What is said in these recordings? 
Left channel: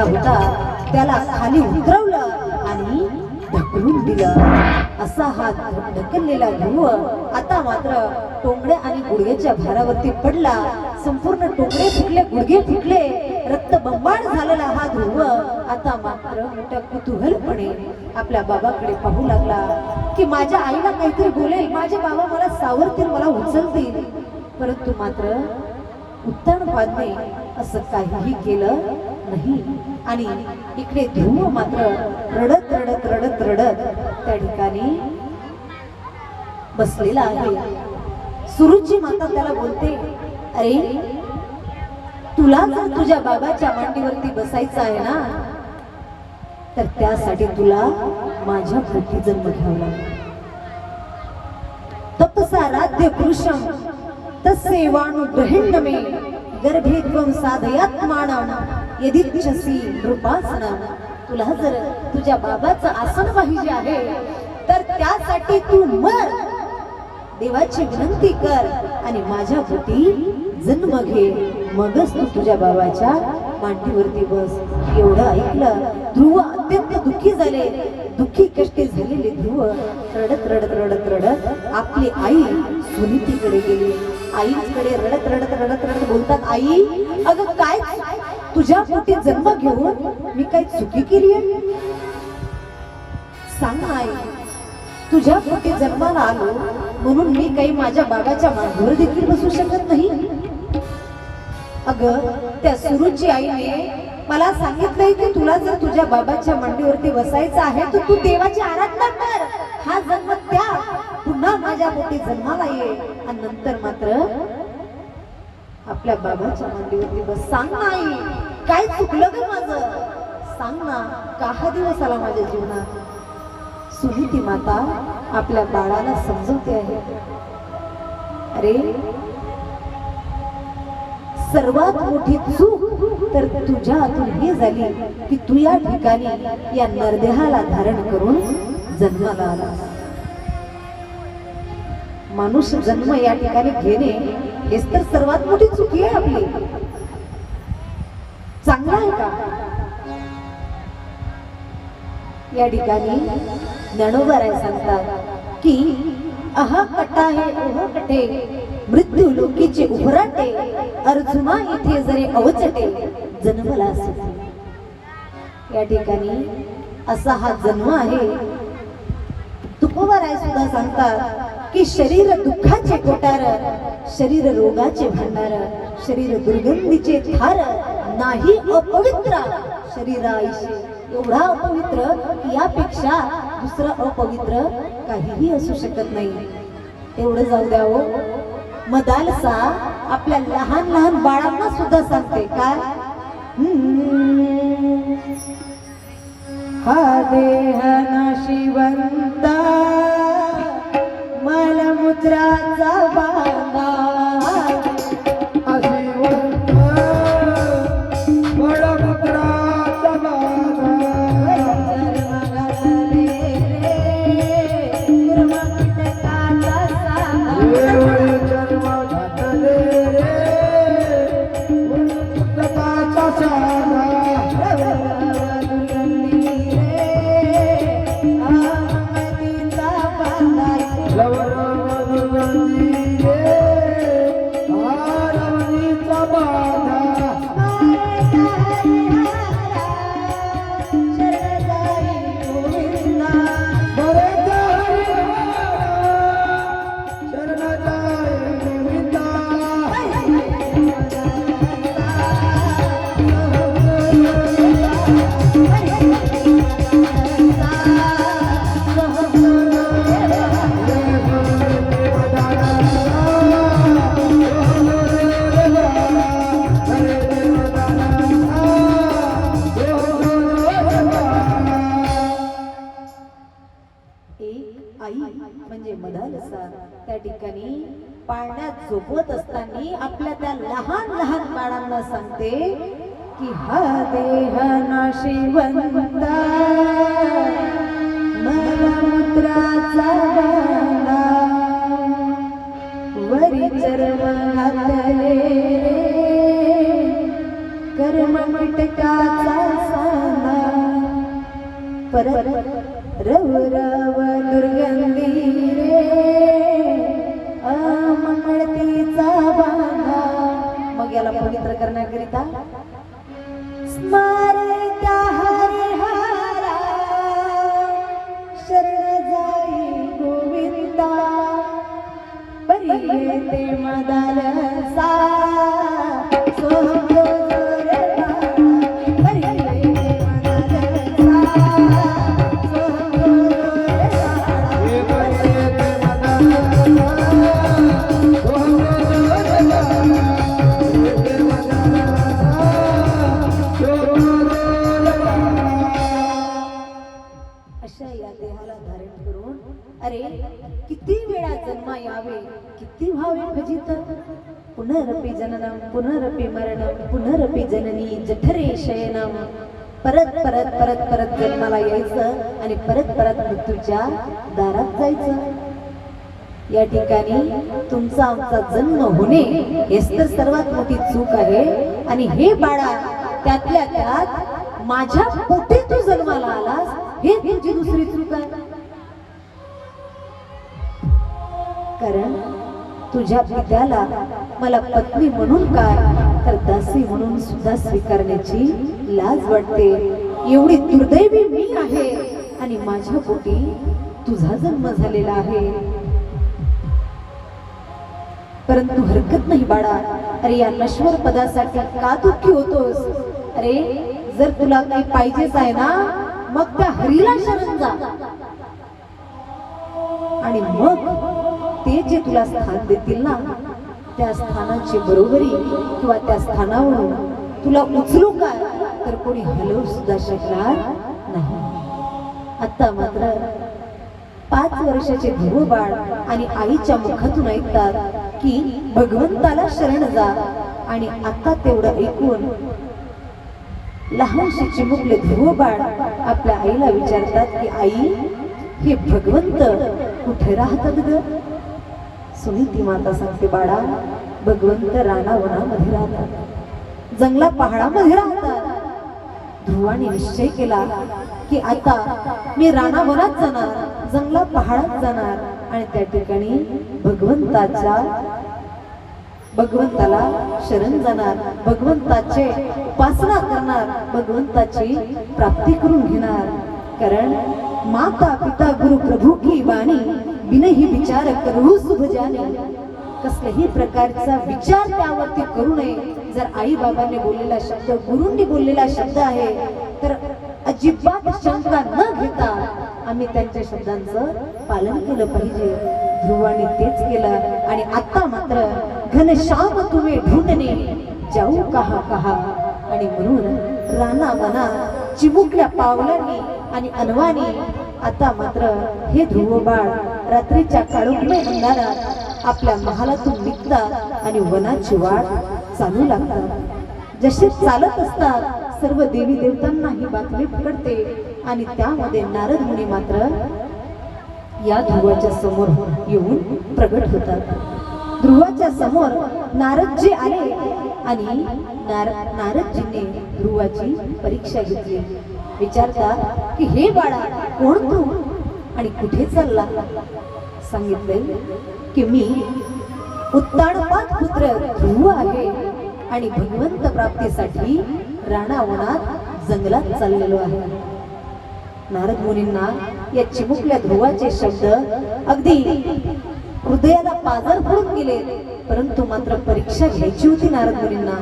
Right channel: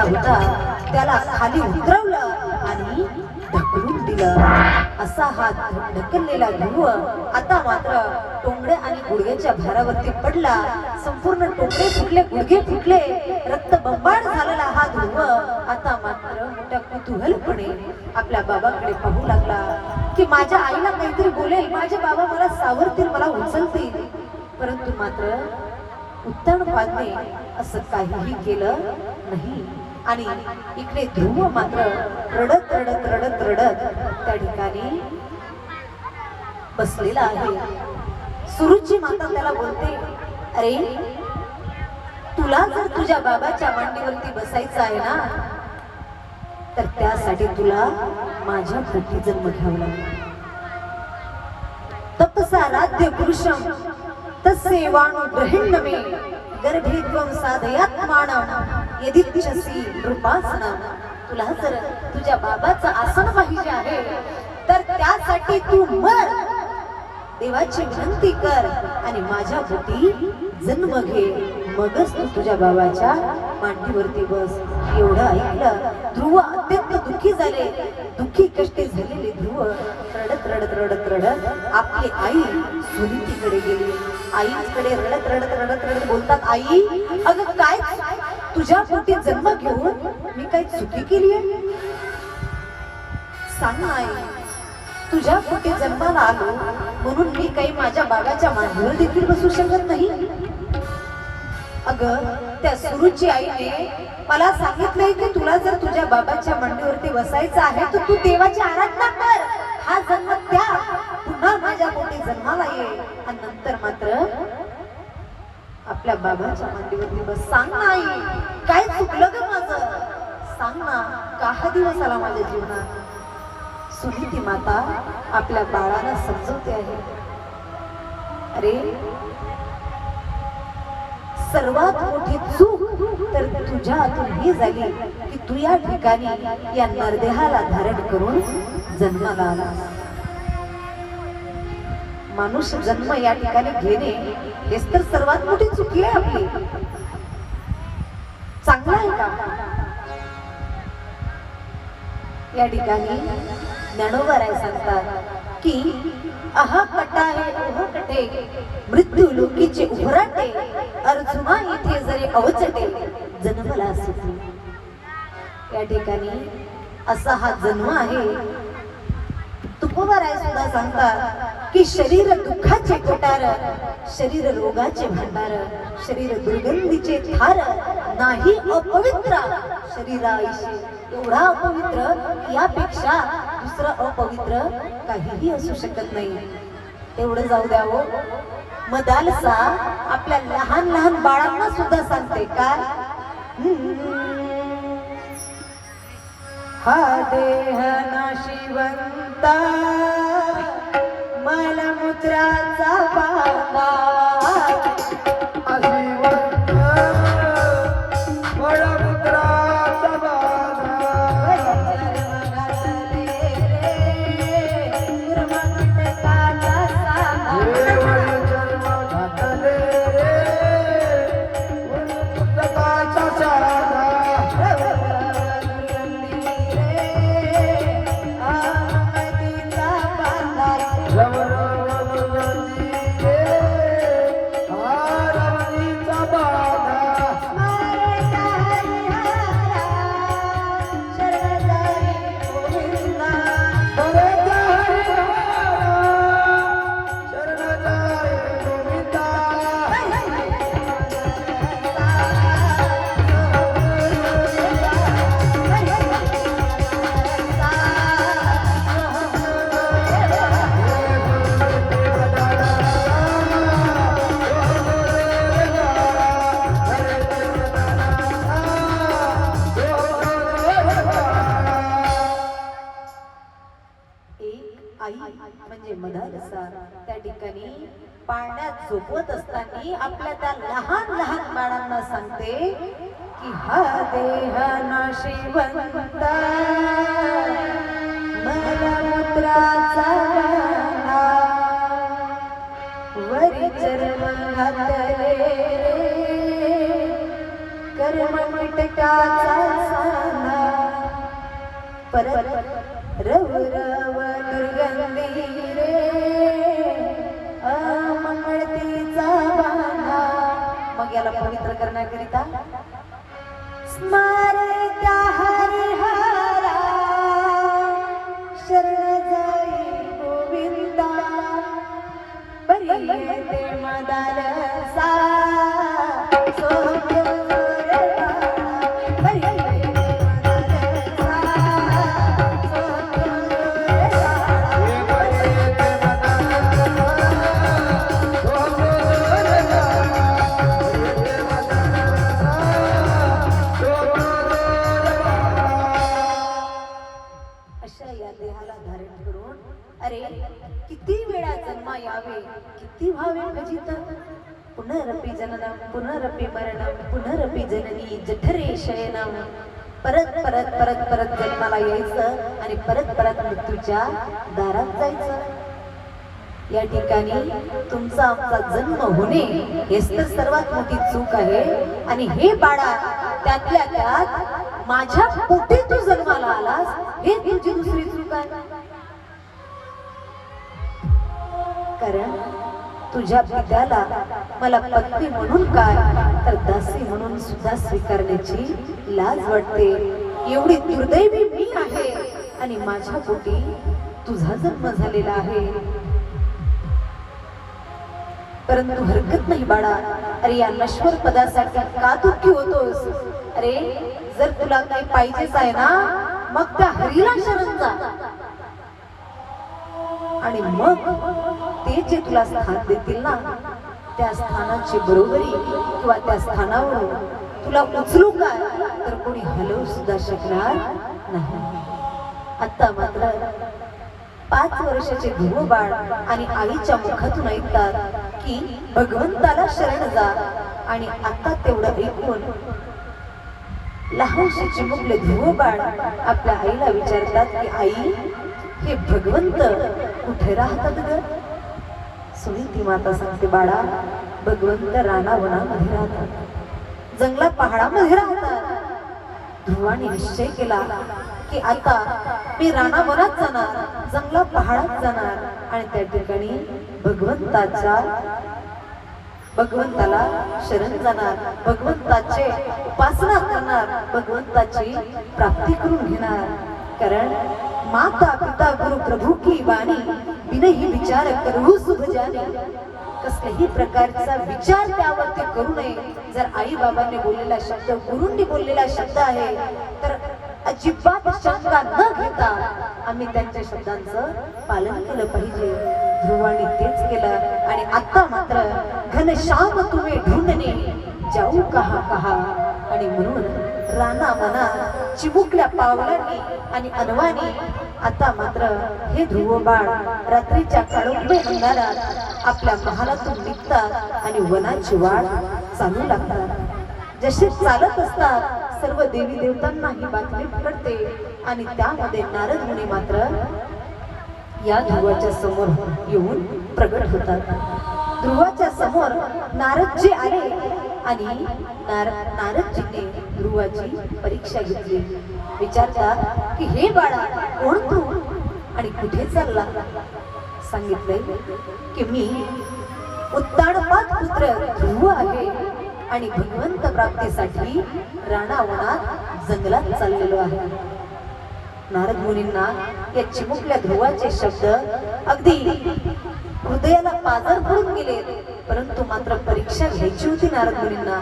बसलेला होता त्याला खाली उतरवलं आणि ढकलून दिलं. असा हात ढकललेला ध्रुव आता मात्र टोंगड्या आणि गुडघ्याच्या भारावरती पडला. संपूर्ण टोंगडे फुटले, गुडघे फुटले, रक्त बंबाळ झालेला हा ध्रुव आता मात्र मोठ्या कुतूहलपणे आपल्या बाबाकडे पाहू लागला की माझ्या आईला काहीतरी बोलेल, माझे बाबा मला सावरतील, मला उचलतील. परंतु मात्र उत्तान पादने असं काहीही केलं नाही. आणि इकडे ध्रुव मात्र रडत रडत रडत रडत त्या ठिकाणी बसलेला आहे. सुरुची माता त्याला बोलते, अरे तुला जर तुझ्या बाबाच्या मांडीवरती बसायचं आहे ना, तर त्यासाठी तुला माझ्या पोटी जन्म घ्यावा लागेल. तपसाराध्य पुरुषम तस्यैवानुग्रहेण मे गर्भे त्वं साधयात्मानं यदिच्छसि नृपासनं. तुला जर तुझ्या बाबाचं आसन पाहिजे आहे तर त्यासाठी तू मर, देवाची विनंती कर आणि माझ्या पोटी जन्म घे, मगच तू तुझ्या बाबाच्या मांडीवरती बस. एवढं ऐकलं ध्रुव अत्यंत दुःखी झाले. दुःखी कष्टी झालेले ध्रुव रडत रडत रडत रडत आपली आई सुनीतीकडे गेली. आईकडे रडत रडत रडत रडत बोलतात, आई अगं काय तुझ्या पोटी जन्म घेऊन मी काही चुकी केली आहे? सांग आई, तुझ्या पोटी जन्माला आलो म्हणून मी काही माझ्या बाबाच्या मांडीवर देखील बसू शकत नाही? अगं त्या सुरुची आईने मला सांगितलंय की तुला जर तुझ्या बाबाच्या मांडीवरती बसायचं आहे तर तू देवाची आराधना कर, हा जन्म त्या पुन्हा माझ्या पोटी जन्माला ये आणि नंतर मात्र आपल्या बाबाच्या मांडीवरती बस. सांग ना आई, काय चुकलं ग माझं? सांग ना, का हा दिवस आला माझ्या जीवनात? सुनीती माता आपल्या बाळाला समजवते आहे, अरे सर्वात मोठी चूक तर तुझ्या हातून ही झाली की तू या ठिकाणी या नरदेहाला धारण करून जन्माला आला. माणूस जन्म या ठिकाणी घेणे हेच तर सर्वात मोठी चुकी आहे आपली. चांगला आहे का? या ठिकाणी ज्ञानोबाराय सांगतात की अहा कटा हे ओह कटे मृत्यू लोकीचे उभराटे अर्जुना येथे जरे अवचटे जन्मला सुखी. या ठिकाणी असा हा जन्म आहे. तुकोबाराय सुद्धा सांगतात की शरीर दुःखाचे कोटार, शरीर रोगाचे भांडार, शरीर दुर्गंधीचे थार, नाही अपवित्र शरीराईशी. एवढा अपवित्र यापेक्षा दुसरं अपवित्र काहीही असू शकत नाही. एवढं जाऊ द्या हो, मदालसा आपल्या लहान लहान बाळांना सुद्धा सांगते काय, हा देह नाशिवंता मलमूत्राचा बांधा, म्हणजे मदालसा त्या ठिकाणी पाळण्यात झोपवत असताना आपल्या त्या लहान लहान बाळांना सांगते की हा देह नाशिवंता मलमूत्राचा बांधा, वरी चर्म घातले कर्म कीटकाचा परत रव रव दुर्गंधी रे अमळतीचा बांधा. मग याला पवित्र करण्याकरिता स्मरता हरिहरा शरण जाई गोविंदा बरी येते मदालसा सोहम किती भावे भजित पुनरपि जननम पुनरपि मरणम पुनरपि जननी जठरे शयनम. परत परत परत परत जन्माला यायचं आणि परत परत मृत्यूच्या दारात जायचं. या ठिकाणी तुमचा आमचा जन्म होणे हेच तर सर्वात मोठी चूक आहे. आणि हे बाळा त्यातल्या त्यात माझ्या पोटी तू जन्माला आलास हे तुझी दुसरी चूक आहे. कारण तुझ्या पित्याला मला पत्नी म्हणून काय तर दासी म्हणून सुद्धा स्वीकारण्याची लाज वाटते. एवढी दुर्दैवी मी आहे आणि माझ्या पोटी तुझा जन्म झालेला आहे. परंतु हरकत नाही बाळा. अरे या नश्वर पदासाठी का दुःखी होतोस? अरे जर तुला काही पाहिजेच आहे ना मग त्या हरीला शरण जा आणि मग ते जे तुला स्थान देतील ना त्या स्थानाची बरोबरी किंवा त्या स्थानावरून तुला उचलू काय तर कोणी हलवू सुद्धा शकणार नाही. आता मात्र 5 वर्षाचे ध्रुव बाळ आणि आईच्या मुखातून ऐकतात की भगवंताला शरण जा. आणि आता तेवढं ऐकून लहानशी चिमुकले ध्रुव बाळ आपल्या आईला विचारतात की आई हे भगवंत कुठे राहतात ग? सुनीती माता सांगते बाळा भगवंत रानावनामध्ये राहतात, जंगलात पहाडामध्ये राहतात. ध्रुवाने निश्चय केला की आता मी रानावनात जाणार, जंगलात पहाडात जाणार आणि त्या ठिकाणी भगवंताला शरण जाणार, भगवंताचे उपासना करणार, भगवंताची प्राप्ती करून घेणार. कारण माता पिता गुरु प्रभू की वाणी बिनही विचार करू शुभ जाणे. कसल्याही प्रकारचा विचार त्यावरती करू नये. जर आई बाबांनी बोललेला शब्द, गुरूंनी बोललेला शब्द आहे तर अजिबात शंका न घेता आम्ही त्यांच्या शब्दांचं पालन केलं पाहिजे. ध्रुवाने तेच केलं आणि आता मात्र घनश्याम तुम्ही ढूंढणे जाऊ कहा कहा. आणि म्हणून राणा मना चिमुकल्या पावलांनी आणि अनवानी आता मात्र हे ध्रुव बाळ रात्रीच्या काळोखी अंधारात आपल्या महालातून निघतात आणि वनाची वाट चालू लागतात. जसे चालत असतात सर्व देवी देवतांना ही बातमी पकडते आणि त्यामध्ये नारद मुनी मात्र या ध्रुवाच्या समोर येऊन प्रगट होतात. ध्रुवाच्या समोर नारदजी आले आणि नारदजीने ध्रुवाची परीक्षा घेतली. विचारतात की हे बाळा कोण तू आणि कुठे चालला? सांगितले की मी उत्तानपाद पुत्र ध्रुव आहे आणि भगवंत प्राप्तीसाठी रानावनात जंगलात चाललेलो आहे. नारद मुनींना या चिमुकल्या ध्रुवाचे शब्द अगदी हृदयाला पाझर पडून गेले. परंतु मात्र परीक्षा घ्यायची होती नारद मुनींना.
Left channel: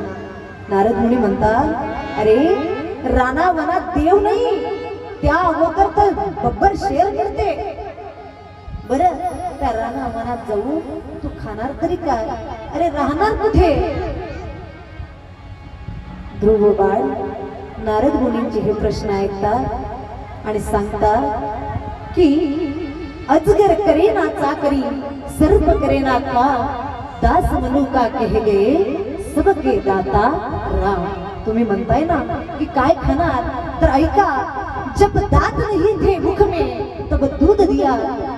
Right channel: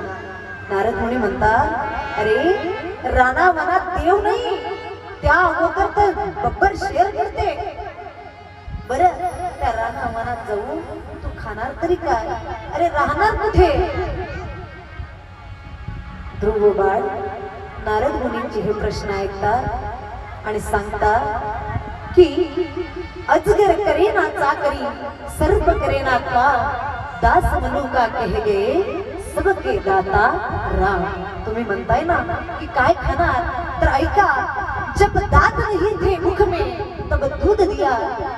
नारद मुनी म्हणतात अरे रानावनात देव नाही, त्या अगोदर तर बब्बर शेर करते. बरं त्या रानावनात जाऊ तू खाणार तरी काय? अरे राहणार कुठे? ध्रुव बाळ नारद मुनींचे हे प्रश्न ऐकतात आणि सांगतात की अजगर करे ना चाकरी, सर्प करे ना का, दास मनू का कह गे सबके दाता राम. तुम्ही म्हणताय ना की काय खाणार तर ऐका. जब दांत नहीं थे मुख में तब दूध दिया,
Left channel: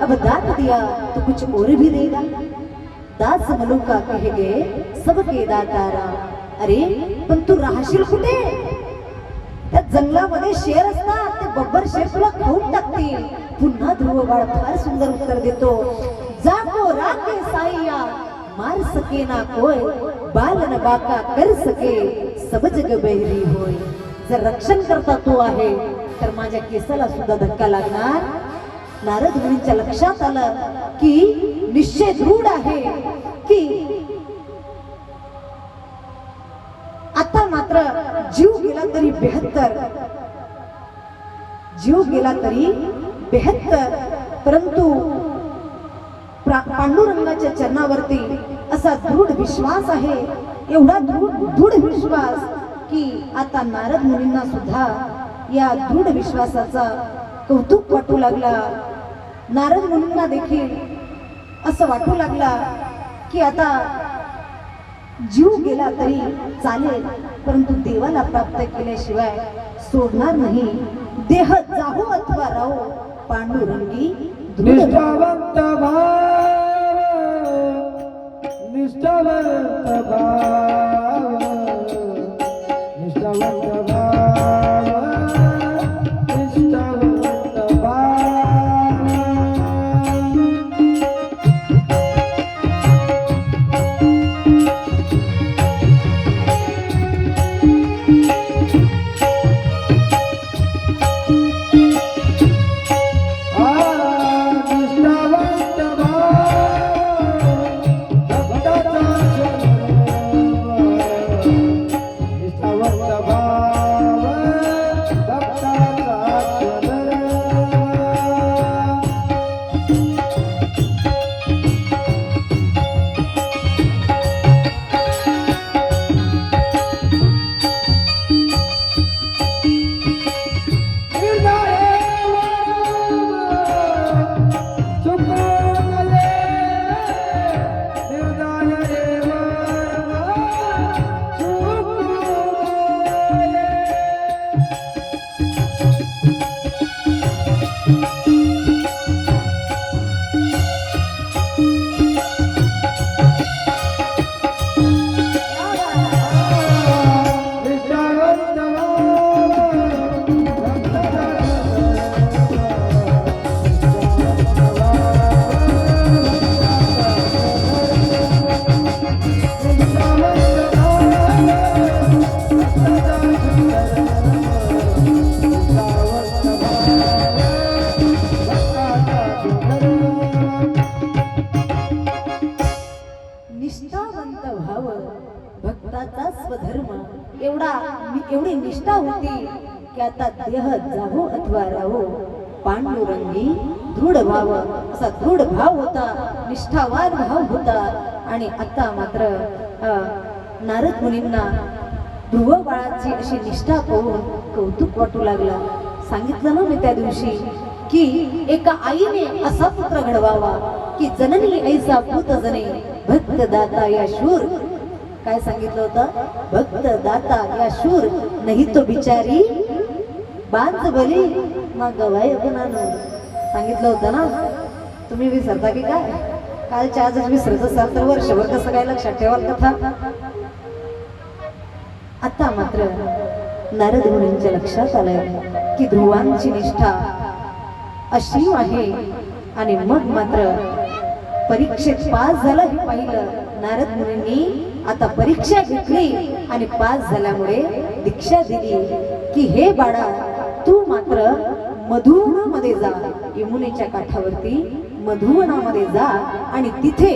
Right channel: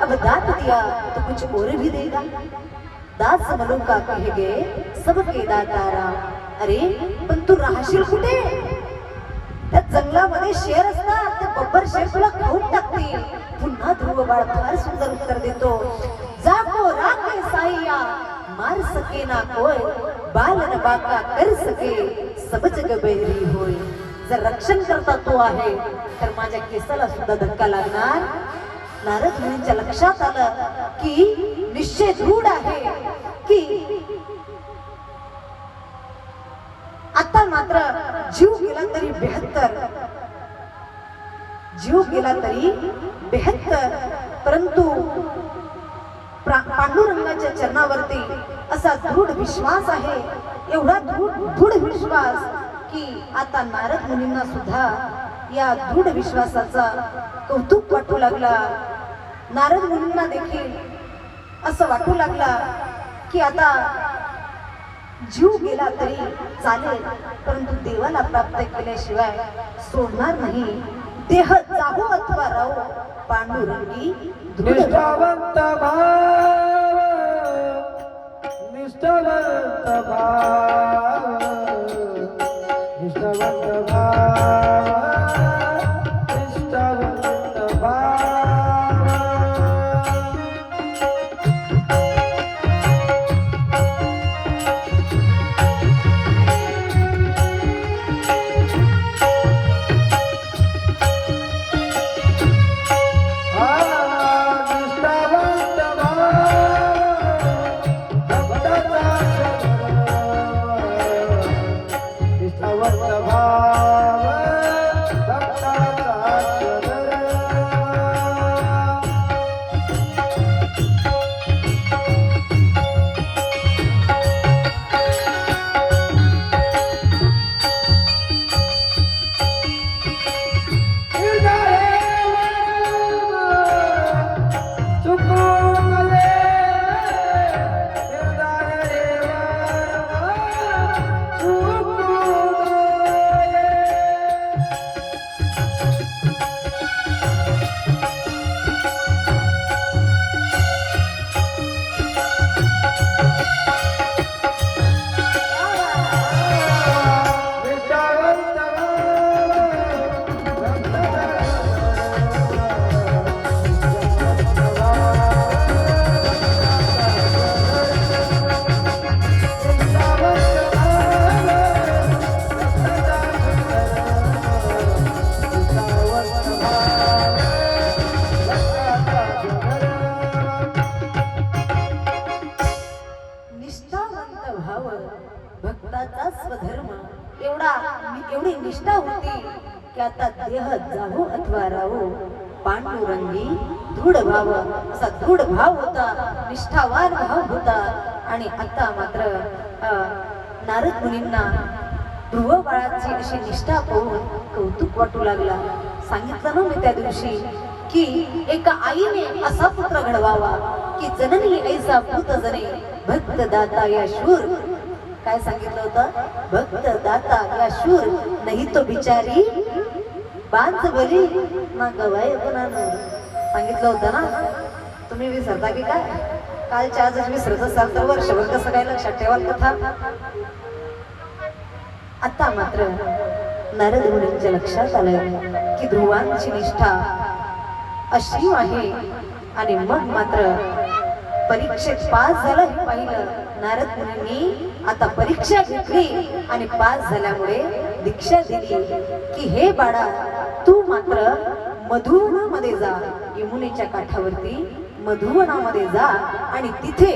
अब दांत दिया तो कुछ और भी देगा. दास मनू का कह गे सबके दाता राम. अरे पण तू राहशील कुठे? त्या जंगलामध्ये शेर असतात, ते बरोबर शेपूला खाऊन टाकतील. पुन्हा ध्रुव बाळ फार सुंदर उत्तर देतो, जाको राखे साईया मार सके ना कोय, बालन बाका कर सके सब जग बहिरी होय. जर रक्षण करता तो आहे तर माझ्या केसाला सुद्धा धक्का लागणार. नारद मुनींच्या लक्षात आलं की निश्चय दृढ आहे की आता मात्र जीव गेला तरी 72, जीव गेला तरी 72, परंतु पांडुरंगाच्या चरणावरती असा दृढ विश्वास आहे, एवढा दृढ विश्वास की आता नारद मुनींना सुद्धा या दृढ विश्वासाचा कौतुक वाटू लागला. नारद मुनींना देखील असं वाटू लागला की आता जीव गेला तरी चालेल, परंतु देवाला प्राप्त केल्याशिवाय सोडणार नाही. देह जाहू अथवा राहू पांडुरंगी निष्ठावंत भाव, निष्ठावंत भाव, निष्ठावंत भाव, निष्ठावंत भाव. एवढी निष्ठा होती की आता देह जाहू अथवा राहू पांडुरंगी दृढ भाव, असा दृढ भाव होता, निष्ठावान भाव होता. आणि आता मात्र नारद मुनींना ध्रुव बाळाची अशी निष्ठा पाहून कौतुक वाटू लागला. सांगितलं ना मी त्या दिवशी की एका आईने असा पुत्र घडवावा की जननी ऐसा पुत जने भक्त दाता या शूर. काय सांगितलं होतं? भक्त दाता या शूर, नाही तो बिचारी बांध बली ना गवाय गुणानं. सांगितलं होतं ना. तुम्ही विसरता की काय? कालच्या आजच विसरत असाल तर वर्षभर कसं काय लक्षात ठेवाल कथा. आता मात्र नारद मुनींच्या लक्षात आलं की ध्रुवांची निष्ठा अशी आहे. आणि मग मात्र परीक्षेत पास झालं हे पाहिलं. नारद मुनींनी आता परीक्षा घेतली आणि पास झाल्यामुळे दीक्षा दिली की हे बाळा तू मात्र मधुवनामध्ये जा, यमुनेच्या काठावरती मधुवनामध्ये जा आणि तिथे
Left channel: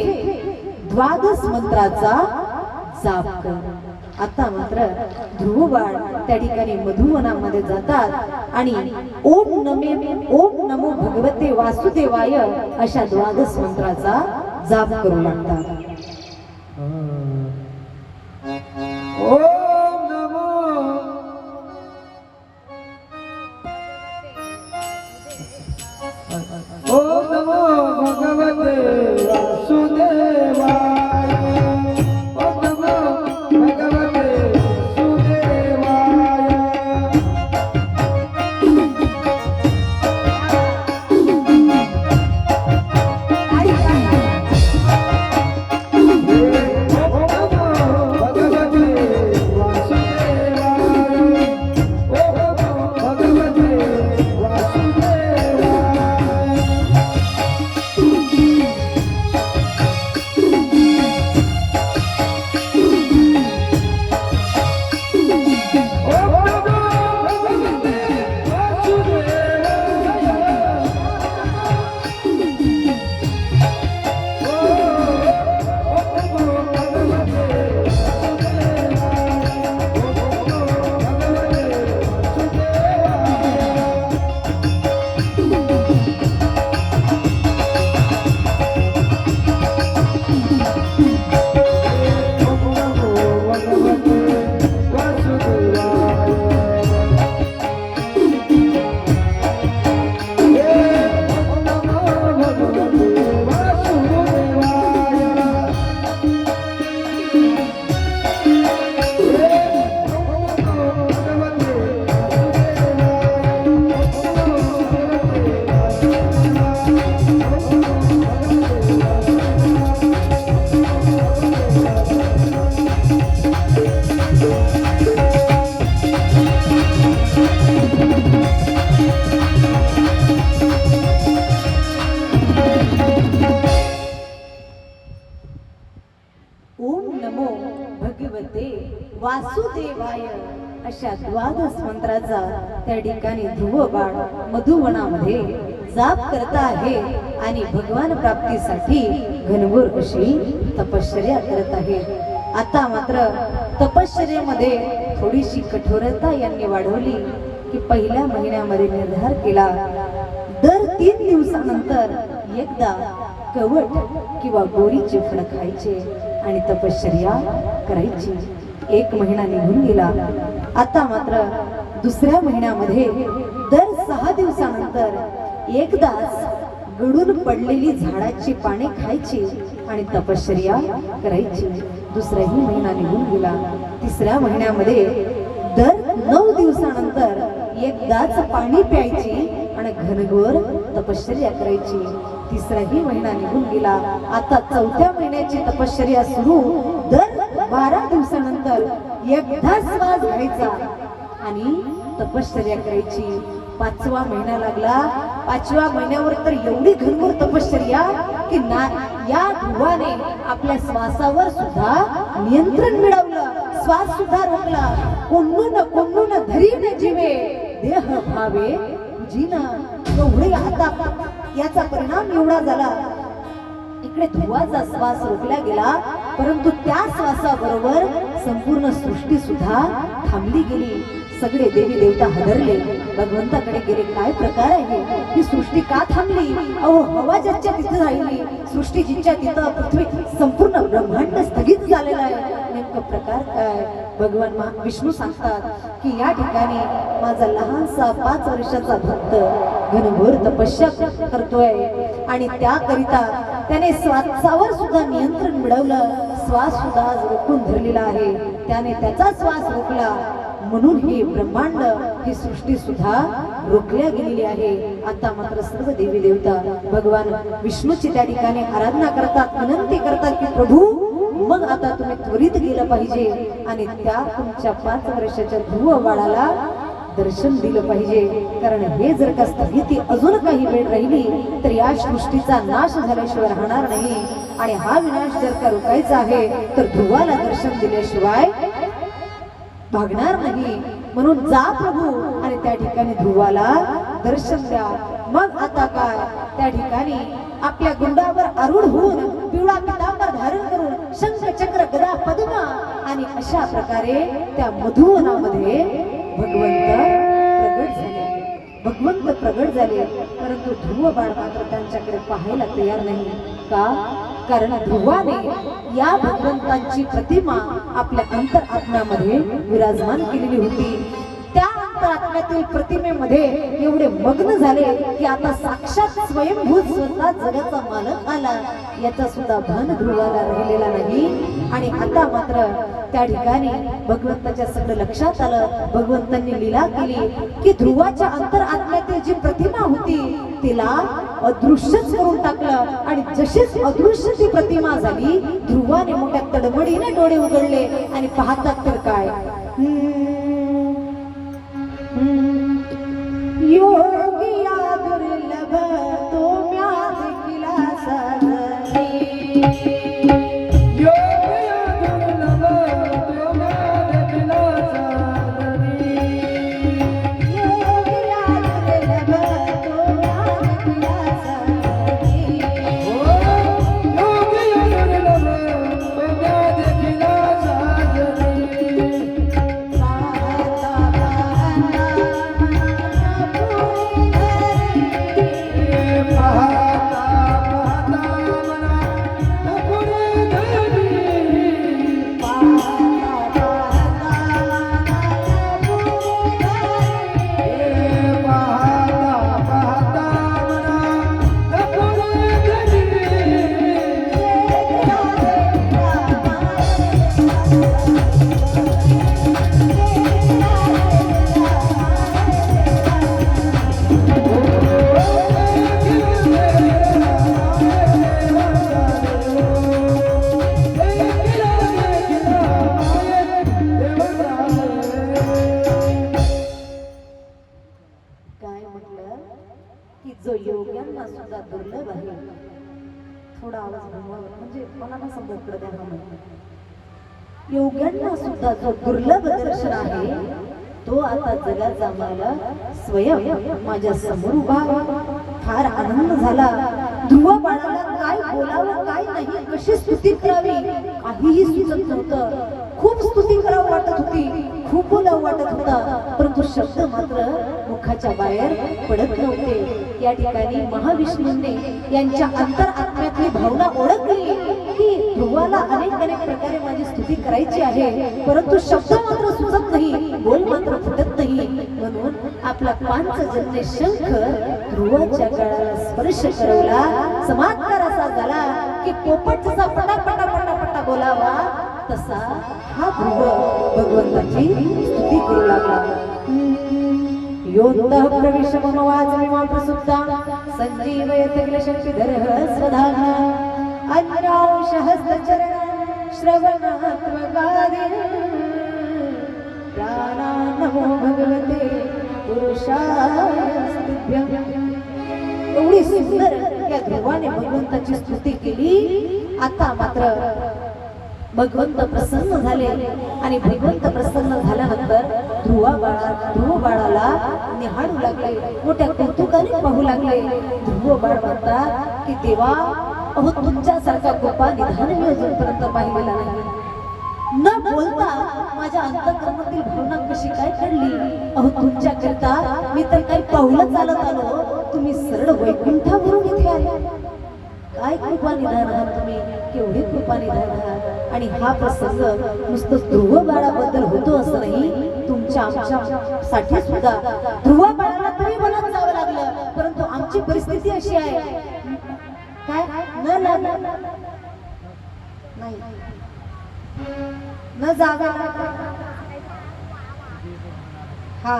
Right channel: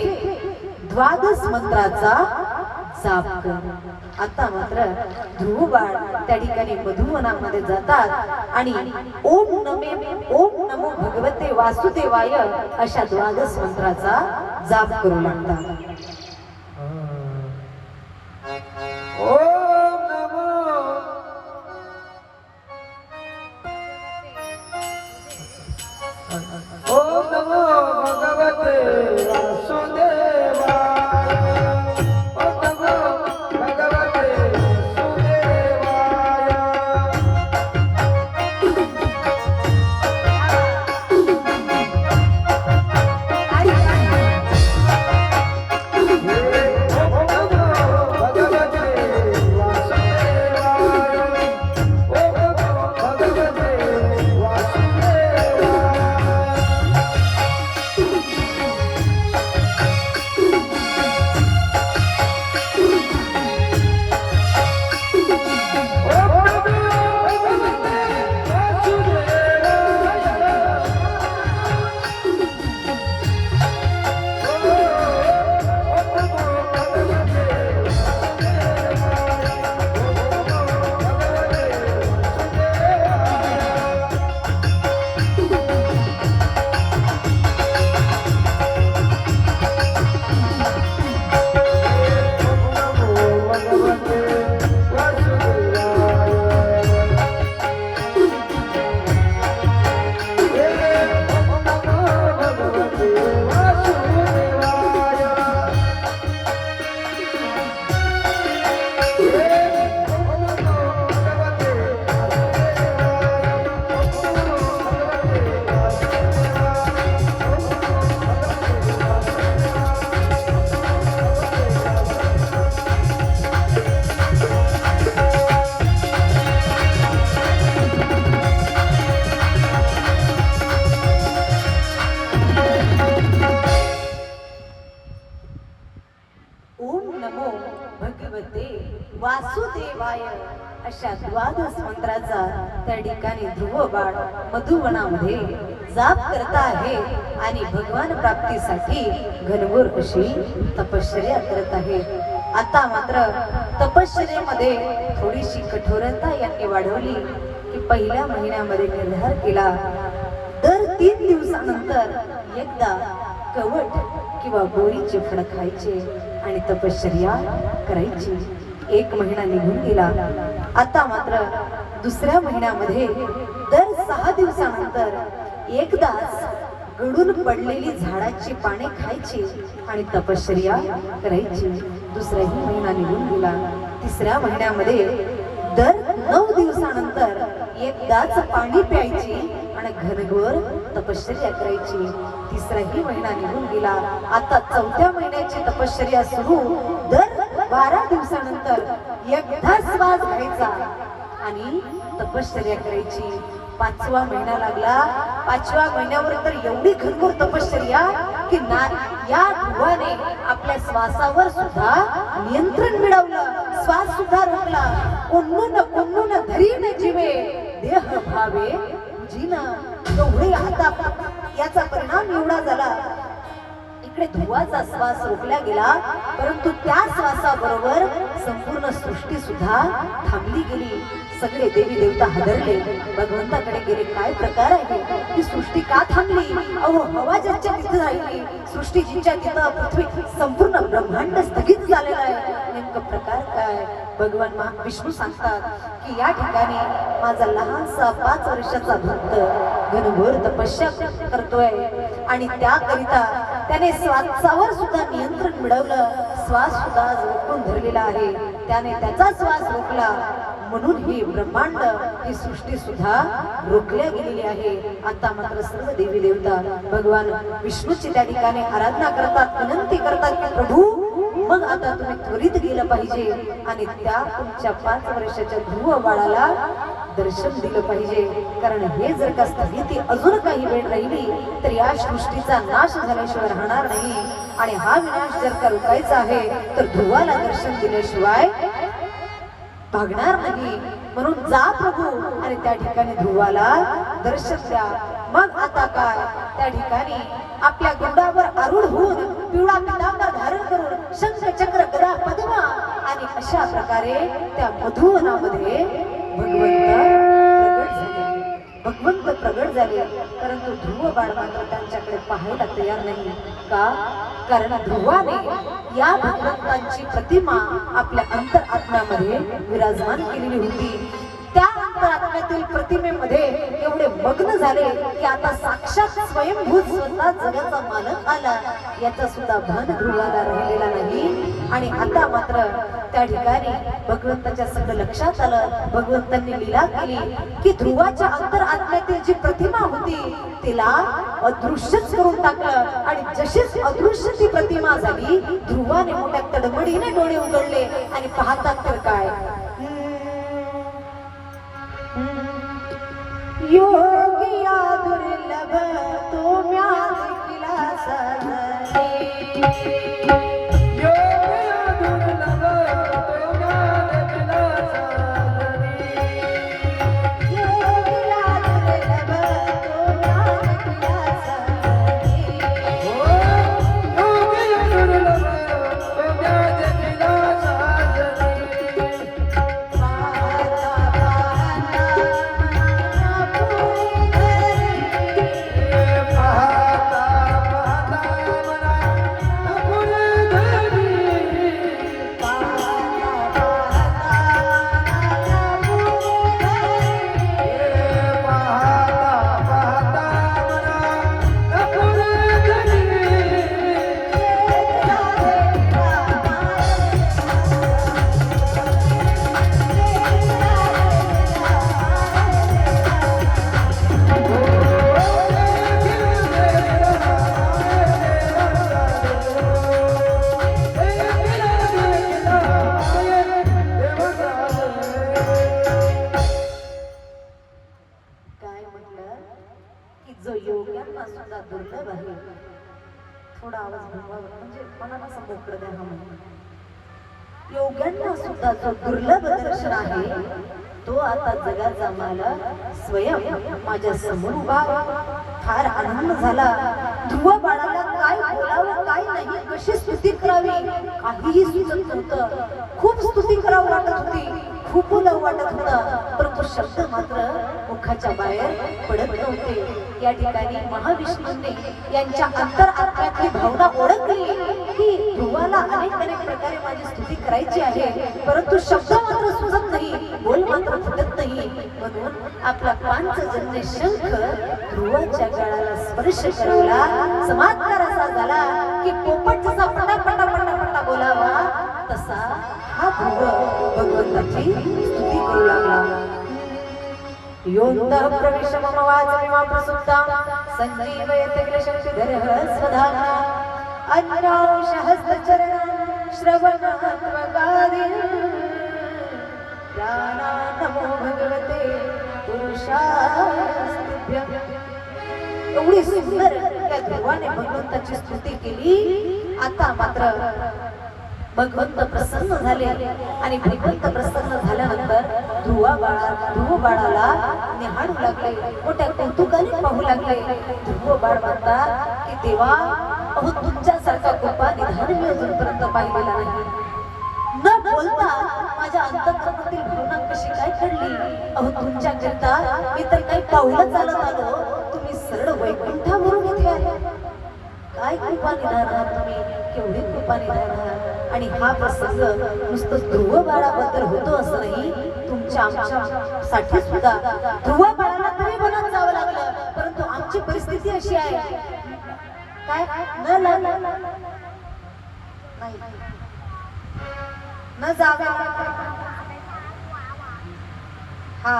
द्वादश मंत्राचा जाप कर. आता मात्र ध्रुव बाळ त्या ठिकाणी मधुवनामध्ये जातात आणि ओम नमो भगवते वासुदेवाय अशा द्वादश मंत्राचा जाप करू लागतात. ओम नमो ओम नमो भगवते वासुदेवाय. ओम नमो भगवते वासुदेवाय. त्या ठिकाणी ध्रुव बाळ मधुवनामध्ये जाप करत आहे आणि भगवान प्राप्तीसाठी घनघोर अशी तपश्चर्या करत आहे. आता मात्र तपश्चर्येमध्ये थोडीशी कठोरता यांनी वाढवली की पहिल्या महिन्यामध्ये निर्धार केला, दर 3 दिवसानंतर एकदा कवट किंवा बोरीचे फळ खायचे आणि तपश्चर्या करायची. 1 महिना निघून गेला. आता मात्र दुसऱ्या महिन्यामध्ये दर 6 दिवसानंतर एकदाच गळून पडलेली झाडाची पाने खायची आणि तपश्चर्या करायची. दुसराही महिना निघून गेला. तिसऱ्या महिन्यामध्ये दर 9 दिवसानंतर एकदाच पाणी प्यायची आणि घनघोर तपश्चर्या करायची. तिसराही महिना निघून गेला. आता 4थ्या महिन्याची तपश्चर्या सुरू. दर 12 दिवसानंतर एकदा श्वास घ्यायचा आणि तपश्चर्या करायची. 5वा महिना लागला. 5व्या महिन्यावर तर एवढी घनघोर तपश्चर्या की या ध्रुवाने आपल्या श्वासावर सुद्धा नियंत्रण मिळवलं. श्वास सुद्धा रोखला. कोण्णून धरीन जीवे देह भावे जीना. एवढे आता याचा परिणाम एवढा झाला. इकडे ध्रुवाचा श्वास रोखला गेला, परंतु त्या श्वासाबरोबर संपूर्ण सृष्टी सुद्धा थांबली गेली. सगळे देवी देवता हादरले, भगवंताकडे गेले. काय प्रकार आहे, ही सृष्टी का थांबली? अहो, हवा ज्याच्या तिथे राहिली, सृष्टी जिच्या तिथं, पृथ्वी, संपूर्ण ब्रह्मांड स्थगित झालेला आहे. नेमकं प्रकार काय? भगवान विष्णू सांगतात की या ठिकाणी माझा लहानसा 5 वर्षाचा भक्त घनघोर तपस्या करतोय आणि त्याकरिता त्याने श्वासावर सुद्धा नियंत्रण मिळवलं. श्वास सुद्धा रोखून धरलेला आहे. त्याने त्याचा श्वास रोखला म्हणून ही ब्रह्मांड, ही सृष्टी सुद्धा रोखल्या गेलेली आहे. आता मात्र सर्व देवी देवता भगवान विष्णूची त्या ठिकाणी आराधना करतात, विनंती करतात की प्रभू, मग आता तुम्ही त्वरित गेलं पाहिजे आणि त्या तुमच्या 5 वर्षाच्या ध्रुव बाळाला दर्शन दिलं पाहिजे. कारण हे जर का स्थगिती अजून काही वेळ राहिली तर या सृष्टीचा नाश झाल्याशिवाय राहणार नाही. आणि हा विनाश जर का रोखायचा आहे तर ध्रुवाला दर्शन दिल्याशिवाय भागणार नाही. म्हणून जा प्रभू आणि त्या ठिकाणी ध्रुवाला दर्शन द्या. मग आता काय, त्या ठिकाणी आपल्या गुंडावर आरूढ होऊन पिवळा पितांबर धारण करून शंख चक्र गदा पद्म आणि अशा प्रकारे त्या मधुवनामध्ये भगवंत प्रगट झाले. परंतु ध्रुव बाळ मात्र त्यांच्याकडे पाहायला तयार नाही. का? कारण ध्रुवाने या भगवंतांची प्रतिमा आपल्या अंतरात्म्यामध्ये विराजमान केलेली होती. त्या अंतरात्म्यातील प्रतिमेमध्ये एवढे मग्न झाले की आता साक्षात स्वयंभूत स्वतः जगाचा मालक आला याचा सुद्धा भान ध्रुवाला राहिलेला नाही. आणि आता मात्र त्या ठिकाणी भगवंताच्या सगळं लक्षात आलं. भगवंतांनी लीला केली की ध्रुवाच्या अंतरात्म्यातील जी प्रतिमा होती तिला अदृश्यच करून टाकलं. आणि जशीच अदृश्य ती प्रतिमा झाली, ध्रुवाने मोठ्या तडमडीने डोळे उघडले आणि पाहतात तर काय, योगिया दुर्लभ तो म्याद किला साजरी. योगिया दुर्लभ तो म्याद किला साजरी. योगिया दुर्लभ तो म्याद किला साजरी. योगिया दुर्लभ तो म्याद किला साजरी. जो योग्यांना सुद्धा दुर्लभ आहे. थोडा आवाज म्हणजे मनाला समजत पडते. योग्यांना सुद्धा जो दुर्लभ दर्शन आहे तो आता जगाचा मालक स्वयं माझ्या समोर उभा. फार आनंद झाला. ध्रुव बाळाला काय बोलावं काय नाही, कशी स्तुती करावी काहीही सुचत नव्हतं. खूप स्तुती करावं वाटत होती, खूप बोलावं वाटत होता, परंतु शब्द मात्र मुखाच्या बाहेर पडत नव्हते. या ठिकाणी महाविष्णूंनी यांच्या अंतर आत्म्यातली भावना ओळखली की ध्रुवाला अनेक प्रकारे माझी स्तुती करायची आहे, परंतु शब्द मात्र सुचत नाही, बोल मात्र फुटत नाही. म्हणून आपला पांचजन्य शंख ध्रुवाच्या गळाला स्पर्श करवला. चमत्कार असा झाला की पोपट जसा पटापटा पटापटा बोलावा तसा हा ध्रुव भगवंताची स्तुती करू लागला. योऽन्तः प्रविश मम वाचमिमां प्रसुप्तां सञ्जीवयति किल शक्तिधरः स्वधाम्ना अन्यांशहस्तचरणं श्रवणत्वगादिन् प्राणान्नमो भगवते पुरुषास्तुभ्यम्. एवढी सुंदर त्या ध्रुवाने भगवंताची स्तुती केली. आता मात्र भगवंत प्रसन्न झाले आणि भगवंत प्रसन्न झाल्यानंतर ध्रुव बाळाला निहाळू लागले, मोठ्या कौतुकाने पाहू लागले. ध्रुव बाळ म्हणतात की देवा, अहो तुमच्यासारखा कृपा निधान मी अजूनपर्यंत पाहिलेला नाही. न बोलता माझ्या अंतःकरणातील भावना कशी काय घडली. अहो तुमच्याकरिता मी तर काही पाऊलं चालत आलो, तुम्ही सरळ वैकुंठावरून इथे आले. काय कृपा निधान आहात तुम्ही, केवढी कृपा निधान आहात. आणि हा प्रसंग नुसतं ध्रुव बाळाबद्दल होतो असं नाही, तुमच्या आमच्यासाठी सुद्धा ध्रुव बाळाला तरी मनात जावं लागलं, परंतु आमची परिस्थिती अशी आहे काय न लागलं नाही, न जागा. हा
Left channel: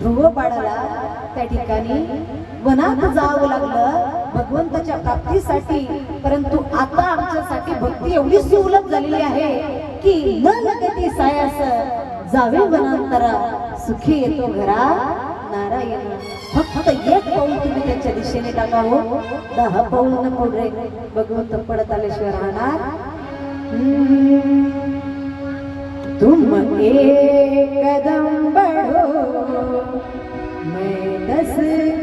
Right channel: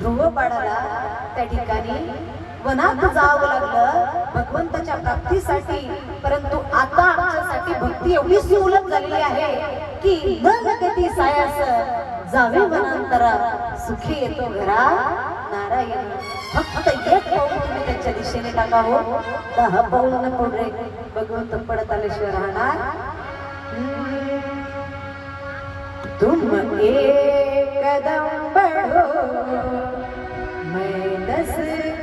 ध्रुव बाळाला त्या ठिकाणी वनात जावं लागलं भगवंताच्या प्राप्तीसाठी, परंतु आता आमच्यासाठी भक्ती एवढी सुलभ झालेली आहे की न लगती सायास जावे वनांतरा सुखी येतो घरा नारायण. फक्त एक पाऊल तुम्ही त्याच्या दिशेने टाका हो, 10 पाऊल नको रे. भगवंत पडत आल्याशिवाय राहणार. तुम एक कदम बढ़ो मैं 10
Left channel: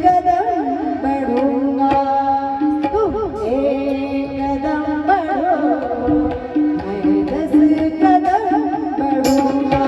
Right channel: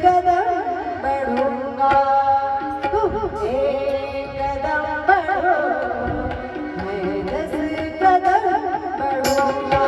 कदम बढ़ूंगा, तुम एक कदम बढ़ो मैं 10 कदम बढ़ूंगा.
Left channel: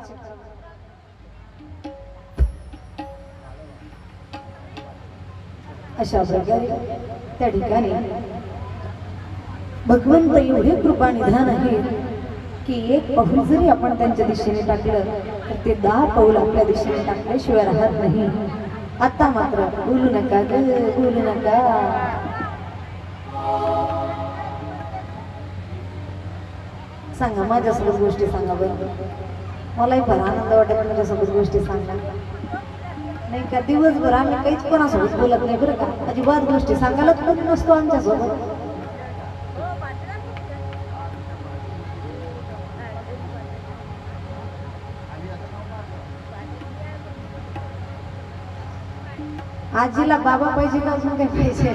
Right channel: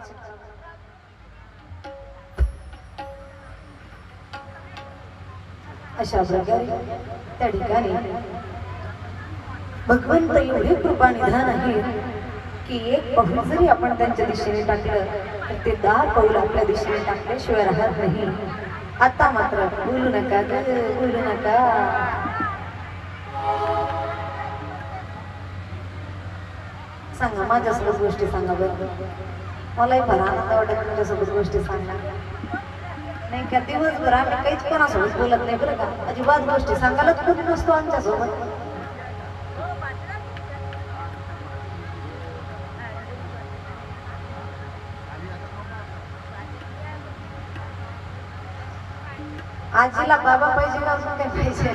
चर्चा करावी. अशा प्रकारे त्या ठिकाणी भगवंत एवढे कृपा निधान आहे की एक पाऊल जरी आपण त्यांच्या दिशेने टाकलं तर ते 10 पाऊल आपल्या दिशेने टाकल्याशिवाय राहत नाही. आता मात्र बोलू नका ग, बोलू नका. सांगा माझ्यासोबत गोष्टी सांगा बरं. मलाही फार आनंद वाटत तुमच्यासोबत गोष्टी सांगा. नाही का दिवसभर आम्ही काहीच कोणासोबत बोलत नाही बरं का. अजिबात गोष्टी सांगायलाच कोणी नसतो आमच्यासोबत. आजीला बाबा पाहिजे का अजून काही पाहिजे.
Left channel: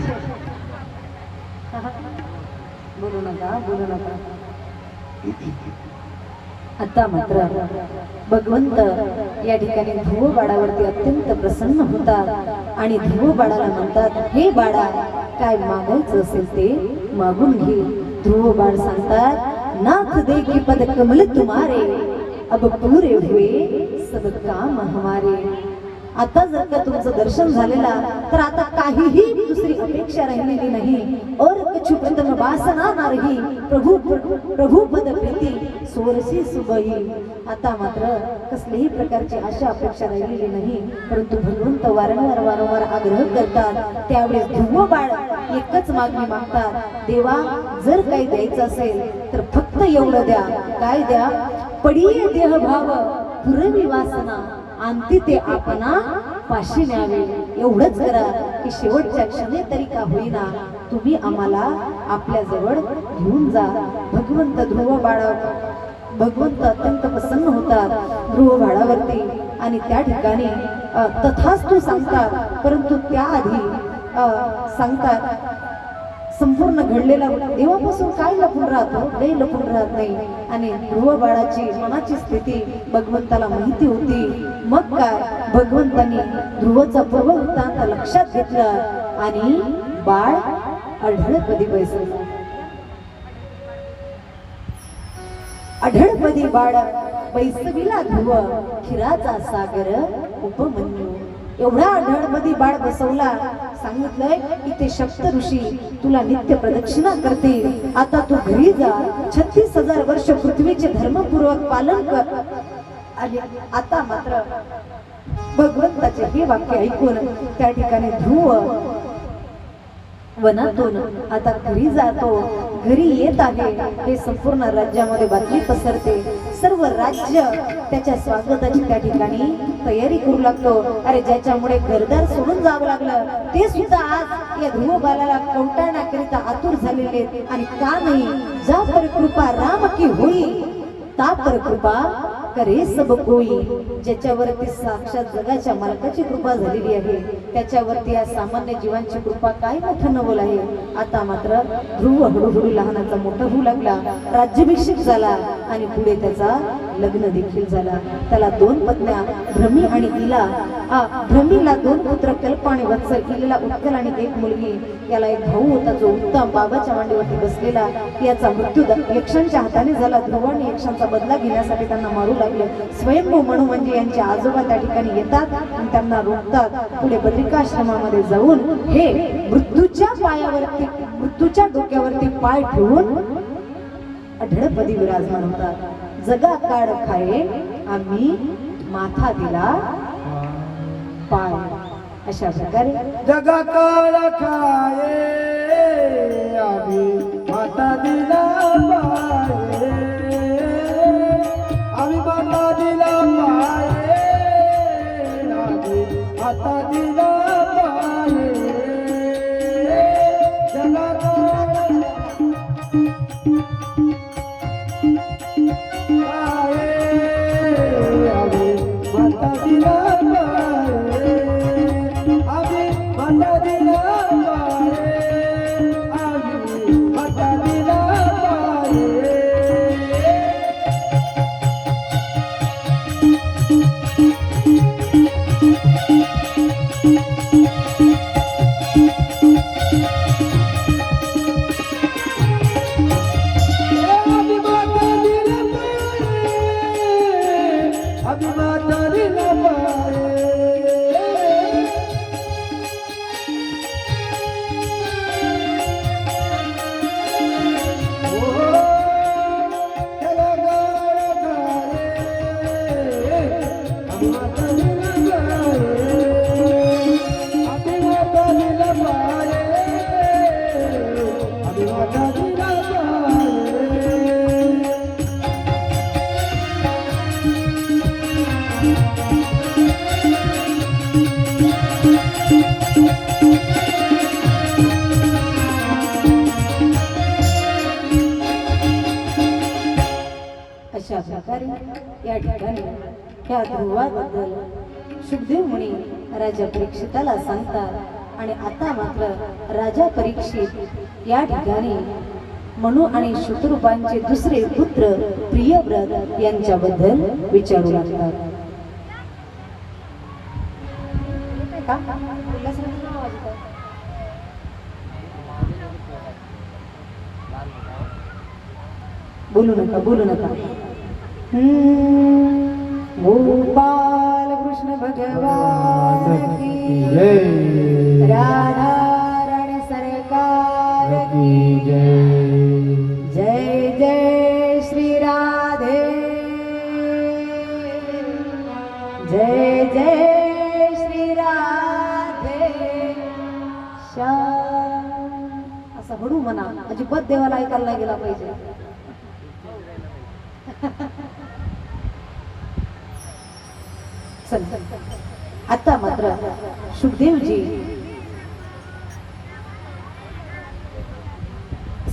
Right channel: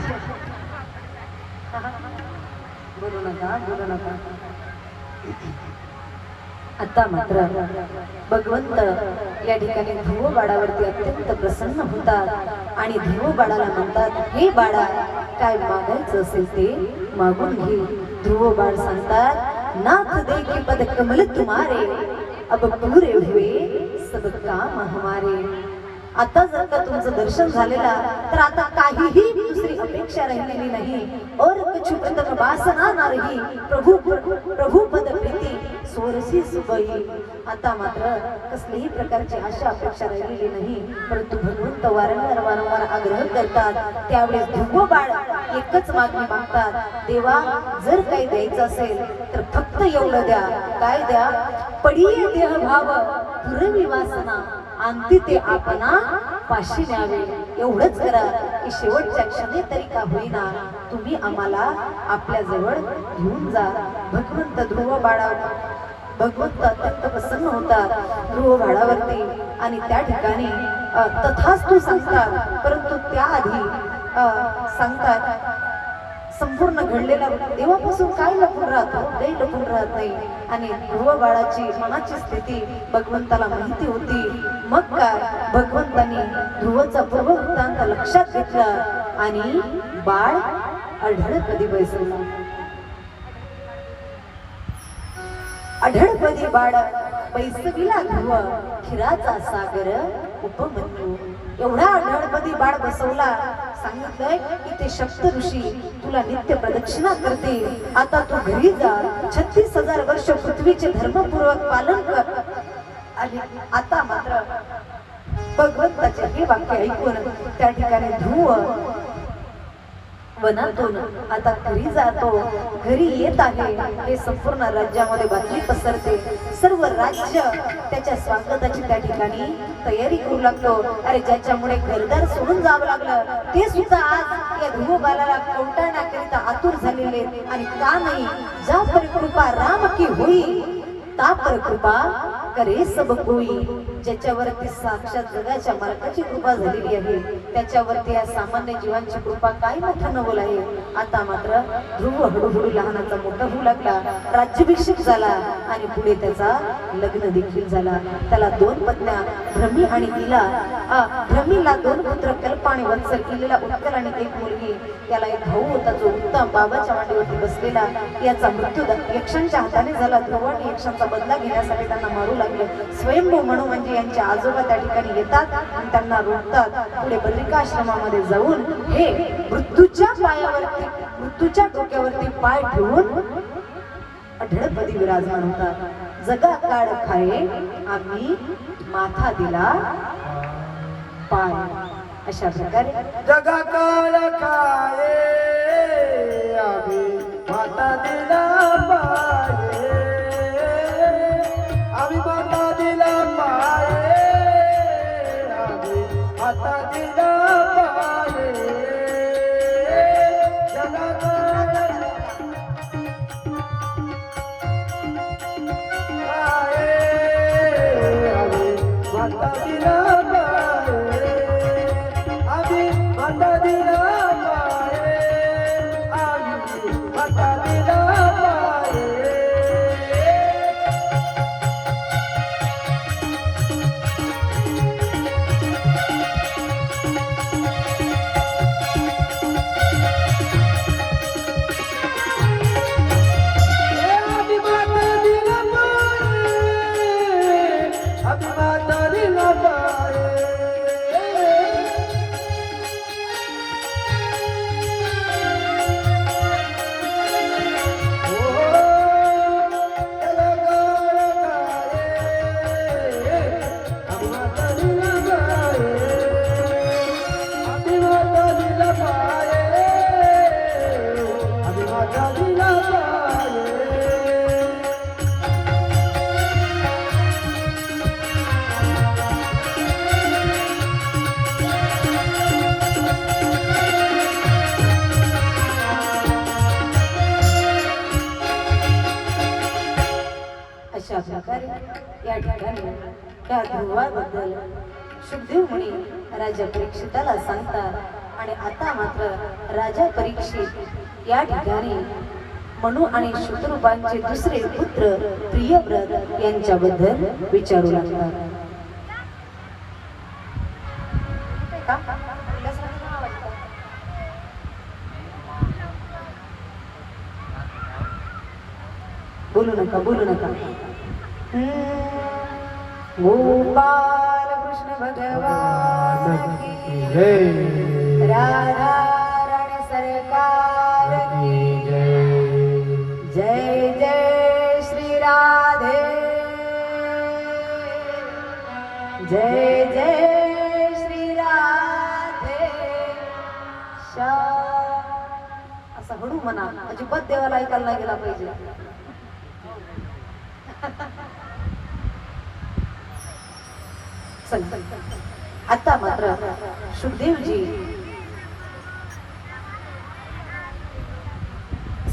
बोलू नका, बोलू नका. आता मात्र भगवंत या ठिकाणी ध्रुवबाळावरती अत्यंत प्रसन्न होतात आणि ध्रुवबाळाला म्हणतात, हे बाळा काय मागायचं असेल ते मागून घे. ध्रुवबाळ सांगतात, नाथ दे की पद कमल तुम्हारे अब पूरे हुए सब काम हमारे. आता जर का तुमचं दर्शन झालेला तर आता काहीही दुसरी अपेक्षा राहिलेली नाही. और कछु प्रथम वासना ना रही प्रभू पद प्रीती सोरसी सुबई. आता मात्र कसलीही प्रकारची आशा अपेक्षा राहिलेली नाही. परंतु भगवंत वारंवार आग्रह करतात. त्यावेळेस ध्रुव बाळ एकच मागणी मागतात, देवा जर काही द्यायचं असेल तर फक्त एवढं द्या. काय द्या? पडिये देह भाव पुरवी वासना आणती ते आपणा पाशी न्यावे. एवढंच करा की शेवटच्या क्षणी तरी का होईना तुम्ही आम्हाला आपल्या जवळ घेऊन जा. भगवंत भगवंत अत्यंत प्रसन्न होतात ध्रुव बाळावरती आणि त्या ठिकाणी तथास्तु सांगतात. परंतु त्याआधी सांगतात संपूर्ण घडलेला देवापासून काय लपून राहतो? काही लपून राहत नाही. आणि ध्रुव बाळाची मनाची स्थिती भगवंताला माहिती होती. मग काय भगवंतानी ध्रुवचा पूर्व वृत्तांत लक्षात घेतला आणि बाळ अढळपदी बैसला. अढळपदी बाळ बैसविला ध्रुव खिराचा सागर उपमन्यू. एवढा अढळपदी बाळ बसवला. सांगितलंय की ते सप्त ऋषी तुला नित्य प्रदक्षिणा करते. आता तू घरी जा. 36,000 वर्ष पृथ्वीचे धर्मपूर्वक पालन कर. आले. आता मात्र भगवंताचे हे वाक्य ऐकून त्या ठिकाणी ध्रुव वनातून आता घरी जातो. घरी येत आहे हे संपूर्ण राज्यामध्ये बातमी पसरते. सर्व राज्य त्याच्या स्वागताची त्या ठिकाणी तयारी करू लागतो. अरे ज्याच्यामुळे घरदार सोडून जावं लागलं ते सुद्धा आज या ध्रुव बाळाला कौटाळण्याकरिता आतुर झालेले. आणि का नाही? जा पर कृपा राम की होई ता पर कृपा करे सब कोई. ज्याच्यावरती साक्षात जगाच्या मालकाची कृपा झालेली आहे त्याच्यावरती या सामान्य जीवांची कृपा काय मोठं नवल आहे. आता मात्र ध्रुव हळूहळू लहानाचा मोठा होऊ लागला. राज्याभिषेक झाला आणि पुढे त्याचा लग्न देखील झाला. त्याला 2 पत्न्या भ्रमी आणि इला. भ्रमीला 2 पुत्र कल्प आणि वत्सल, इलेला उत्कल आणि 1 मुलगी. याला एक भाऊ होता जो उत्तम बाबाच्या मांडीवरती बसलेला. याचा मृत्यू यक्षांच्या हाताने झाला. ध्रुवाने यक्षांचा बदला घेण्यासाठी त्यांना मारू लागले. स्वयंभू म्हणू म्हणजे यांचे आजोबा त्या ठिकाणी येतात आणि त्यांना रोखतात. पुढे बद्रिकाश्रमामध्ये जाऊन हे मृत्यूच्या पायावरती मृत्यूच्या डोक्यावरती पाय ठेवून अढळपदी विराजमान होतात. जगा काळ खाये आम्ही माथा दिला पाय. अशा प्रकारे जगा काळ खाये आम्ही माता दिला पाये. आम्ही माता दिला पाये. आम्ही माता दिला पाये. जगा काळ अभिमाता दिला पाये अशा प्रकारे या ठिकाणी त्या ध्रुवाबद्दल शुभदेव मुनी राजा परीक्षिताला सांगतात आणि आता मात्र राजा परीक्षित या ठिकाणी मनु आणि शत्रुपांचे दुसरे पुत्र प्रियव्रत यांच्याबद्दल विचारू लागतात. बोलू नका गोपाल कृष्ण भगवान की जय, राधा राणी सरकार की जय, जय जय श्री राधे, जय जय श्री राधे श्याम. असं हळू म्हणा, अजिबात देवाला ऐकायला नाही गेला पाहिजे. आता मात्र सुखदेवजी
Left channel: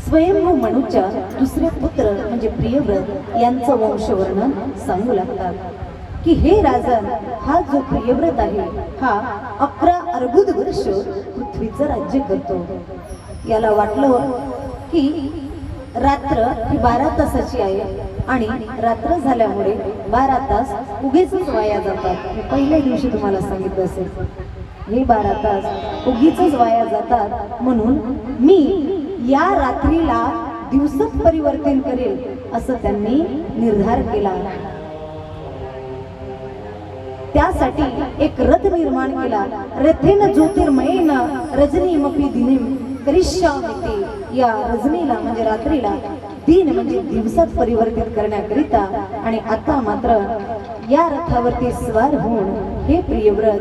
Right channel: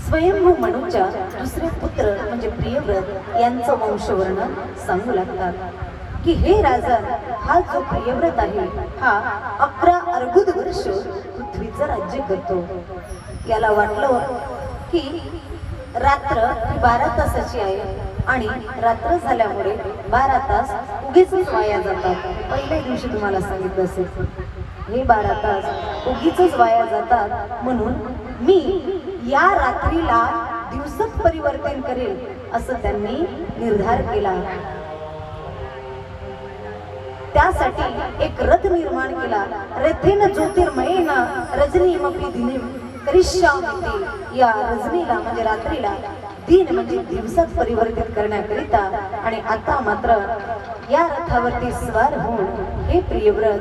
स्वयंभू मनुच्या दुसरे पुत्र म्हणजे प्रियव्रत यांचं वंशवर्णन सांगू लागतात की हे राजन, हा जो प्रियव्रत आहे हा 11 अर्बुद वर्ष पृथ्वीचं राज्य करतो. याला वाटलं की रात्र ही 12 तासाची आहे आणि रात्र झाल्यामुळे 12 तास उगीच वाया जातात. मी पहिल्या दिवशी तुम्हाला सांगितलं असेल, हे 12 तास उगीच वाया जातात, म्हणून मी या रात्रीला दिवसात परिवर्तन करेल असं त्यांनी निर्धार केला. त्यासाठी एक रथ निर्माण केला. रथेन ज्योतिर्मयेन रजनीमपी दिनीम करिष्यामि. या रजनीला म्हणजे रात्रीला, दिन म्हणजे दिवसात परिवर्तित करण्याकरिता. आणि आता मात्र या रथावरती स्वार होऊन हे प्रियव्रत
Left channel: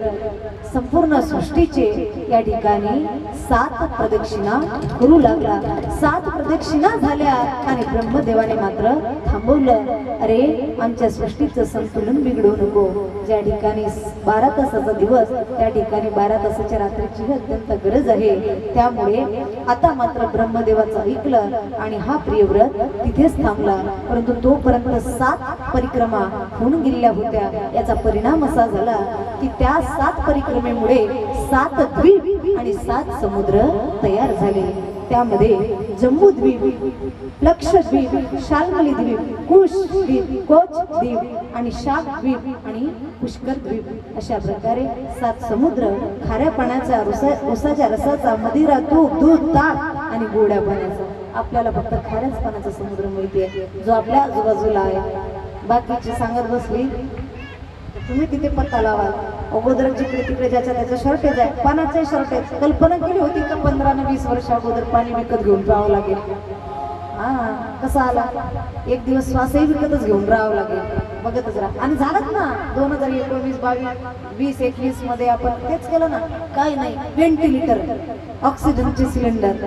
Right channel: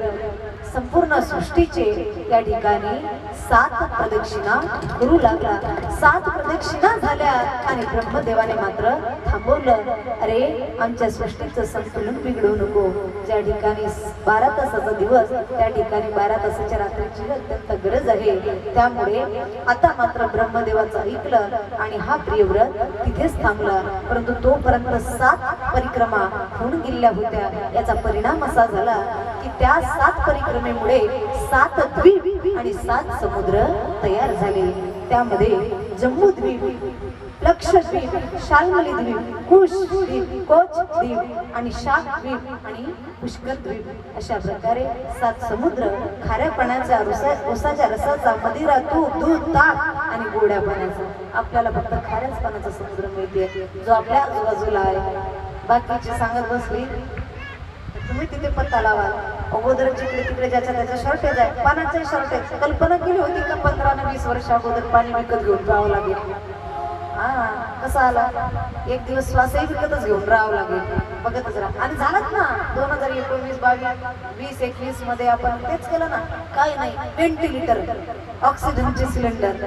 संपूर्ण सृष्टीचे या ठिकाणी 7 प्रदक्षिणा करू लागला. 7 प्रदक्षिणा झाल्या आणि ब्रह्मदेवाने मात्र थांबवलं. अरे, आमच्या सृष्टीचं संतुलन बिघडवू नको. ज्या ठिकाणी 12 तासाचा दिवस त्या ठिकाणी 12 तासाच्या रात्रीची अत्यंत गरज आहे. त्यामुळे आता मात्र ब्रह्मदेवाचं ऐकलं आणि हा प्रियव्रत तिथेच थांबला. परंतु तोपर्यंत 7 परिक्रमा होऊन गेलेल्या होत्या. याचा परिणाम असा झाला की त्या 7 परिक्रमेमुळे 7 द्वीप आणि 7 समुद्र तयार झाले. त्यामध्ये जम्बूद्वीप, लक्षद्वीप, शाल्मली द्वीप, कुश द्वीप, कोच द्वीप आणि शाक द्वीप आणि पुष्कर द्वीप अशा प्रकारे 7 समुद्र, खाऱ्या पाण्याचा, उसाच्या रसाचा, मदिरा, तूप, दूध, ताक आणि गोड्या पाण्याचा. आपल्याला फक्त खाऱ्याच पाण्याचा समुद्र मिळते जो आपल्या आजूबाजूला आहे. बाकीची सांगत बसली तुम्ही तिथे पत्ता लावाल. अगोदर जिकडे तिकडे ज्याच्या त्याच्या शॉर्टेज आहे, पाण्याचं शॉर्टेज. कल्पना केली होती का 15 ते 20 वर्ष अगोदर पाणी विकत घेऊन राहावं लागेल? कसा आला? एक दिवस श्वासही विकतच घेऊन राहावं लागेल. बघतच राहा. आणि झालंच ना 2019, 22, 20, 21 मध्ये आपण तेच केलं ना. काय नाही, व्हेंटिलेटर, ऑक्सिजनचे सिलेंडर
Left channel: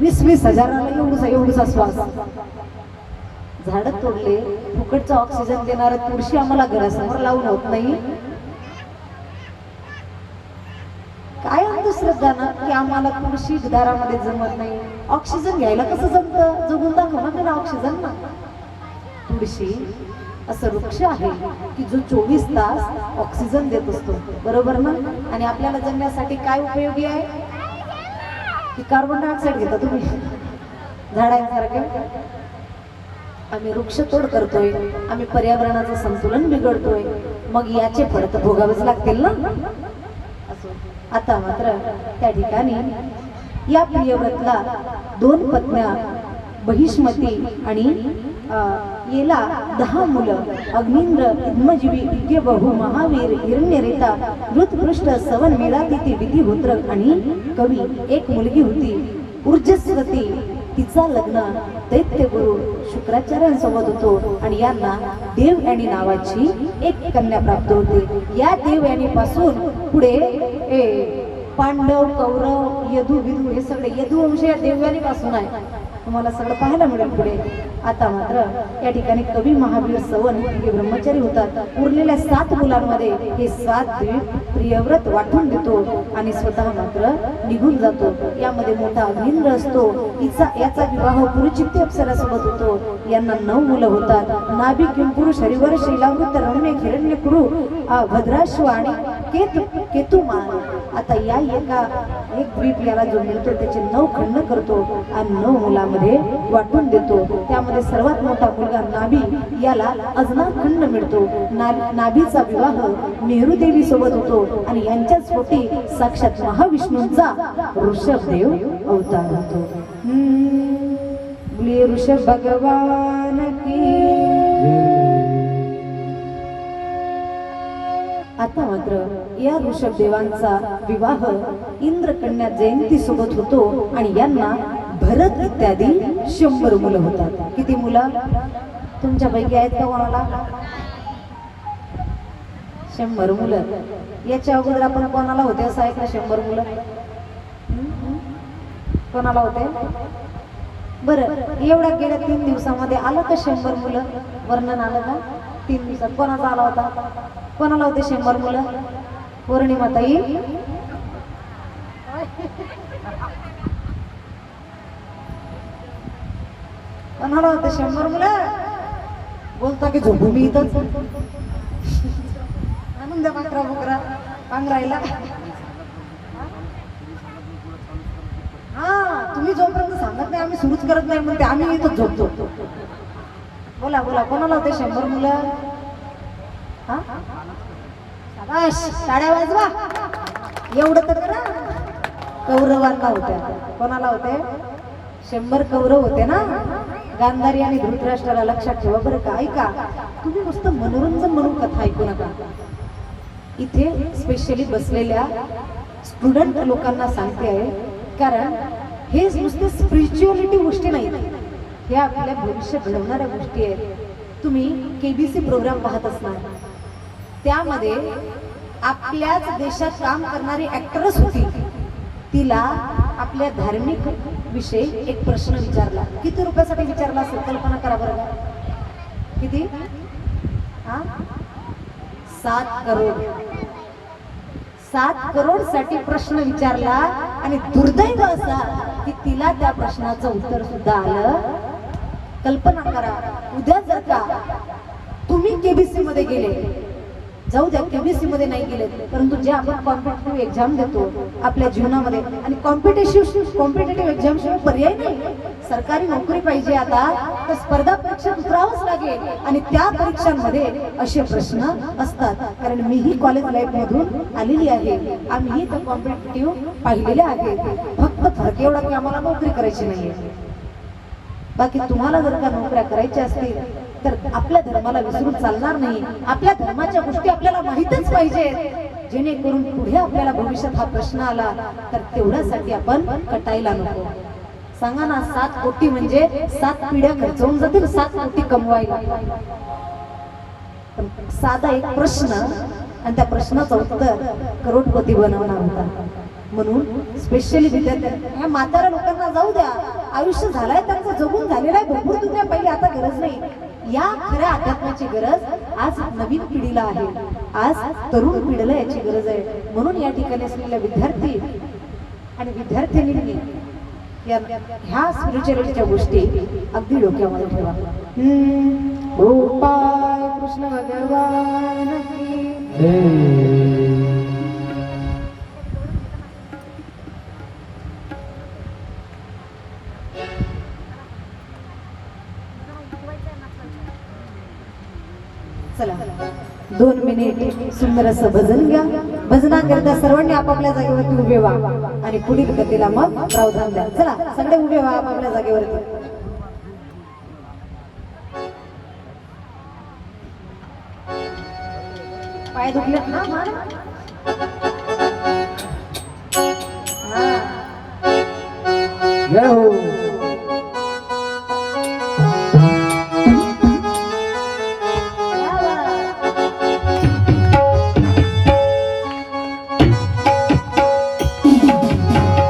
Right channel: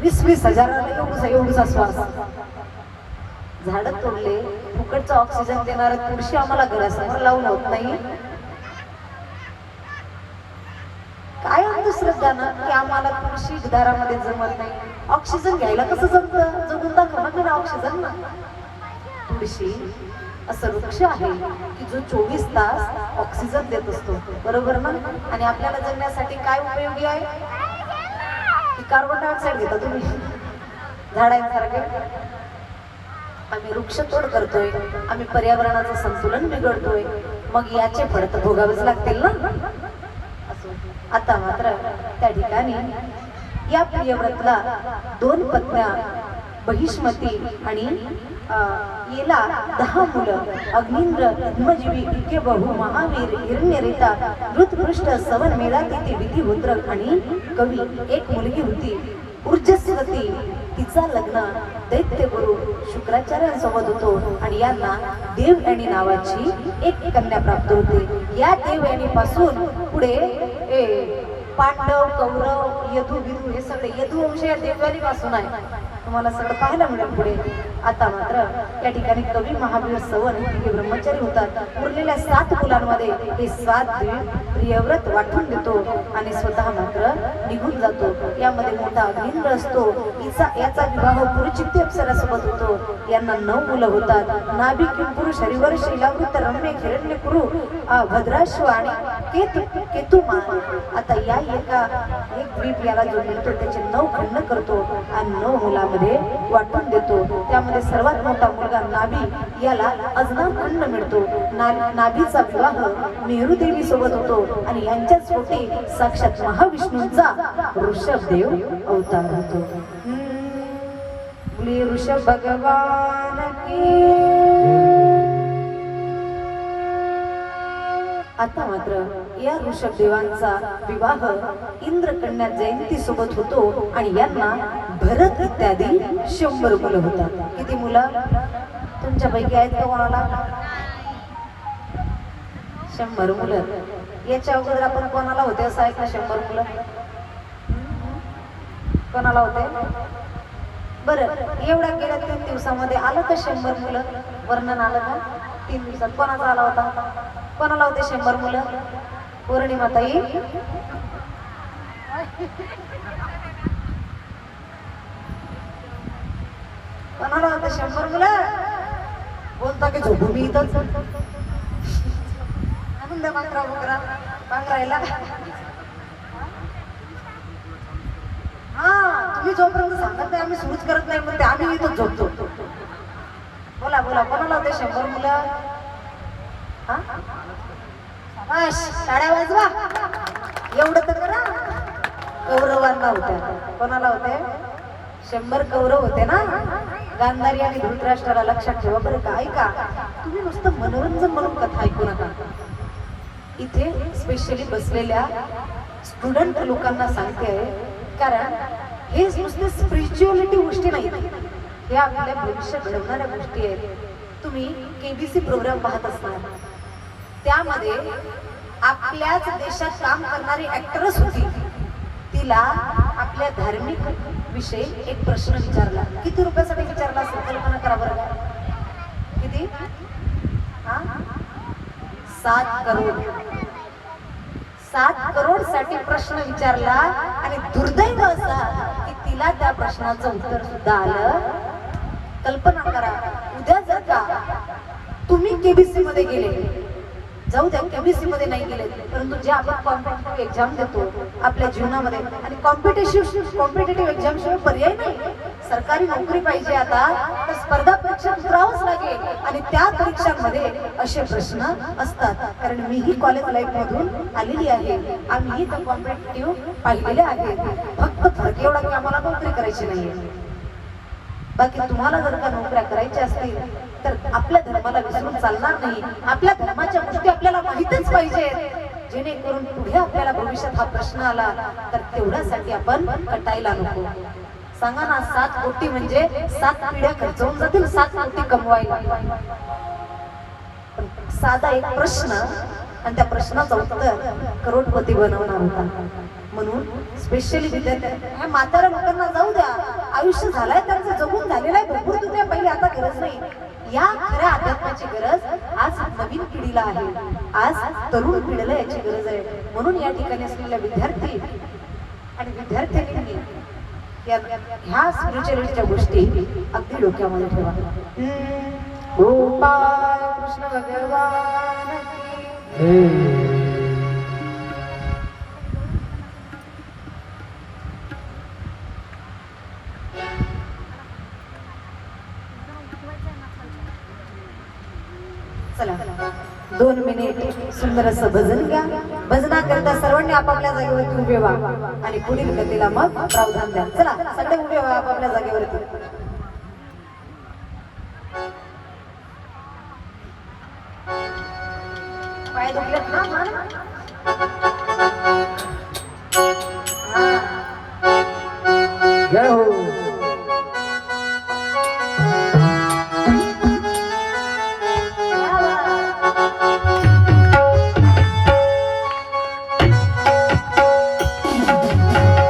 20-20 हजाराला एवढूसा श्वास. झाड तोडले, फुकटचा ऑक्सिजन देणारे तुळशी आम्हाला घरासमोर लावून होत नाही. काय अंधश्रद्धा ना की आम्हाला तुळशी दारामध्ये जमत नाही. ऑक्सिजन घ्यायला कसं जमतं? जगून दाखवा ना ऑक्सिजन ना. तुळशी असं वृक्ष आहे की जो 24 तास ऑक्सिजन देत असतो, बरोबर ना? आणि आपल्याला जगण्यासाठी काय उपयोगी आहे की कार्बन डायऑक्साईड घेता तुम्ही झाडांसारखे. आम्ही वृक्षतोड करतोय, आम्ही पर्यावरणाचं संतुलन बिघडतोय, मग याचे फळ तर भोगावेच लागतील ना. आता मात्र त्या ठिकाणी या प्रियव्रतला 2 पत्न्या बहिष्मती आणि येला 10 मुलं अग्निंद्र पद्मजीवी दिव्य बहु महावीर हिरण्यरेता ऋतपृष्ठ सवन मेळा तिथे विधिहोत्र आणि कवी एक मुलगी होती ऊर्जस्वती तिचा लग्न दैत्यगुरु शुक्राचार्यांसोबत होतो आणि यांना देवयानी नावाची एक कन्या प्राप्त होते। या देवयानी पासून पुढे पांडव कौरव यदु विदू हे सगळे यदुवंश या देवयानी पासून आहे तुम्हाला सगळं पाहायला मिळेल पुढे। आता मात्र या ठिकाणी कवी महावीर सवन हे ब्रह्मचारी होतात। उरलेल्या 7 मुलांमध्ये हे 7 प्रियव्रत वाटून देतो आणि स्वतः मात्र निघून जातो। यामध्ये मोठा अग्निंद्र असतो याचा विवाह पुरुचित्ती अप्सरासोबत होतो। यांना 9 मुलं होतात नाभि किंपुरुष हरिवर शैलावृत रमणे हिरण्यकुरु भद्राश्व आणि केतुमान। आता या एक द्वीप याला जो मिळतो त्याचे 9 खंड करतो आणि 9 मुलांमध्ये वाटून देतो। त्यामध्ये सर्वात मोठा मुलगा नाभी याला अजनाव खंड मिळतो। नाभीचा विवाह मेरुदेवी सोबत होतो आणि यांच्याच पोटी साक्षात महाविष्णूंचा ऋषभदेव अवतार होतो। बोलिए ऋषभ भगवान की। आता मात्र या ऋषभदेवांचा विवाह इंद्रकन्या जयंती सोबत होतो आणि यांना भरत इत्यादी 100 मुलं होतात। किती मुलं तुमच्यापैकी आहेत का कोणाला? 100 मुलं। याच्या अगोदर आपण कोणाला होते असं ऐकलं 100 मुलं? कोणाला होते? बरं एवढा गेल्या 3 दिवसामध्ये आलं का 100 मुलं? वर्णन आलं का 3 दिवसात? कोणाचा आला होता? कोणाला होते 100 मुलं? पौर्णिमा ताई कोणाला होते 100 मुलं? बोलता की झोपू मी इथंच आनंद मात्रा बकरा पांघरायला। हा तुम्ही जोपर्यंत सांगत नाही आम्ही सुरूच करत नाही म्हणते आम्ही इथंच झोपतो। बोला बोला कोणाला होते 100 मुलं? हा शाबाश टाळ्या वाजवा एवढं तर करा। कौरवांना होत्या कोणाला होते? 100 कौरव होते ना। गांधारी आणि धृतराष्ट्राला लक्षात ठेवा बरं का। ऐका तुम्ही नुसतं मनोरंजन म्हणून कथा ऐकू नका। इथे स्पेशली बसलेल्या स्टुडंट लोकांना सांगते आहे कारण हे नुसते स्पिरिच्युअलिटी गोष्टी नाही हे आपल्या भविष्य घडवणाऱ्या गोष्टी आहेत। तुम्ही केबीसी प्रोग्राम पाहत असणार त्यामध्ये आपल्याच देशात काम करणारी ऍक्ट्रेस होती तिला आपल्या धार्मिक विषयी एक प्रश्न विचारला। किती रुपयासाठी विचारला असेल कल्पना करा बरं। किती? 7 करोड। 7 करोड साठी प्रश्न विचारला आणि दुर्दैव असा की तिला त्या प्रश्नाचं उत्तर सुद्धा आलं। कल्पना करा उद्या जर का तुम्ही केबीसी मध्ये गेले जाऊ द्या केबीसी मध्ये नाही गेले परंतु जे आपण कॉम्पिटिटिव्ह एक्झाम देतो आपल्या जीवनामध्ये आणि कॉम्पिटिटिव्ह एक्झाम शिवाय पर्याय नाही। सरकारी नोकरी पाहिजे आता तर स्पर्धा परीक्षेत उतरावंच लागेल आणि त्या परीक्षांमध्ये असे प्रश्न असतात। कारण मीही कॉलेज लाईफ मधून आलेली आहे आम्ही तर कॉम्पिटिटिव्ह पाहिलेले आहेत। फक्त फरक एवढा की आम्हाला नोकरी करायची नाहीये। बाकी तुम्हाला जर का नोकऱ्या करायच्या असतील तर आपल्या धर्माला विसरून चालणार नाही। आपल्या धर्माच्या गोष्टी आपल्याला माहितच पाहिजेत जेणेकरून पुढे आपल्याला भविष्यात हा प्रश्न आला तर तेवढ्यासाठी आपण कटायला नको। सांगा ना 7 कोटी म्हणजे 7 पिढ्या खर्च होऊन जातील 7 कोटी कमवायला। साधा एक प्रश्न आणि त्या प्रश्नाचं उत्तर करोडपती बनवणार होता। म्हणून स्पेशली विद्यार्थ्यांना ह्या म्हाताऱ्या लोकांना जाऊ द्या आयुष्य झालंय त्यांचं जगून झालेलं आहे भरपूर दुनिया पहिली आता गरज नाही। या खऱ्या अध्यात्माची गरज आज नवीन पिढीला आहे आज तरुण पिढीला याची गरज आहे। म्हणून या ठिकाणी असलेल्या विद्यार्थी आणि विद्यार्थिनींनी ह्या स्पिरिच्युअलिटीच्या गोष्टी अगदी डोक्यामध्ये ठेवा। गोपाळ कृष्ण भगवान की चला 2 मिनिट सुंदर असं भजन घ्या। भजनाकरता सर्वांनी आपापल्या जागेवरती उभे व्हा आणि पुढील गतीला मग प्रावधान द्या। चला सगळे उभे व्हा आपापल्या जागेवरती। पाय दुखलेत ना फार? हा. जय हो.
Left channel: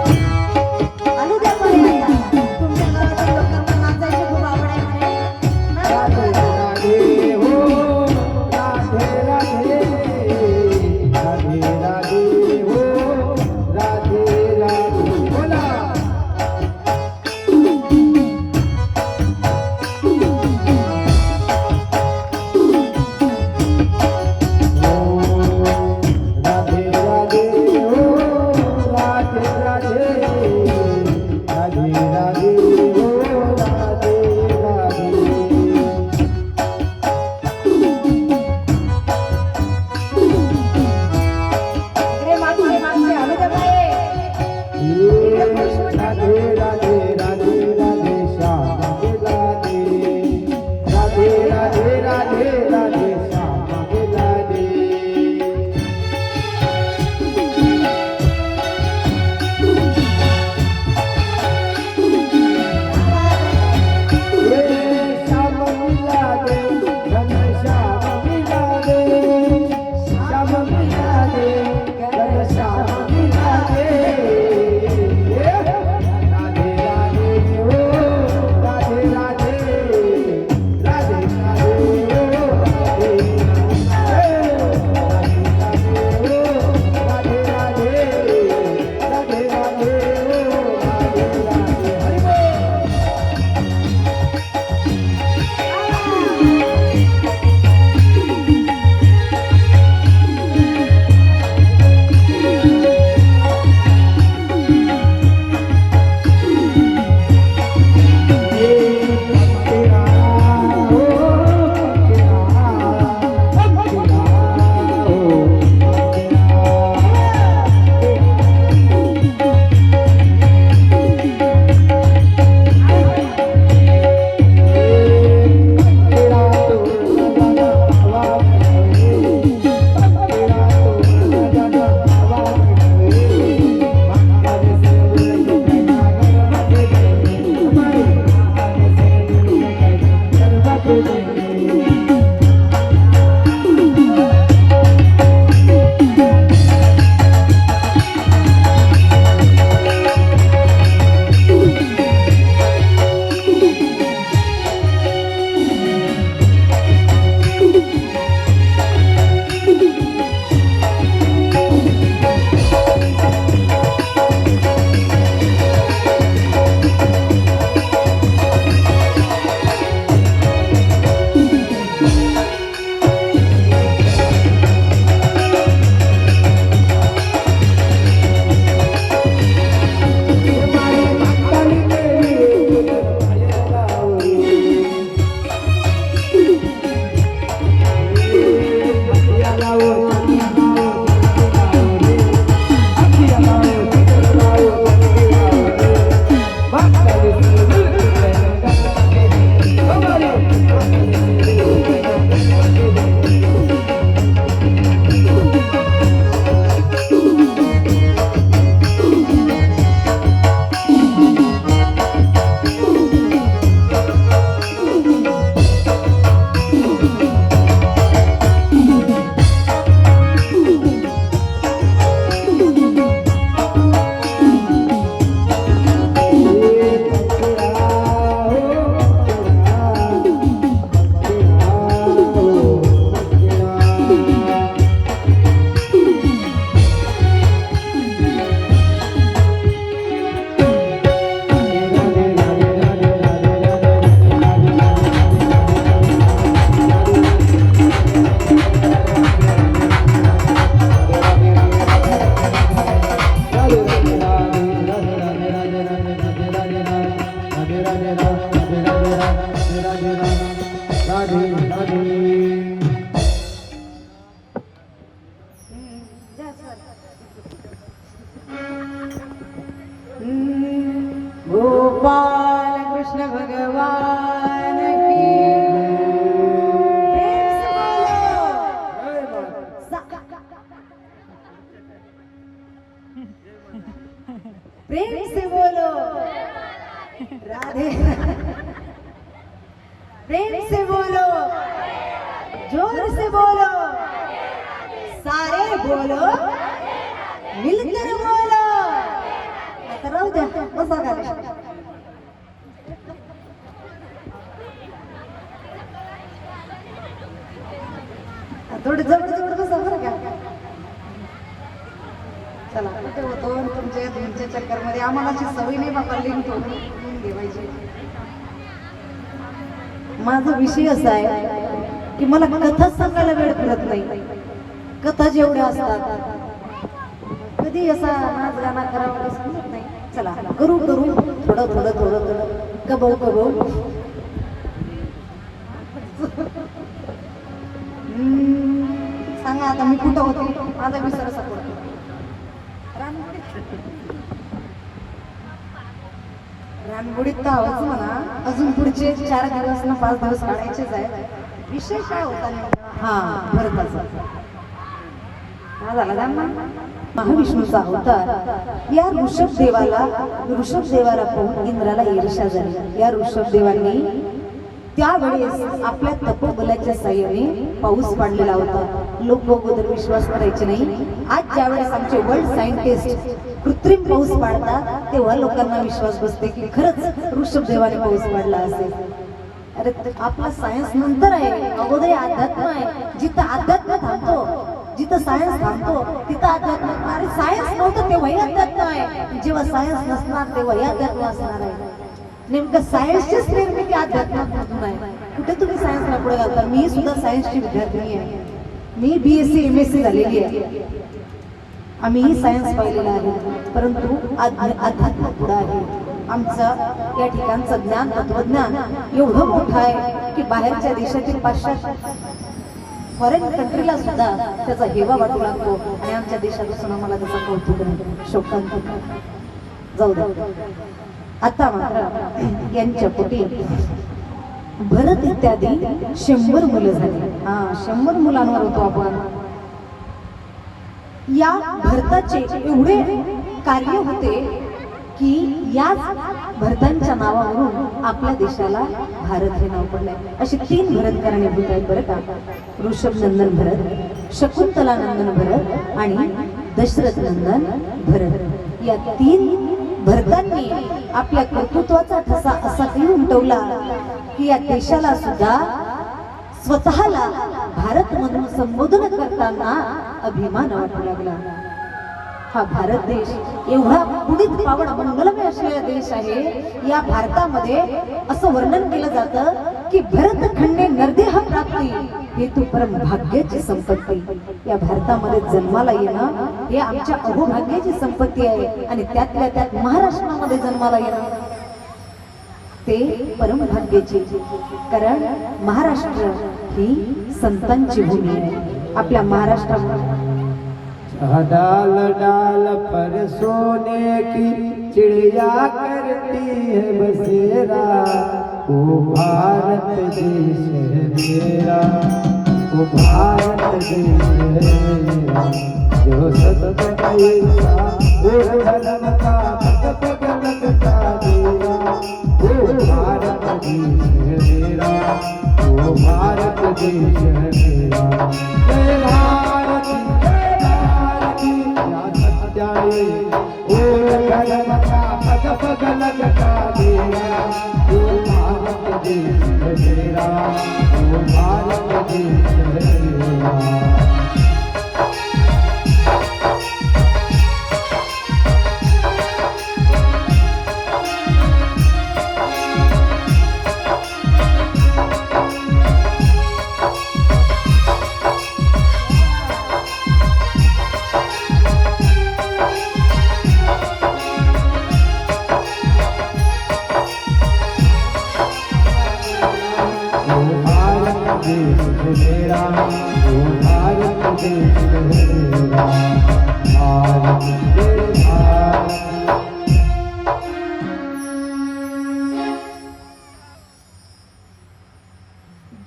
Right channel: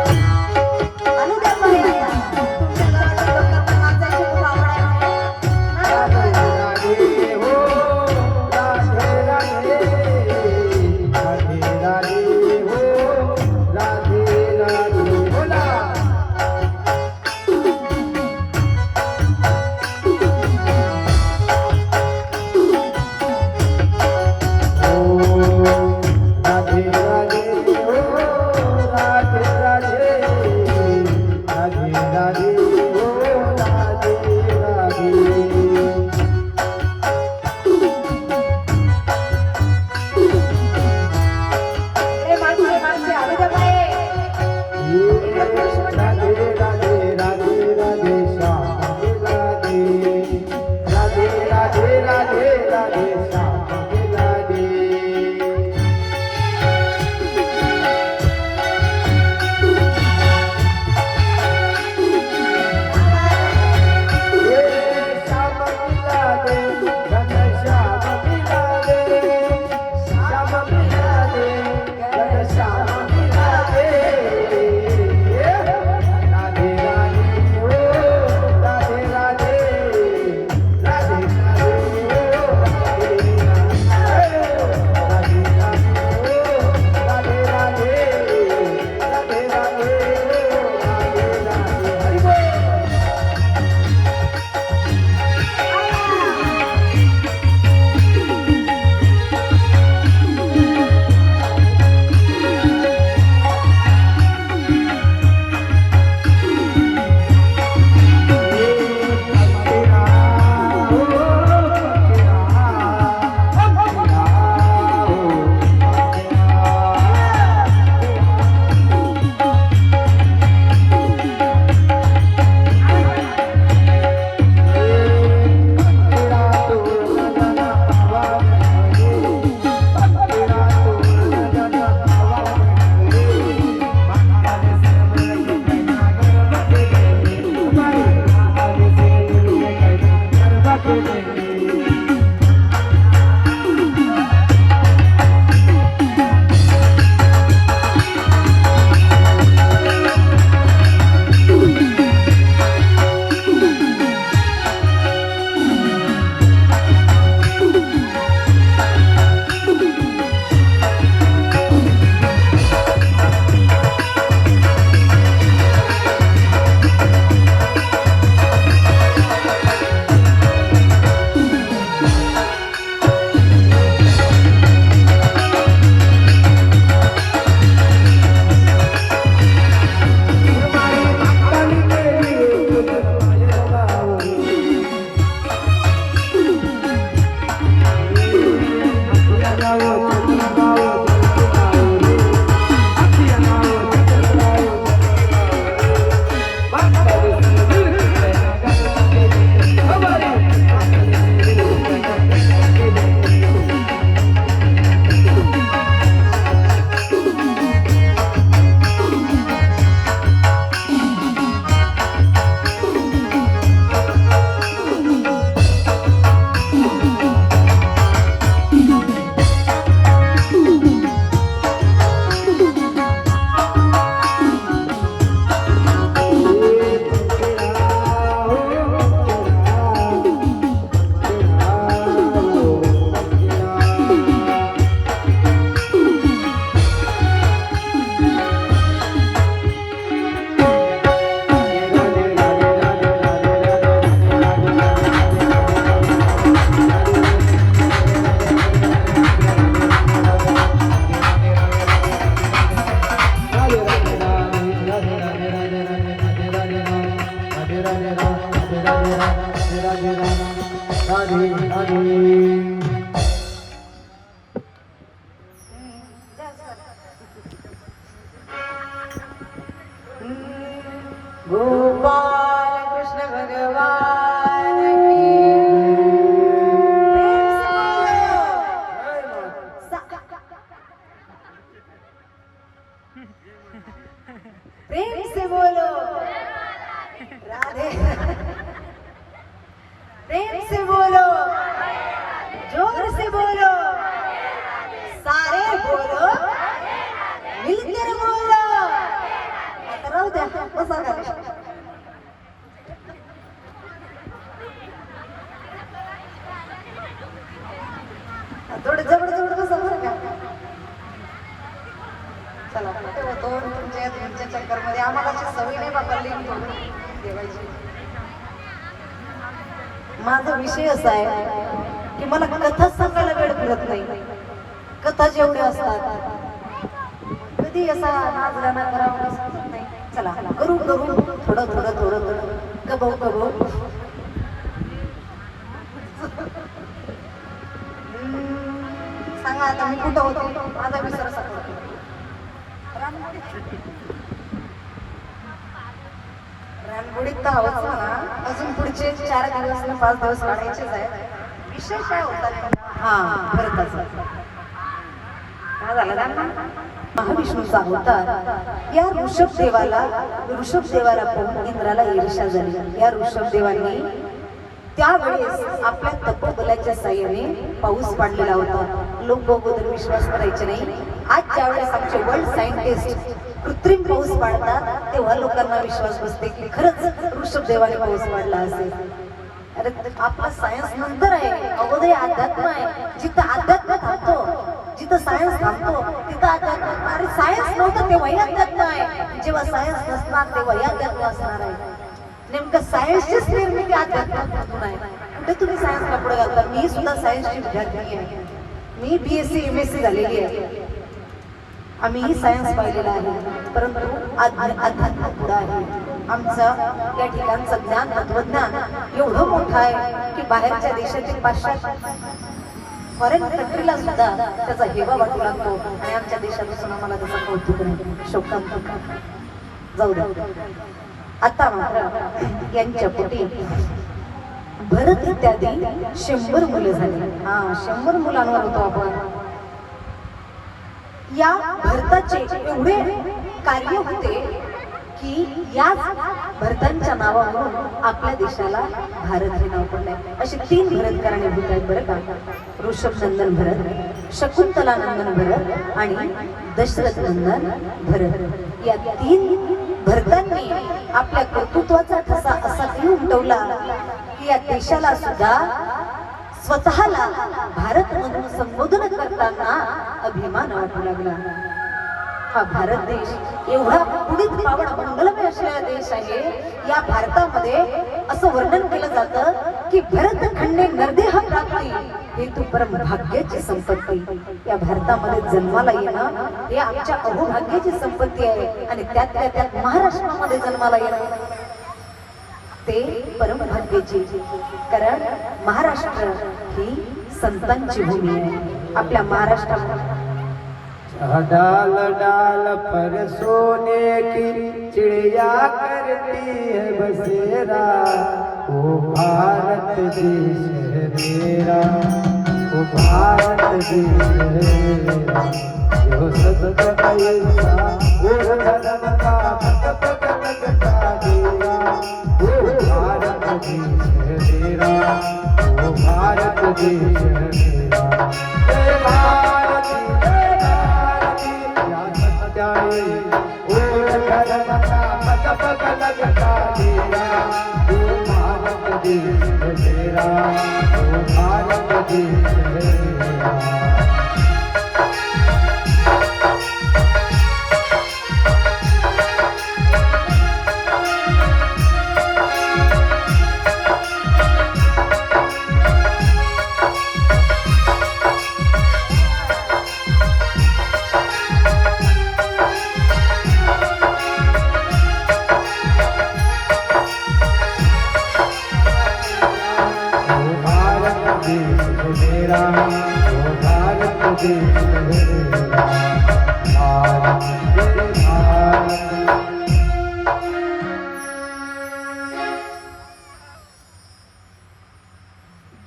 आलू द्या मला आता. तुमच्या गावातील लोकांना नाचायची खूप आवड आहे म्हणे. नाचा बरं. राधे हो, राधे राधे, राधे राधे हो, राधे राधे. बोला. हो, राधे राधे हो, राधे राधे, राधे राधे हो, राधे राधे. इकडे मागचे मागचे आलू द्या बाई. राधे राधे राधे राधे श्याम राधे राधे राधे राधे राधे श्याम राधे. श्याम राधे घन श्याम राधे श्याम राधे घन श्याम राधे. राधे राधे हो, राधे राधे, राधे राधे हो, राधे राधे, राधे राधे हो, राधे राधे, राधे राधे हो, राधे राधे. हरि बोल. गोपाल कृष्ण भगवान की. प्रेम से बोलो. प्रेम से बोलो राधे प्रेम से बोलो जोर से बोलो सारे बोलो मिलकर बोलो आता राहू द्या बसा खाली. थोडं जवळ जवळ बसा बरं का. चला कुठे होतो तुमच्या तुमच्या चक्करमध्ये आम्हाला अशी सवय नाही बाबा लिंक ठेवायची. माझा विषय असा आहे की मला कथा सांगायला वेळ पुरत नाही. कथा जेवढ्या असतात कधी असा नाच गाणं करावं समजत नाही. चला करू करू थोडं थोडं थोडं थोडं कबो कबो. सांगा आता मी कुठं होते माझा विसर सगळं. रानगुडीत तर आहोत म्हणा. अजून पुढचे 4 दिवस ना 5 दिवस काढायचेच आहेत. विषय काय होता हा भरताचा काय झाला त्यांना. महाविष्णूचा अवतार. या ऋषभदेवाला पाहून इंद्राला ईर्ष्या झाली. या ऋषभदेवांनी त्यावेळेस आपल्या तपोबलाच्या साह्याने पाऊस पाडलेला होता. लोक अगोदर विश्वास करायचे नाही. आज ज्यावेळेस आमचे वर्ल्ड सायंटिस्ट कृत्रिम पाऊस पाडतात तेव्हा लोकांना विश्वास बसते की खरंच ऋषभदेवाने पाऊस पाडला असेल. अरे आपला सायन्स नंतर आहे, अगोदर अध्यात्म आहे. जिथं अध्यात्म थांबतो जिथं सायन्स थांबतो तिथं अध्यात्म. अरे सायन्स नव्हतं तेव्हाही अध्यात्म आहे. जेव्हा सायन्स नसणार तेव्हाही अध्यात्म असणार आहे. नेमकं सायन्सचीच निर्मिती अध्यात्मातून आहे. कुठे तुम्ही सायन्सला पुढे घालता. मी सुद्धा सायन्सची विद्यार्थी आहे. मी BSc MSc झालेली आहे. आम्ही सायन्स पाहिलेलं आहे परंतु अध्यात्म पुढे आहे. आमचं या ठिकाणचं ज्ञान तत्वज्ञान एवढं मोठं आहे की बाहेरच्या देशातील पाश्चात्य फॉरेन कंट्रीला सुद्धा त्याचा हेवा वाटू लागतो आणि आमच्या देशापासून आम्हाला त्याचा कौतुक नाही. शोकांत जाऊ द्या. आता मात्र यांच्या पोटी भरत इत्यादी 100 मुले झाली. 100 मुलांवर होतो आपण. या भरताचे एवढे कार्य होते की याच भरतांच्या नावावरून आपल्या देशाला भारत हे नाव पडलंय. अशी 3 भरत कारणीभूत आहेत बरं का. ऋषभनंदन भरत, शकुंतलानंदन भरत आणि दशरथ नंदन भरत. या 3 भरतांनी आपल्या कर्तृत्वाचा ठसा असा काही उमटवला की या देशाला सुद्धा स्वतःला भारत म्हणून संबोधन करताना अभिमान वाटू लागला. हा भारत देश एवढा पुढील पावन मंगलमय असलेला देश आहे. या भारतामध्ये असं वर्णन केलं जातं की भरत खंडे नरदेह प्राप्ती हेतू परम भाग्याची संपत्ती. या भारतामध्ये जन्माला येणं हे आमच्या अहोभाग्याची संपत्ती आहे आणि त्यातल्या त्यात महाराष्ट्रामध्ये जन्माला येणं ते परम भाग्याची. कारण महाराष्ट्र ही संतांची भूमी आहे. आपल्या महाराष्ट्रामध्ये डाल डाल पर सोने की चिड़िया करती है बसेरा. ओ भारत देश है मेरा, ओ भारत देश है मेरा. जो सत ऐसा वो धर्म का पग पग लगता देरा. ओ भारत देश है मेरा, ओ भारत देश है मेरा. जय भारत धर्म का पग पग लगता देरा. वो भारत देश है मेरा, वो भारत देश है मेरा. मेरा वो भारत देश है मेरा. भारत भारत.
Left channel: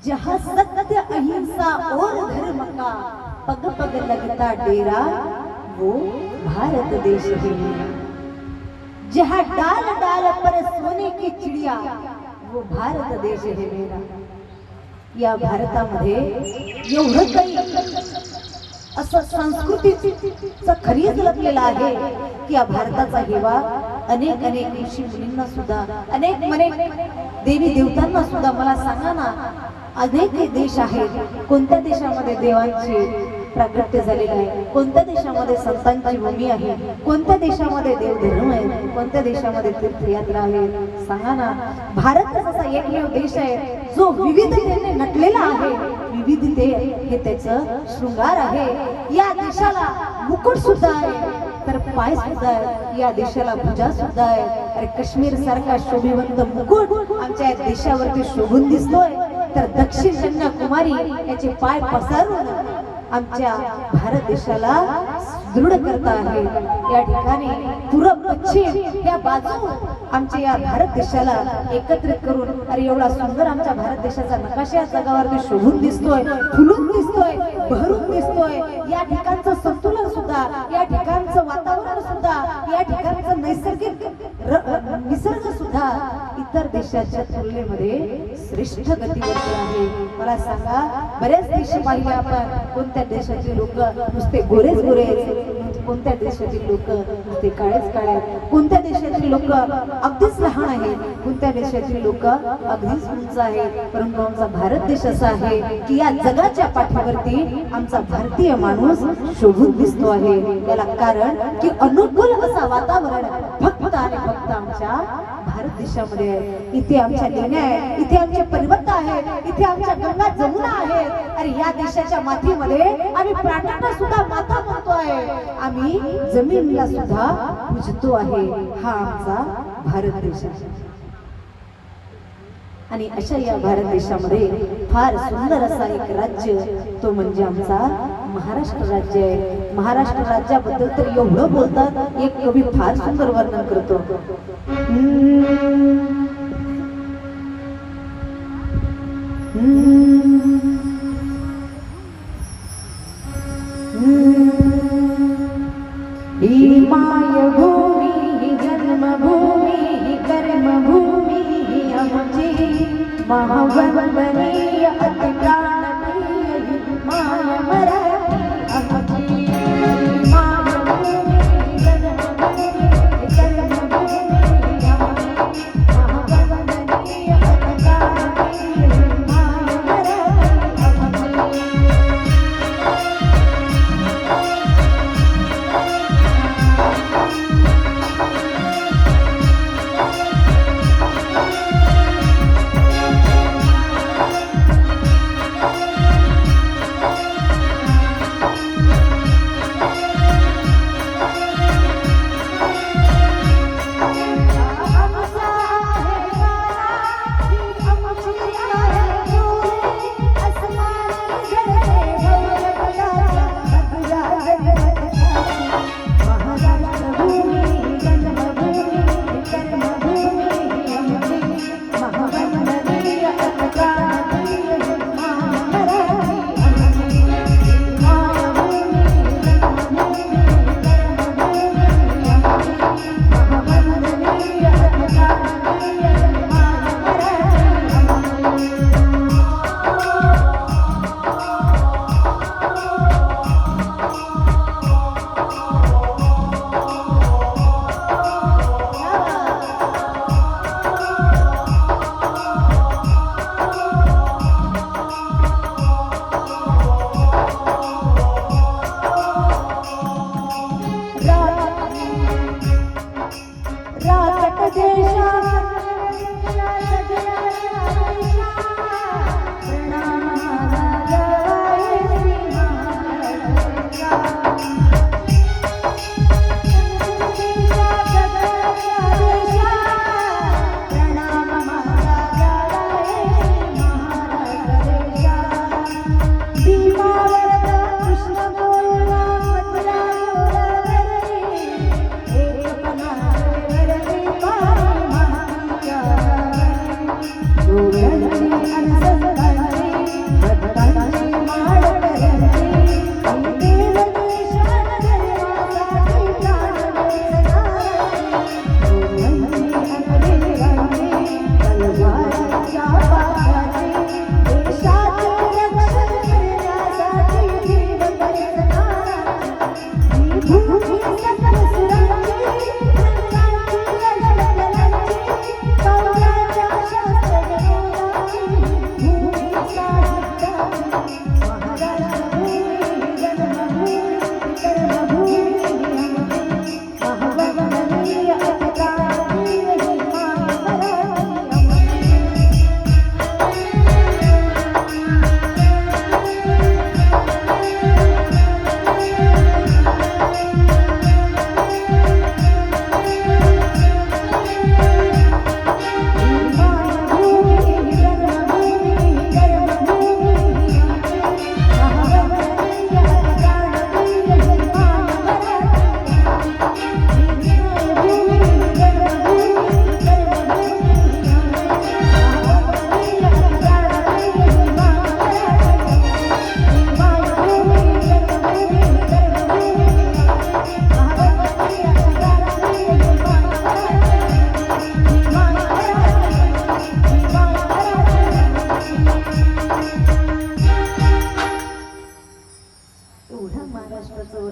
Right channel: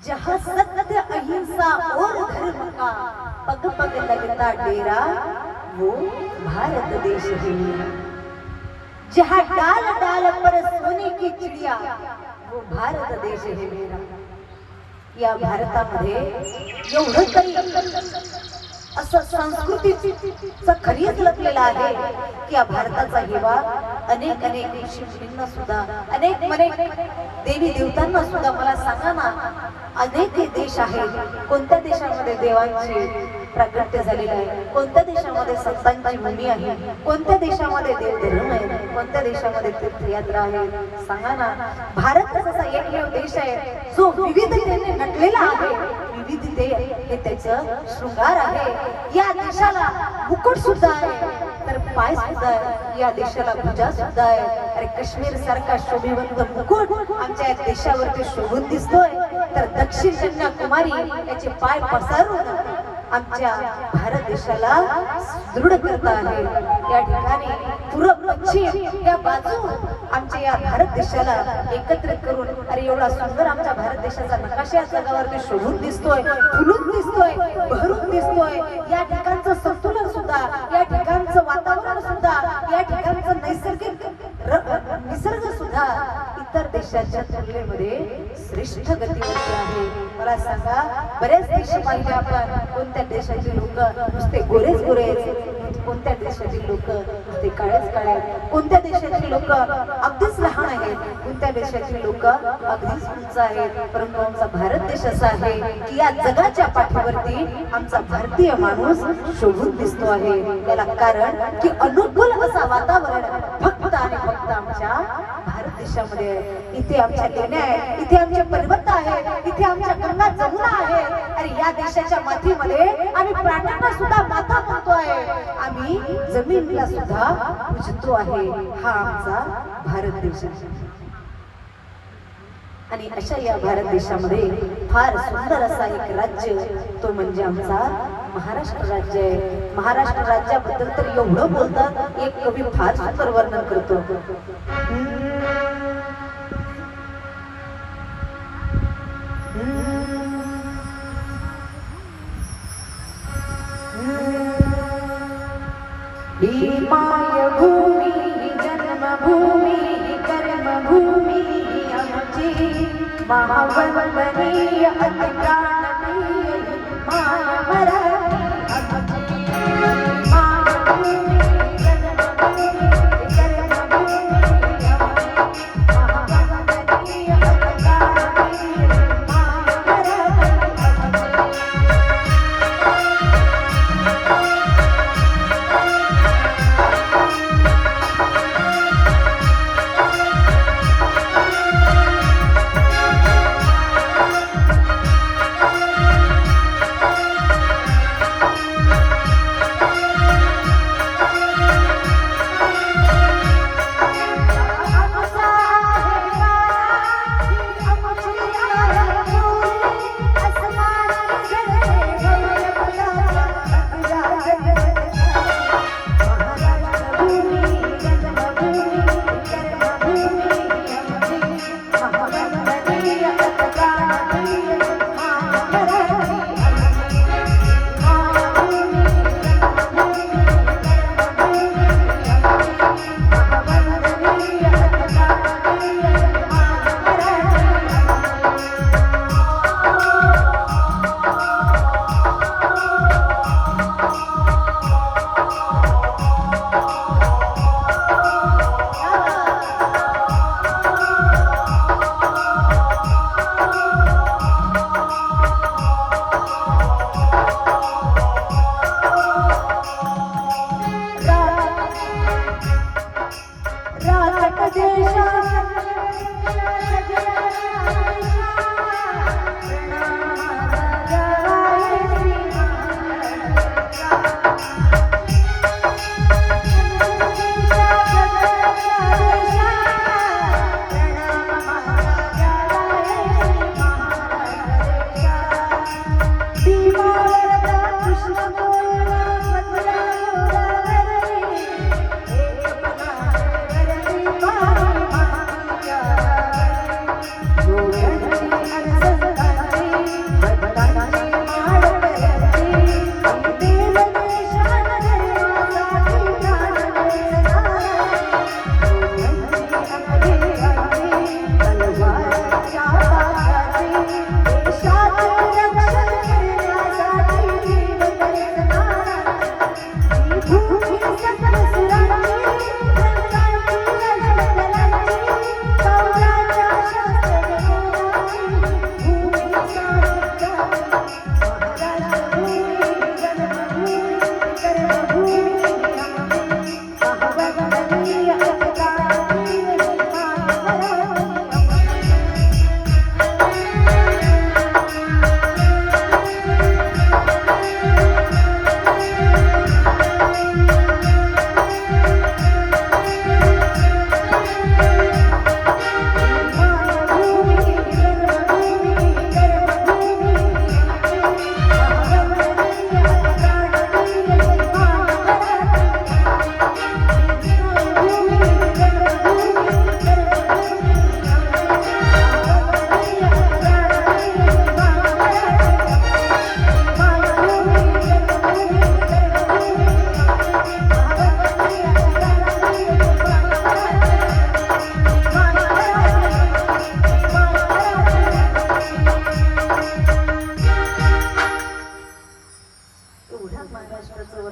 जहाँ सत्य अहिंसा और धर्म का पग पग लगता डेरा वो भारत देश है मेरा. जहाँ डाल डाल पर सोने की चिड़िया वो भारत देश है मेरा. या भारतामध्ये एवढं काही असं संस्कृतीचं खरीच लपलेलं आहे की या भारताचा हेवा अनेक अनेक ऋषी मुनींना सुद्धा अनेक देवी देवतांना सुद्धा. मला सांगा ना, अनेक देश आहेत, कोणत्या देशामध्ये देवांचे प्रागट्य झालेलं आहे, कोणत्या देशामध्ये संतांची भूमी आहे, कोणत्या देशामध्ये देवधर्म आहे, कोणत्या देशामध्ये तीर्थयात्रा आहे. सांगा ना, भारत असा एकमेव देश आहे जो विविधतेने नटलेला आहे. विविधते हे त्याचं शृंगार आहे. या देशाला मुकुट सुद्धा आहे, तर पाय सुद्धा आहे. या देशाला भुजा सुद्धा आहे. अरे काश्मीर सारखा शोभिवंत मुकुट आमच्या देशावरती शोभून दिसतोय, तर दक्षिण कन्याकुमारी याचे पाय पसारून आमच्या भारत देशाला दृढ करता आहे. या ठिकाणी पूर्व पश्चिम या बाजू आमच्या या भारत देशाला एकत्रित करून, अरे एवढा सुंदर आमच्या भारत देशाचा नकाशा या जगावरती शोभून दिसतोय, फुलून दिसतोय, बहरून दिसतोय. या ठिकाणचं संतुलन सुद्धा, या ठिकाणचं वातावरण सुद्धा, या ठिकाणचं नैसर्गिक निसर्ग सुद्धा इतर देशाच्या तुलनेमध्ये श्रेष्ठ गतीवरती आहे. मला सांगा, बऱ्याच देश पाहिले आपण, कोणत्या देशाचे लोक नुसते गोरेच गोरे, कोणत्या देशाचे लोक नुसते काळेच काळे, कोणत्या देशाचे लोक अगदीच लहान आहेत, कोणत्या देशाचे लोक अगदीच उंच आहेत. परंतु आमचा भारत देश असा आहे की या जगाच्या पाठीवरती आमचा भारतीय माणूस शोभून दिसतो आहे. याला कारण की अनुकूल असं वातावरण फक्त आणि फक्त आमच्या भारत देशामध्ये आहे. इथे आमच्या लेण्या आहेत, इथे आमचे पर्वत आहेत, इथे आमच्या गंगा जमुना आहे. अरे या देशाच्या मातीमध्ये आम्ही प्राण्यांना सुद्धा माता म्हणतो आहे, आम्ही जमिनीला सुद्धा पूजतो आहे. हा आमचा भारत देश आहे. आणि अशा या भारत देशामध्ये फार सुंदर असा एक राज्य, तो म्हणजे आमचा महाराष्ट्र राज्य आहे. महाराष्ट्र राज्याबद्दल तर एवढं बोलतात, एक कवी फार सुंदर वर्णन करतो. ही मायभूमी, ही जन्मभूमी, ही कर्मभूमी, ही आमची महावंदनीय अतिप्राणप्रिय माय मराठी आमची. मायभूमी, जन्मभूमी, कर्मभूमी, ही आमची महावंदनीय अतिप्राणप्रिय माय मराठी आमची.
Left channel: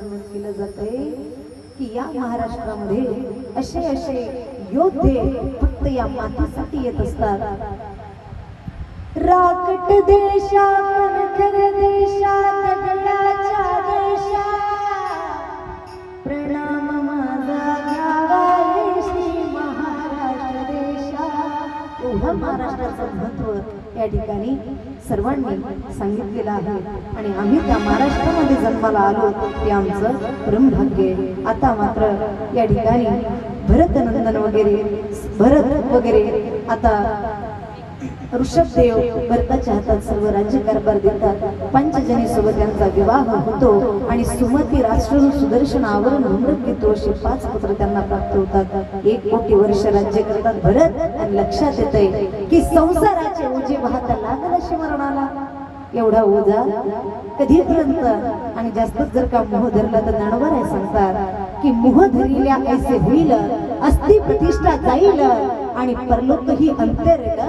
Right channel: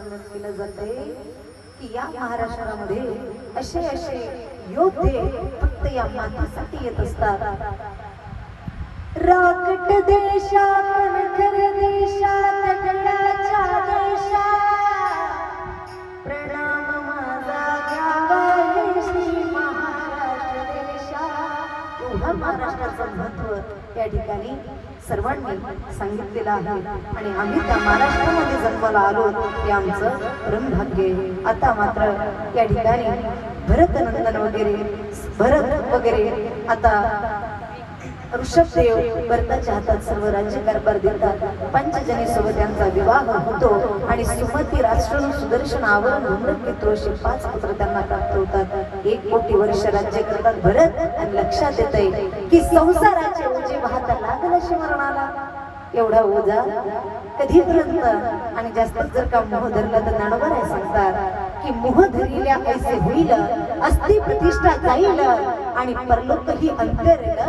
वर्णन केलं जाते की या महाराष्ट्रामध्ये असे असे योद्धे फक्त या मातीसाठी येत असतात. राकट देशा कणखर देशा दगडाच्या देशा प्रणाम माझा घ्यावा हे श्री महाराष्ट्र देशा. एवढं महाराष्ट्राचं महत्व या ठिकाणी सर्वांनी सांगितलेलं आहे आणि आम्ही त्या महाराष्ट्रामध्ये जन्माला आलो हे आमचं परमभाग्य. आता मात्र या ठिकाणी भरतनंदन भरत वगैरे आता ऋषभदेव भरताच्या हातात सर्व राज्य कारभार देतात. पंचजनी सोबत त्यांचा विवाह होतो आणि सुमती राष्ट्र सुदर्शन आवरण धूम्रक घेतो असे 5 पुत्र त्यांना प्राप्त होतात. 1 कोटी वर्ष राज्य करतात भरत आणि लक्षात येते की संसाराचे ओझे वाहता लागल असे मरणाला. एवढा ओझा कधीपर्यंत आणि जास्त जर का मोह धरला तर ज्ञानोबा राय सांगतात की मोह धरिल्या ऐसे होईल अस्थि प्रतिष्ठा जाईल आणि परलोकही अंतरेल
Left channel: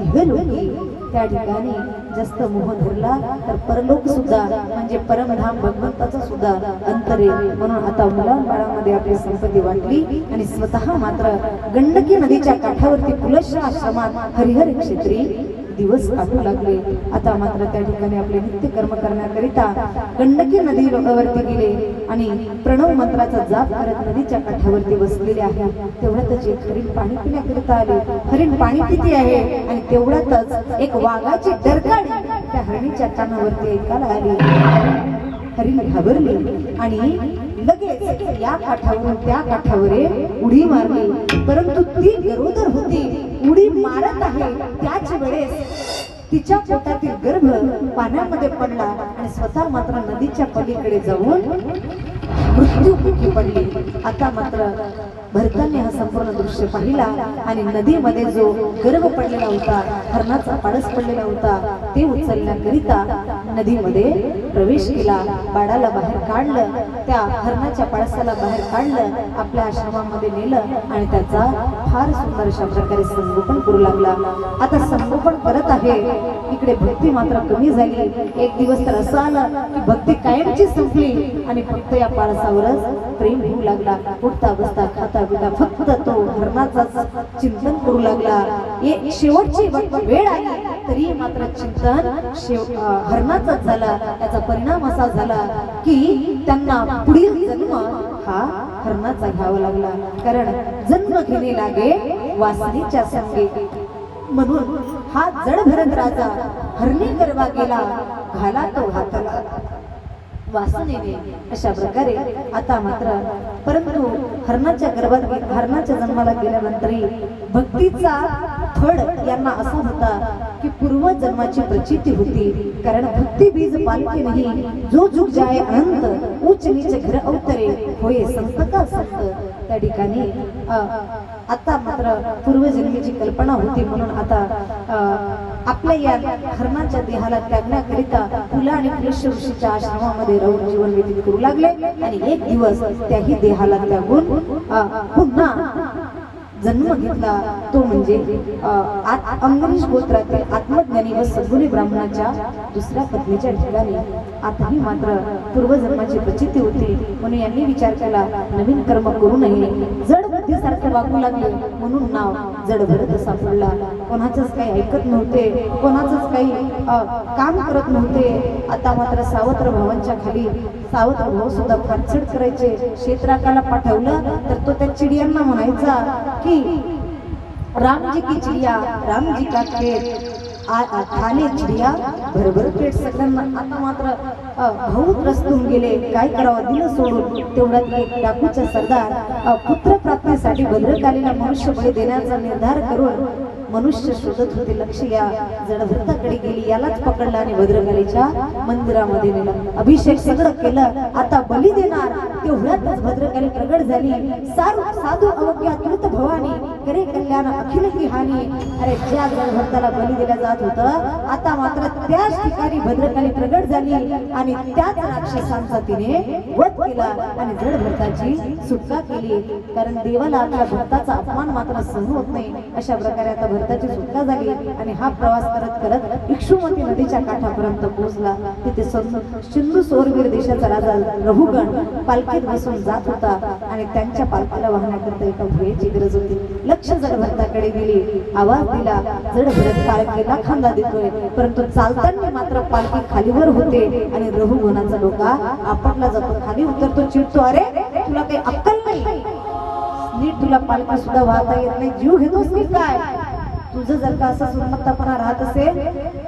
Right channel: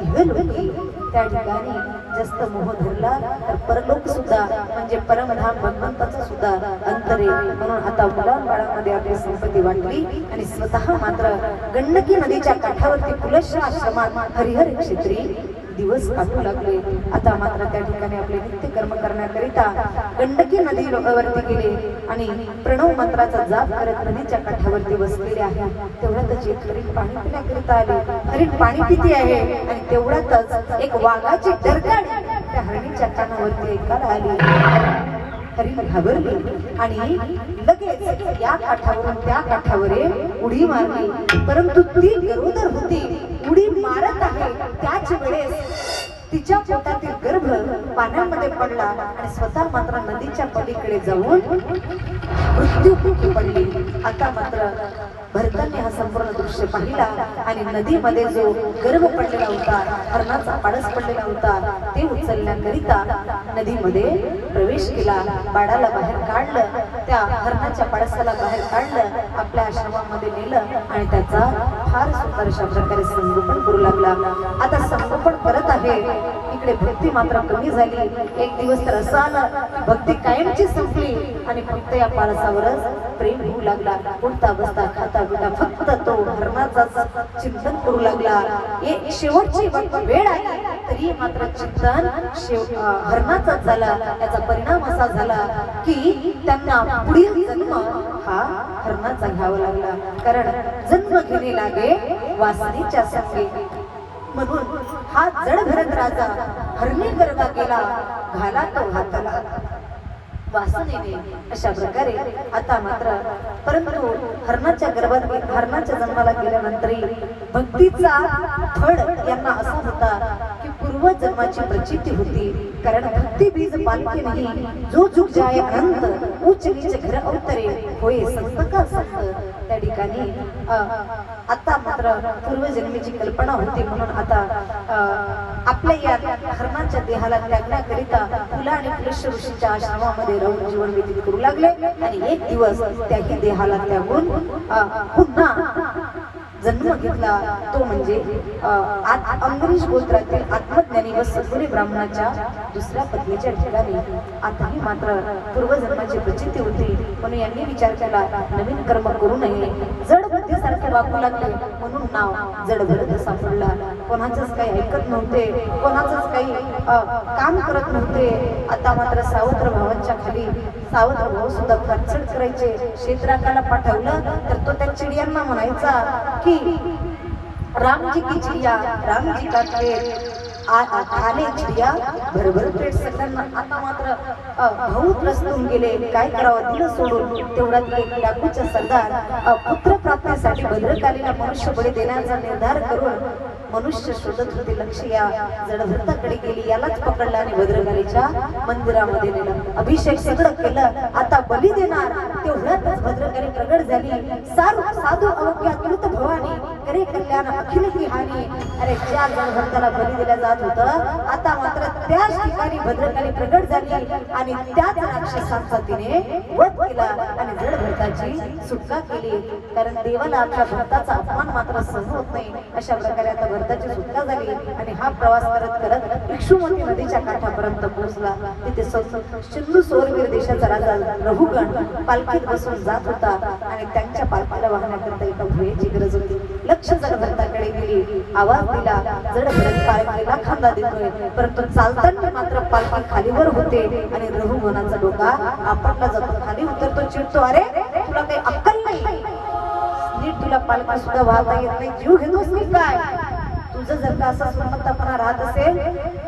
इहलोकी. त्या ठिकाणी जास्त मोह धरला तर परलोक सुद्धा म्हणजे परमधाम भगवंताचा सुद्धा अंतरे. म्हणून आता मुलांबाळामध्ये आपली संपत्ती वाटली आणि स्वतः मात्र गंडकी नदीच्या काठावरती पुलश्य आश्रमात हरिहर क्षेत्री दिवस काढू लागले. आता मात्र त्या ठिकाणी आपले नित्य कर्म करण्याकरिता गंडकी नदीवरती गेले आणि प्रणव मंत्राचा जाप करत नदीच्या काठावरती बसलेले आहे. तेवढ्यातच एक हरिण पाणी पिण्याकरिता आले. हरिण पाणी पिते आहे आणि तेवढ्यातच एक वाघाची डरकाळी त्या हरिणीच्या कानावरती ऐकायला आली. हरिण घाबरली आणि लगेच या काठावरून त्या काठावर उडी मारली. परंतु ती गरोदर होती, उडी मारत आहे त्याच वेळेस तिच्या पोटातील गर्भ पाण्यामध्ये पडला आणि स्वतः मात्र नदीच्या पलीकडे जाऊन मृत्युमुखी पडली. आता मात्र भरताने हा संपूर्ण दृश्य पाहिला आणि नदीमध्ये जो गर्भ पडलेला होता, हरणाचा पाडस पडलेला होता, ते उचलण्याकरिता नदीमध्ये प्रवेश केला. बाळाला बाहेर काढलं, त्या हरणाच्या पाडसाला बाहेर काढलं, आपल्या आश्रमामध्ये नेलं आणि त्याचा फार सुंदर अशा प्रकारे संगोपन करू लागला. आता संगोपन करत आहे, इकडे भक्ती मात्र कमी झाली. एक दिवस तर असं आलं की भक्ती कायमची संपली आणि फक्त या पाडसावरच प्रेम होऊ लागला. उठता बसता खाता पिता फक्त तो हरणाचाच चिंतन करू लागला. शेवटची वेळ आली तरी मात्र चिंतन हरणाचाच झाला. याचा परिणाम असा झाला की त्यांना पुढील जन्म हा हरणाचा घ्यावा लागला. कारण जन्म घेणे लागे वासनेच्या संगे. म्हणून हा जडभरत राजा हरणी गर्भा गेला, घाला तो हाताला वासनेने. अशा प्रकारे आता मात्र परंतु हरणाच्या गर्भात हरणाच्या जन्माला गेल्यानंतरही भक्तीचा फळ यांना असा होता की पूर्वजन्माची प्रचिती होती. कारण भक्ती बीज पालकी नाही, जो जुग जाय अनंत उच्च नीच घर अवतरे होय संत का संत. त्या ठिकाणी आता मात्र पूर्वजन्मीची कल्पना होती. म्हणून आता आपल्या या हरणाच्या देहाला त्यागण्याकरिता फुला आणि पुलश्य ऋषीच्या आश्रमामध्ये राहून जीवन व्यतीत करू लागले आणि एक दिवस त्याही देहाला त्यागून पुन्हा जन्म घेतला. तो म्हणजे अंबरीश गोत्रातील आत्मज्ञानी व सद्गुणी ब्राह्मणाच्या दुसऱ्या पत्नीच्या ठिकाणी. आताही मात्र पूर्वजन्माची प्रचिती होती. म्हणून यांनी विचार केला नवीन कर्म करू नये. जड बुद्धीसारखे वागू लागले म्हणून नाव जडभरत असा पडला. कोणाचंच काही ऐकत नव्हते, कोणाचंच काही काम करत नव्हते. आता मात्र सावत्र भावांच्या खाली सावत्र भाऊ सुद्धा खर्चड करायचे. क्षेत्राकाला पाठवलं तर तो त्या चिडियांना म्हणायचा की राम जी की चिडिया राम जी का खेत खाली चिडिया भरभर पेट. सगळ्यांना आता मात्र भाऊ त्रस्तून गेले. काय करावं दिलं सोडून. तेवढ्यात एक डाकूचा सरदार पुत्र प्राप्तीसाठी भद्रकालीला मनुष्य बळी देण्याचा निर्धार करून मनुष्य शोधत होते. लक्ष या जडभरताकडे गेली. यालाच पकडला आणि भद्रकालीच्या मंदिरामध्ये नेलं. अभिषेक सगळं केलं. आता बली देणार. तेवढ्यातच भद्रकाली प्रगट झाली. साधू अवघ्या कृत भवानी करे कल्याण अखिल की हानी. अरे ज्या भक्ताला बली दिल्या जात होतं आता मात्र त्याच ठिकाणी भद्रकाली प्रगट झाली आणि त्याच राक्षसांचा तिने वध केला आणि जड भक्ताची सुटका केली. कारण देवाला आपल्या भक्ताचा अपमान मात्र सहन होत नाही. अशा प्रकारे आता भक्ताची सुटका झाली आणि हा प्रवास करत करत इक्षुमती नदीच्या काठापर्यंत पोहोचला. तिथे सिंधू सोरवीर देशाचा राजा रघुगण पालखीत बसून जात होता आणि त्यांच्या पालखीला वाहण्याकरता एका भुयेची गरज होती. लक्ष जड भरताकडे दिली, आवाज दिला. जड भरत पालखीला खांदा देतोय, परंतु चालताना मात्र पालखी खालीवर होते आणि रघुगणाचा डोका आपटला जातो. खाली उतरतो, चिडतो, अरे तुला काही अक्कल नाही, नीट तुला पालखी सुद्धा वाहता येत नाही, जीव घेतोस की काय? तुझं जर का असा सुन्नतपणा राहत असेल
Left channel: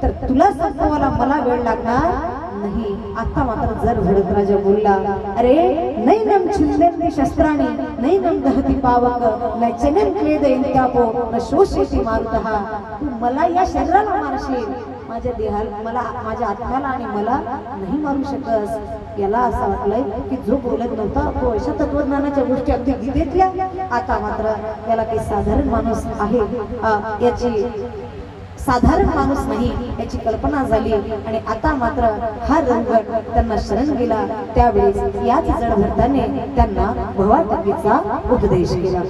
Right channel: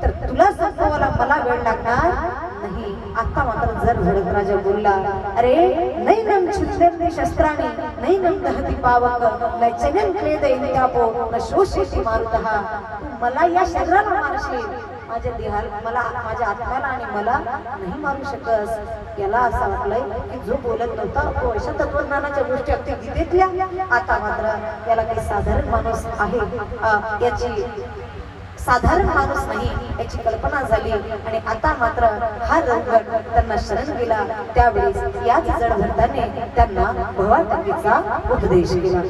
तर तुला संपवायला मला वेळ लागणार नाही. आता मात्र जर भरत राजा बोलला, अरे नैनम छिंदेन्ति शस्त्राणि नैनम दहति पावक नैचनम क्लेदयन् त्यापो न शोषयति मारुतः. तू मला या शरीराला मारशील, माझ्या देहाला मला माझ्या आत्म्याला आणि मला नाही मारू शकस. याला असं वाटलंय की जो बोलत नव्हता तो अशा तत्वज्ञानाच्या गोष्टी अगदी गीतेतल्या, आता मात्र याला काही साधारण माणूस आहे याची साधारण माणूस नाही याची कल्पना झाली आणि आता मात्र हा रघुगण त्यांना शरण गेला. त्यावेळेस याच जड भरताने त्यांना भवाटकीचा उपदेश केला.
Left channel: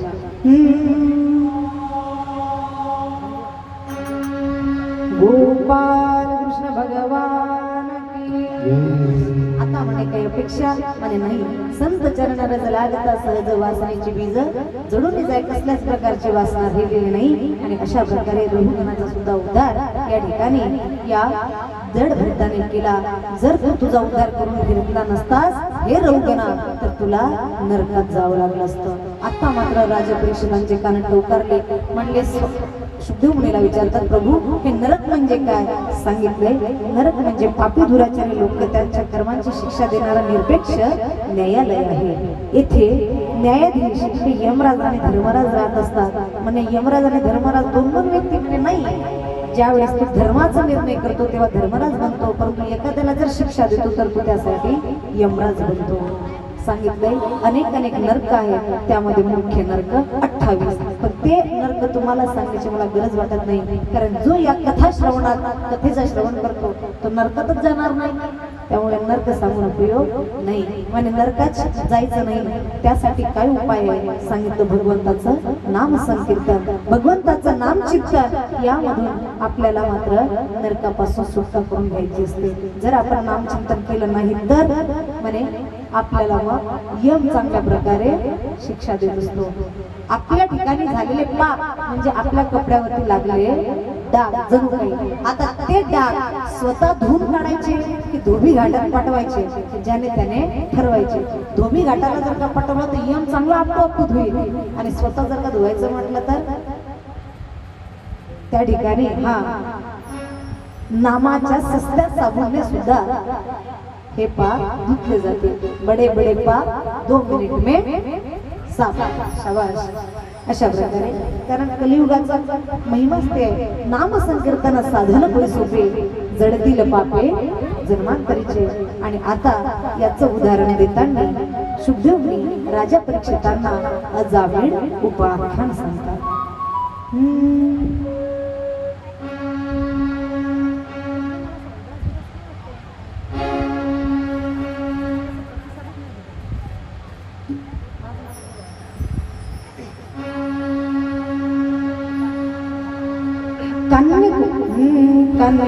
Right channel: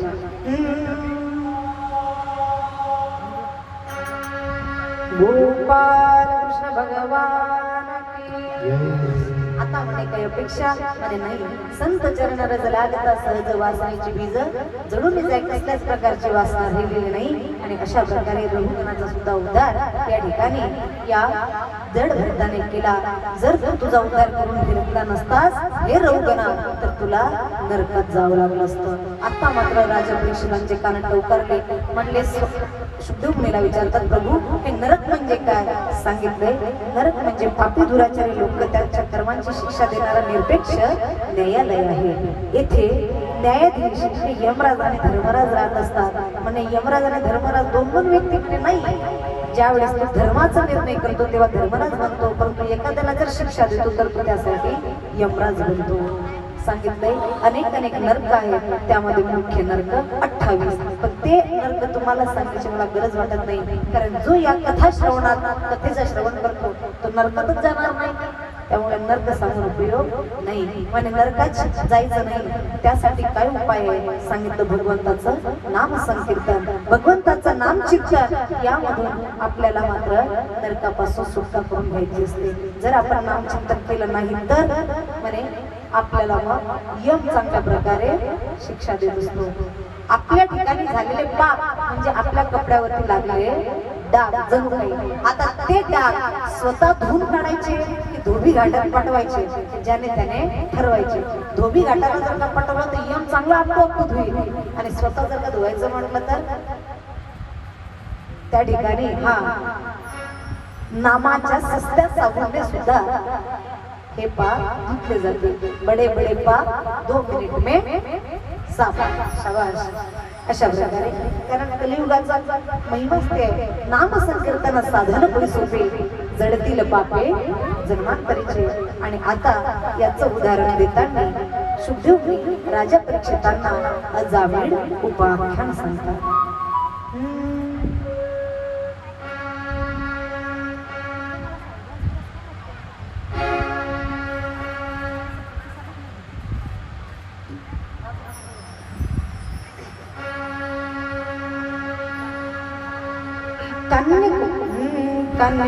गोपाल कृष्ण भगवान की. आता म्हणे काही अपेक्षा म्हणे नाही. संत चरणारज लागता सहज वासनेची बीज जडून जाय कसल्याच प्रकारची वासना राहिलेली नाही. आणि अशा प्रकारे रघुगणाचा सुद्धा उद्धार या ठिकाणी या जड भरताने केला. जर तू तुझा उद्धार करून घेतला नसतास हे रघुगणा तर तुला नरकात जावं लागलं असतं. आता मात्र राजा परीक्षितांचे कान टवकारले. म्हणले शुद्धीव मुनीला विचारतात, प्रभू हे नरक म्हणजे काय? सांगितले नरक म्हणजे पापी दुराचारी लोक त्यांच्या कर्मांची शिक्षा देणारा निरपेक्ष न्यायालय आहे. येथे न्यायाधीश हे यमराज आणि धर्मराज राहत असतात. म्हणजे यमराज आणि धर्मराज दोन व्यक्ती म्हणजे नाही. ज्यावेळेस तो धर्माचा निर्णय करतो तेव्हा धर्मराज बनतो, परंतु एखाद्याला जर शिक्षा देतो तर तो त्यासाठी यमराज बनतो. सांगितलंय अनेक नरक आहेत, त्यामध्ये मुख्य नरक 28. पण ते नरक तुम्हाला सांगण्याची मला गरज वाटत नाही, कारण जो या कथा श्रवणात कथेचा श्रवण करतो तो नरकातच जाणार नाही. त्यामुळे नरक सांगून उपयोग नाही. म्हणजे नरकात जायचं नाही त्यासाठी काय उपाय आहे? सांगितलं भगवंताचं नाम संकीर्तन, भगवंताचं नाम चिंतन. यामधून आपल्याला मात्र नरकापासून सुटका करून घ्यायची असते. जर आपण नाम चिंतन केलं नाही तर म्हणे आपल्याला मग यम चांगल्या प्रकारे शिक्षा देत असतो. आपल्या ठिकाणी झालेले पाप म्हणजे आपल्या कपड्यावरती लागलेले डाग जणू काही, आता ते डाग स्वतः धुवून काढायचे की धोबी घाटात पाठवायचे, ज्याने त्याने ठरवायचे. धोबी घाटाला जर का पाठवलं तर यम चांगला आपोआप धुईल आणि स्वतः जर का धुवायचं म्हटलं तर त्या ठिकाणी नामाच्या सस्त्या साबुनने सुद्धा हे पाप धुतले जाते. बडे बडे पाप 2 मिनिट में साफ. शाबाश. अशा प्रकारे कारण कलियुगाचा महिमाच ते आहे. नाम संकीर्तन साधन पुढे सोपे जडतील पापे जन्मांतरीचे. आणि आता याचं उदाहरण देताना शुद्धीव मुनी राजा परीक्षितांना अजामीळ उपाख्यान सांगतात.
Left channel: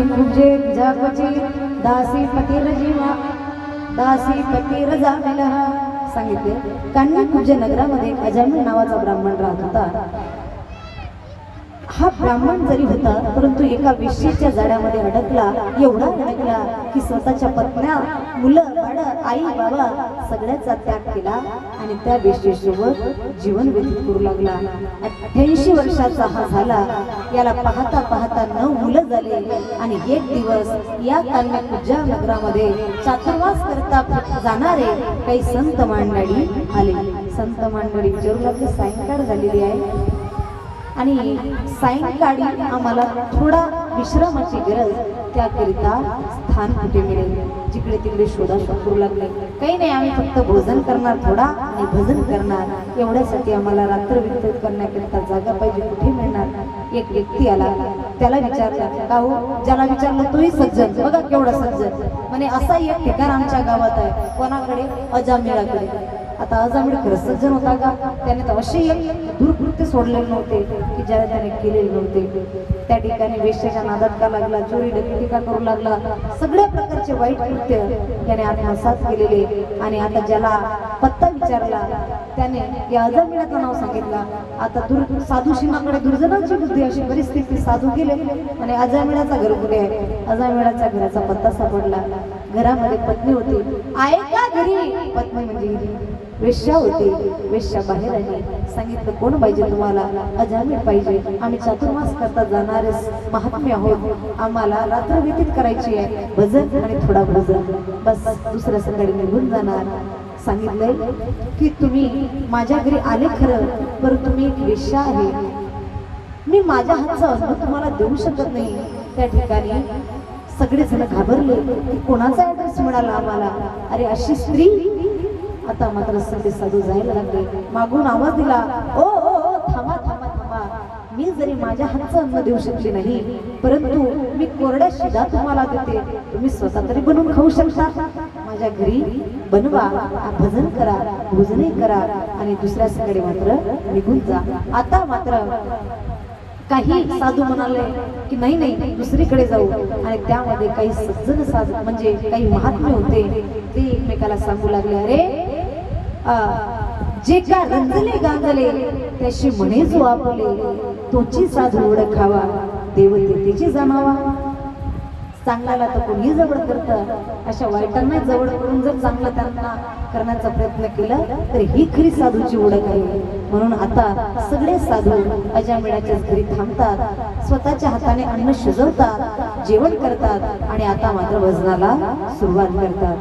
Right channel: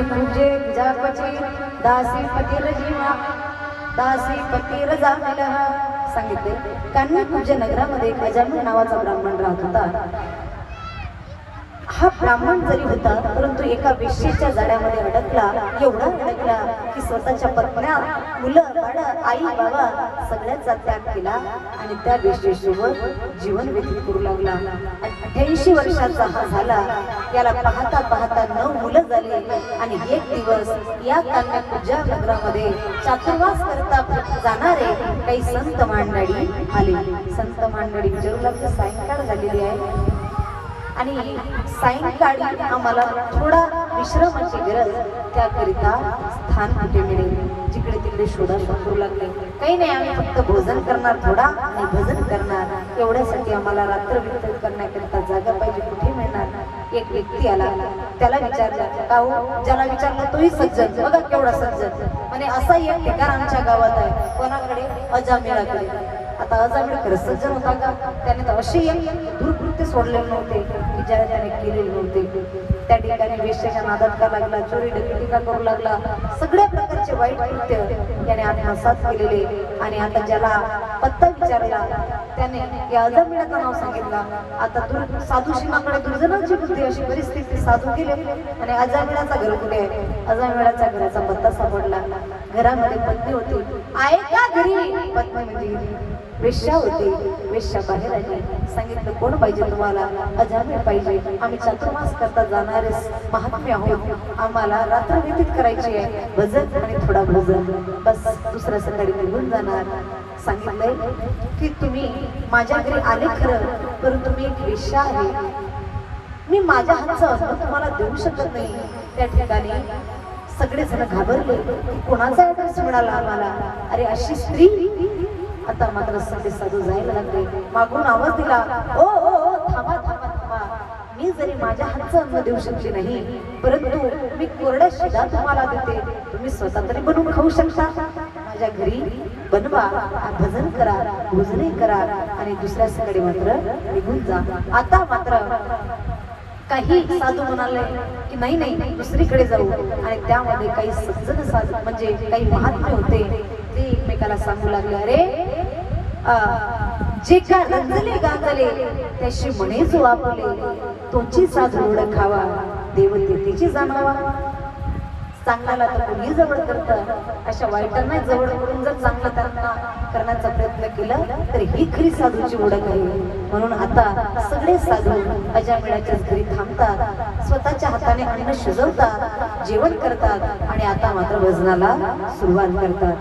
कुजे जापची दासी पती रजा मिला. सांगितले कान्यकुब्ज नगरामध्ये अजामिळ नावाचा ब्राह्मण राहत होता. हा ब्राह्मण जरी होता परंतु एका वेश्येच्या जाळ्यामध्ये अडकला. एवढा अडकला की स्वतःच्या पत्न्या, मुलं, बाळं, आई बाबा सगळ्याचा त्याग केला आणि त्या वेश्येसोबत जीवन व्यतीत करू लागला. 88 वर्षाचा हा झाला. याला पाहता पाहता 9 मुलं झाले आणि एक दिवस या कान्यकुब्ज नगरामध्ये चातुर्मास करता जाणारे काही संत मांडळी आले. संत मांडळी विचारू लागले, सायंकाळ झालेली आहे आणि सायंकाळी आम्हाला थोडा विश्रामाची गरज, त्याकरिता स्थान कुठे मिळेल? जिकडे तिकडे शोधाशोध करू लागले. काही नाही, आम्ही फक्त भोजन करणार थोडा आणि भजन करणार, एवढ्यासाठी आम्हाला रात्र वितरित करण्याकरिता जागा पाहिजे, कुठे मिळणार? एक व्यक्ती आला, त्याला विचारलं, का हो? ज्याला विचारलं तोही सज्जन, बघा केवढा सज्जन. म्हणे असा एक ठिकाण आमच्या गावात आहे, कोणाकडे? अजामिळाकडे. आता अजामिळ खरं सज्जन होता का? त्याने तर असे एक दुर्कृत्य सोडलेले नव्हते की ज्याला त्याने केलेले नव्हते. त्या ठिकाणी वेश्याच्या नादात का लागला, चोरी डकेती का करू लागला, सगळ्या प्रकारचे वाईट कृत्य त्याने आत्मसात केलेले. आणि आता ज्याला पत्ता विचारला त्याने या अजामिळाचं नाव सांगितलं. आता साधू शिमाकडे दुर्जनाची बुद्धी, अशी परिस्थिती, साधू गेले आणि अजामिळाचा घर कुठे आहे? अजामिळाच्या घराचा पत्ता सापडला. घरामध्ये पत्नी होती, आहे का घरी? पत्नी म्हणजे वेश्या होती. वेश्या बाहेर आली, सांगितलं कोण पाहिजे तुम्हाला? अजामिळ पाहिजे. आम्ही चातुर्मास करता जाणारे महात्म्य आहोत, आम्हाला रात्र व्यतीत करायची आहे, भजन आणि थोडा भोजन, बस दुसऱ्या सकाळी निघून जाणार. सांगितलंय की तुम्ही माझ्या घरी आले खरं, परंतु मी एक वेश्या आहे, मी माझ्या हातचं अन्न तुम्हाला देऊ शकत नाही. त्या ठिकाणी सगळेजण घाबरले, कोणाचा ऍड्रेस मिळाला आम्हाला? अरे अशी स्त्री. आता मात्र सगळे साधू जायला लागले. मागून आवाज दिला, ओ ओ ओ, थांबा थांबा थांबा, मी जरी माझ्या हातचं अन्न देऊ शकली नाही, परंतु मी कोरड्या शिदा तुम्हाला देते, तुम्ही स्वतः तरी बनवून खाऊ शकता. माझ्या घरी बनवा, भजन करा, भोजनही करा आणि दुसऱ्या सकाळी मात्र निघून जा. आता मात्र काही साधू म्हणाले की नाही नाही, दुसरीकडे जाऊ. आणि त्यामध्ये काही सज्जन साधू म्हणजे काही महात्मे होते, ते एकमेकाला सांगू लागले, अरे जे का रंजले गांजले त्याशी म्हणे जो आपले, तोची साधू ओळखावा, देव तेची जाणावा. चांगल्याला तर कोणी जवळ करतं, अशा वाईटांना जवळ करून जर चांगलं त्यांना करण्याचा प्रयत्न केला तर ही खरी साधूची ओळख आहे. म्हणून आता सगळे साधू अजामिळाच्याच घरी थांबतात, स्वतःच्या हाताने अन्न शिजवतात, जेवण करतात आणि आता मात्र भजनाला सुरुवात करतात.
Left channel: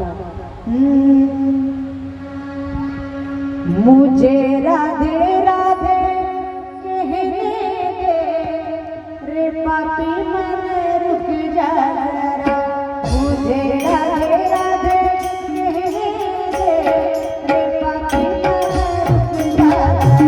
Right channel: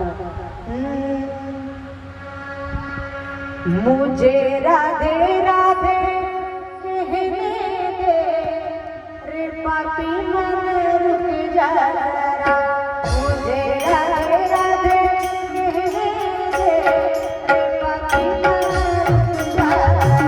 मुझे राधे राधे कहने दे, रे पापी मन रुक जा जरा, मुझे राधे राधे कहने दे, रे पापी मन रुक जा जरा.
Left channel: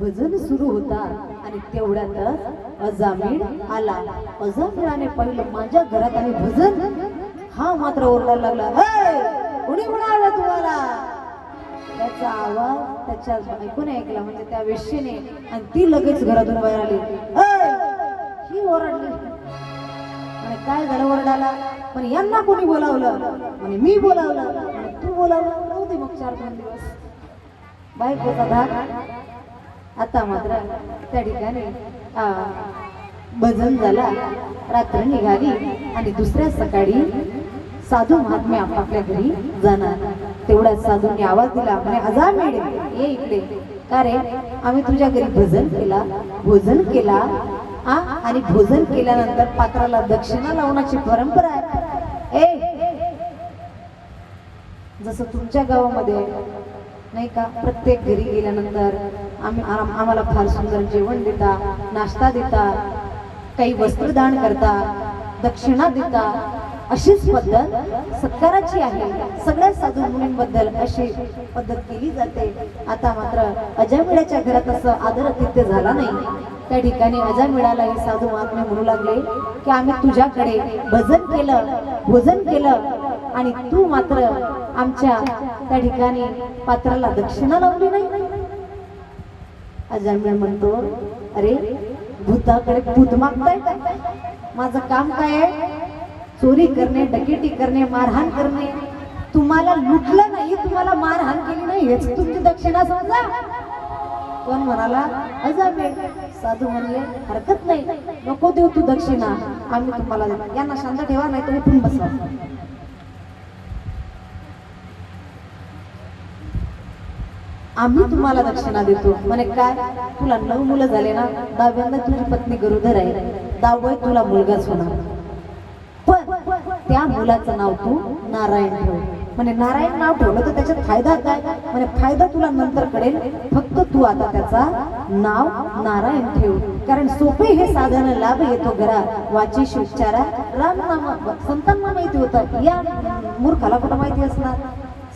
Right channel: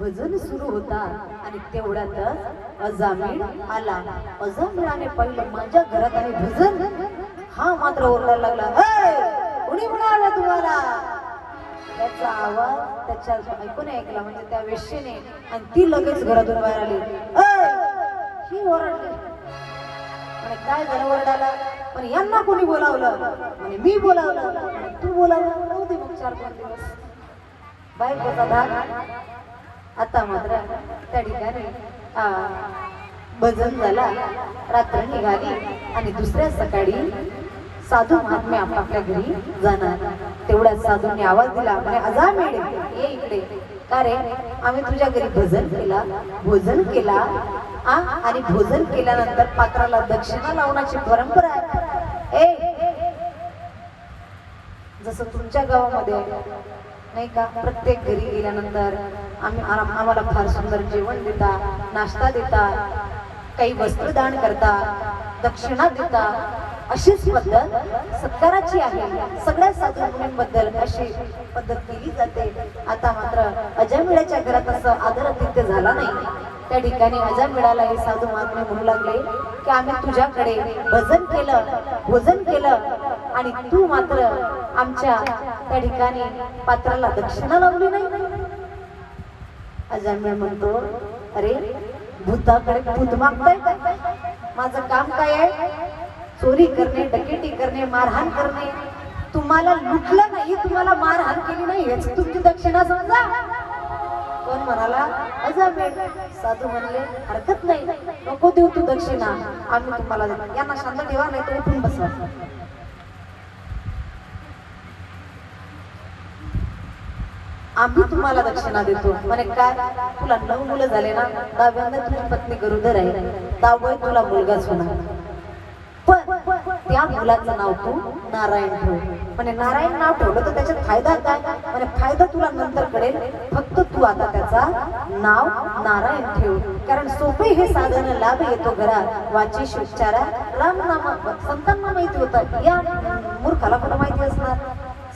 भजन सुरू होता आणि तेवढ्यातच अजामिळ आला. अजामिळाने पाहिलं माझ्या घरात आणि भजन, हा मात्र ओरडायला लागला, हे कोणी म्हणाला तुम्हाला? त्याचा आवाज त्याच्या ऐकून ऐकला म्हणजे त्या वेश्येने आणि ती लगेच घरातून बाहेर आली. "ऐ!" ही ओरडली आणि काय झालं ओरडाला, पण यांना कोणी बोलावलं आणि मी बोलावलं आणि तू बोलावलं नव्हती. मग 4-5 दिवस बायकोचा धाक. आता मात्र त्या ठिकाणी भजन झाला, रात्र निघाली आणि दुसऱ्या सकाळी साधू महात्मे आपापल्या घरी जाणार. तेवढ्याच साधूंनी आवाज दिला म्हणे, "अजामिळ ये इकडे." "का रे?" "आम्ही तुझ्या घरी भजन केला, भोजन केला आणि भोजन केल्यानंतर पात्राला दक्षिणा लावण्याची परंपरा आहे." "ए, जसं तुमच्या गावामध्ये नाही का, प्रत्येक घरी गेल्यानंतर आम्हाला फार सुंदर जेवण देता, नाश्ता देता, काही वस्त्रदान करता, दक्षिणा देता, अशीच पद्धत सत्काराची आहे. सगळ्या साधू मुलींबद्दल अशी पद्धत केली जाते." आता मात्र अजामिळाच्या घरात असं आदरातिथ्य झाला नाही. त्या ठिकाणी अजामिळाला हे साधू महात्मे म्हणू लागले की आम्ही तुझ्याकडे भजन केलं, भोजन केलं आणि तू मात्र आमच्या त्या ठिकाणी पात्राला दक्षिणा लावली नाही. अजामिळ म्हणतो, "अरे, भूताकडे भूत मागताय का? माझं काम काय आहे? चोरी करणे, डकेटी करणे, मारहाण करणे. तुम्हाला लुटलं नाही, तुम्हाला मारहाण केली नाही, हेच तुमची दक्षिणा समजा." कोण म्हणाला? अजामिळ. साधू म्हणले, "हरकत नाही, नको देऊ तू दक्षिणा, आम्ही तुम्हाला देऊ." यांना शांत ठेवा, नाही तर उठून बसवा. "आम्ही तुम्हाला दक्षिणा देतो." म्हणे, "काय? तुला 9 मुलं झाले ना, 10व्यांदा तुझी पत्नी गरोदर आहे, 10वं तुला मुलगाच होणार. पण त्या मुलाचं नाव तू नारायण ठेव." म्हणे, "नारायण नाव ठेवलं तर त्याच्यात फायदा काय?" म्हणे, "फायदा तुला नंतर कळेल, फक्त तू आता त्याचा नाव नारायण ठेव. कारण सोपे हे साधन लाभ येतो घरा, वाचेशी उच्चारा राम नाम." संतांना माहिती होतं, या मूर्खाला कुठं माहिती असणार.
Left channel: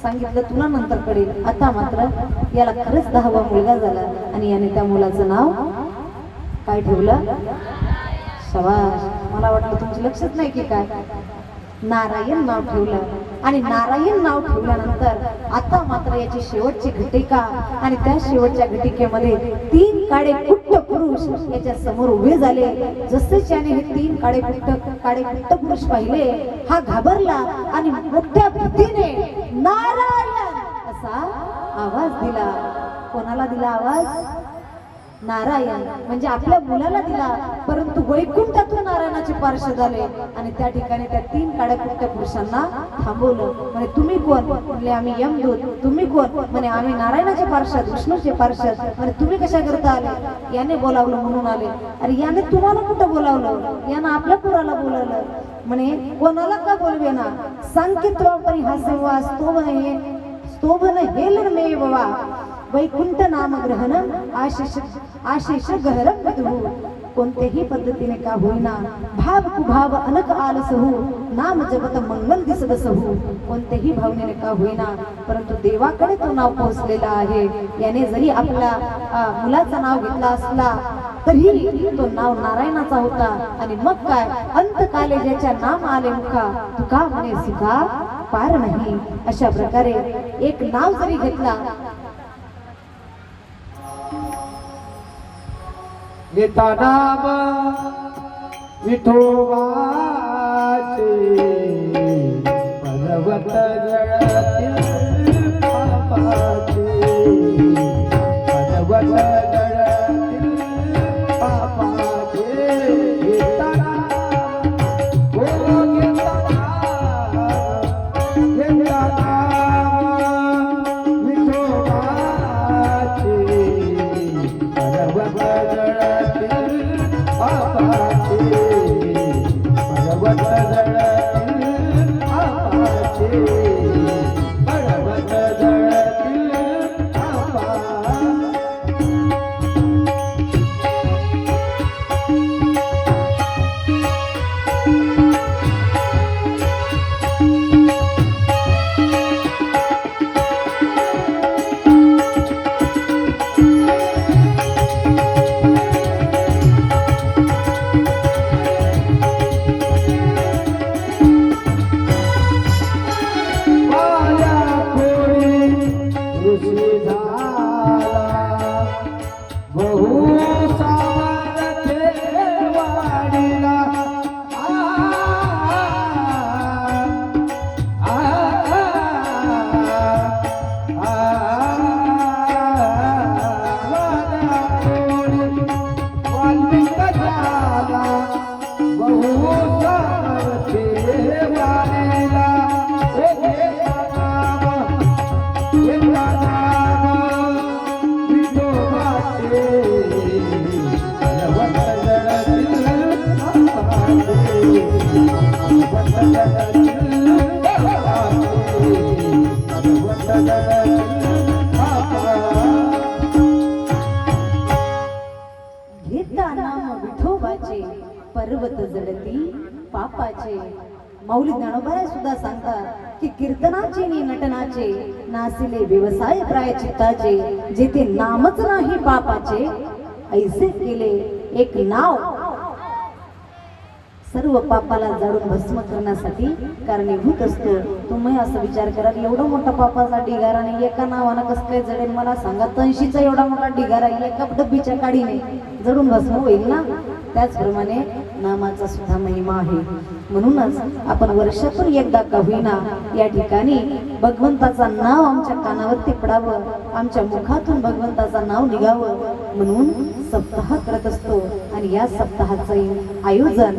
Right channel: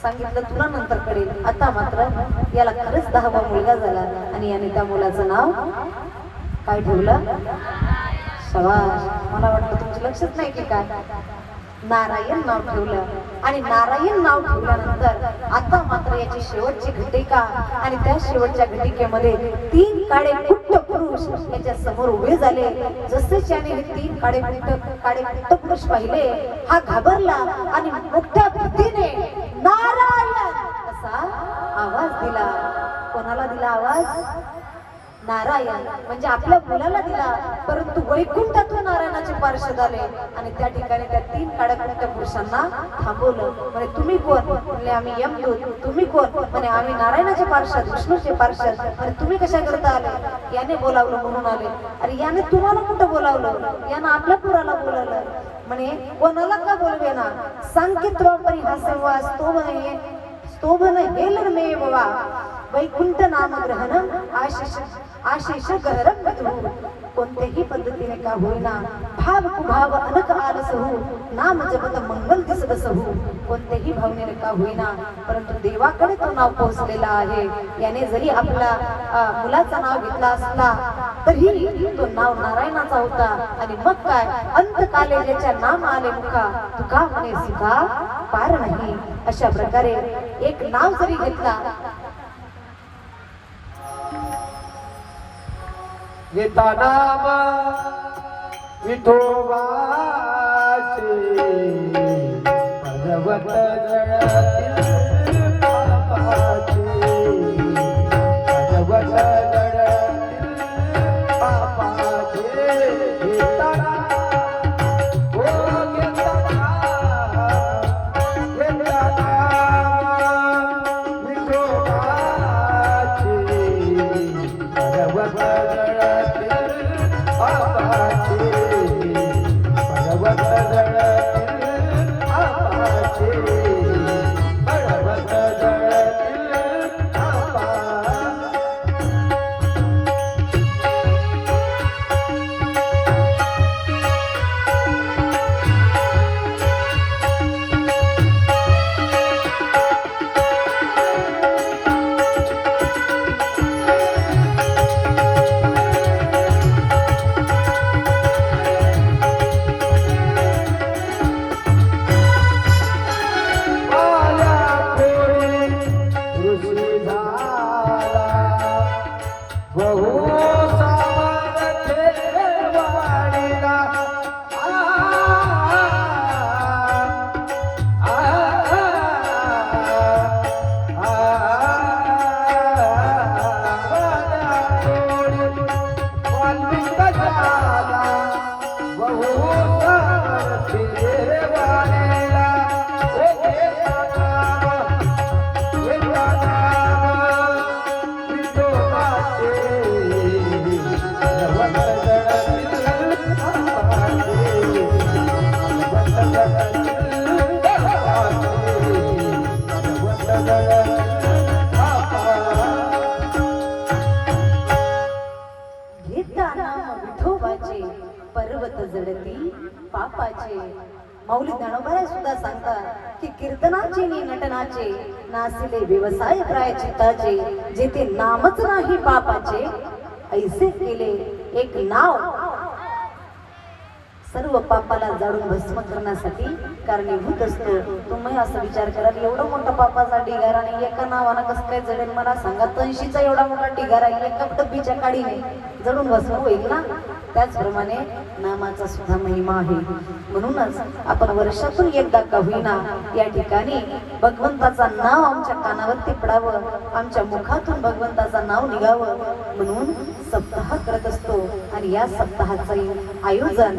सांगितलं, "तुला नंतर कळेल." आता मात्र याला खरंच 10वा मुलगा झाला आणि याने त्या मुलाचं नाव काय ठेवलं? शाबास. मला वाटतं तुमचं लक्षच नाही की काय, नारायण नाव ठेवलं. आणि नारायण नाव ठेवल्यानंतर आता मात्र याची शेवटची घटिका आणि त्या शेवटच्या घटिकेमध्ये 3 काळे कुट्ट पुरुष याच्या समोर उभे झाले. जसे त्याने हे 3 काळे कुट्ट पुरुष पाहिले, हा घाबरला आणि मोठ्या भीतीने नारायण असा आवाज दिला. कोणाला दिला आवाज? नारायण. म्हणजे आपल्या मुलाला दिला, परंतु वैकुंठातून नारायणाचे पार्षद आले आणि त्या ठिकाणी त्या 3 काळ्या पुरुषांना थांबवलं. म्हणे, "तुम्ही कोण?" म्हणले, "आम्ही यमदूत." "तुम्ही कोण?" म्हणे, "आम्ही नारायणाचे पार्षद, विष्णूचे पार्षद." म्हणे, "तुम्ही कशा करता आले?" "याने बोलावलं म्हणून आले." "अरे, याने तुम्हाला कुठं बोलावलं? यानं आपल्या पुराला बोलावलं." म्हणे, "कोणाला का बोलवे ना? सांकित्वापरी हा संवाद स्तोभन हेलमेव वा वैकुंठ नाम ग्रहण आशिष गहरम विदुः." कोणत्याही पद्धतीने का होईना, भाव कुभाव अनक आलसहु, नाम जपत मंगल दिसदसहु. कोणत्याही भावनेने का होईना, परंतु देवाकडे तो नाव पोहोचलेला आहे. याने जरी आपल्या मुलाचं नाव घेतला असला तरी तो नाव नारायणाचा होता. आणि मग काय, अंतकाले ज्याच्या नाम आले मुखा, तुका म्हणे सुद्धा पार नाही. अशा प्रकारे एक नाव जरी घेतला, घेता नाम विठोबाचे, पर्वत जळतील पापाचे, पर्वत जळतील पापाचे. घेता नाम, हो घेता नाम, घेता नाम विठोबाचे, पर्वत माऊली ज्ञानोबा सुद्धा सांगतात की कीर्तनाचे नि नटनाचे नासिले व्यवसाय प्रायचित्ताचे जेथे नामच नाही पापाचे ऐसे केले एक नाव सर्व पापाला जाळून भस्म करण्यासाठी कारणीभूत असतो. तुम्ही असा विचार करा एवढा मोठा पापाचा ढिगारा आणि एका नावानं कसं काय जडेल मला सांगा. 80चा एवढा मोठा ढिगारा एका डब्बीच्या काडीने जडून भस्म होईल ना. त्याचप्रमाणे नामाचा सुद्धा महिमा आहे. म्हणूनच आपण वर्षातून एकदा का होईना या ठिकाणी भगवंताचं नाव आमच्या कानावरती पडावं, आमच्या मुखातून भगवंताचं नाव निघावं म्हणून सप्ताह करत असतो. आणि या सप्ताहाचं आयोजन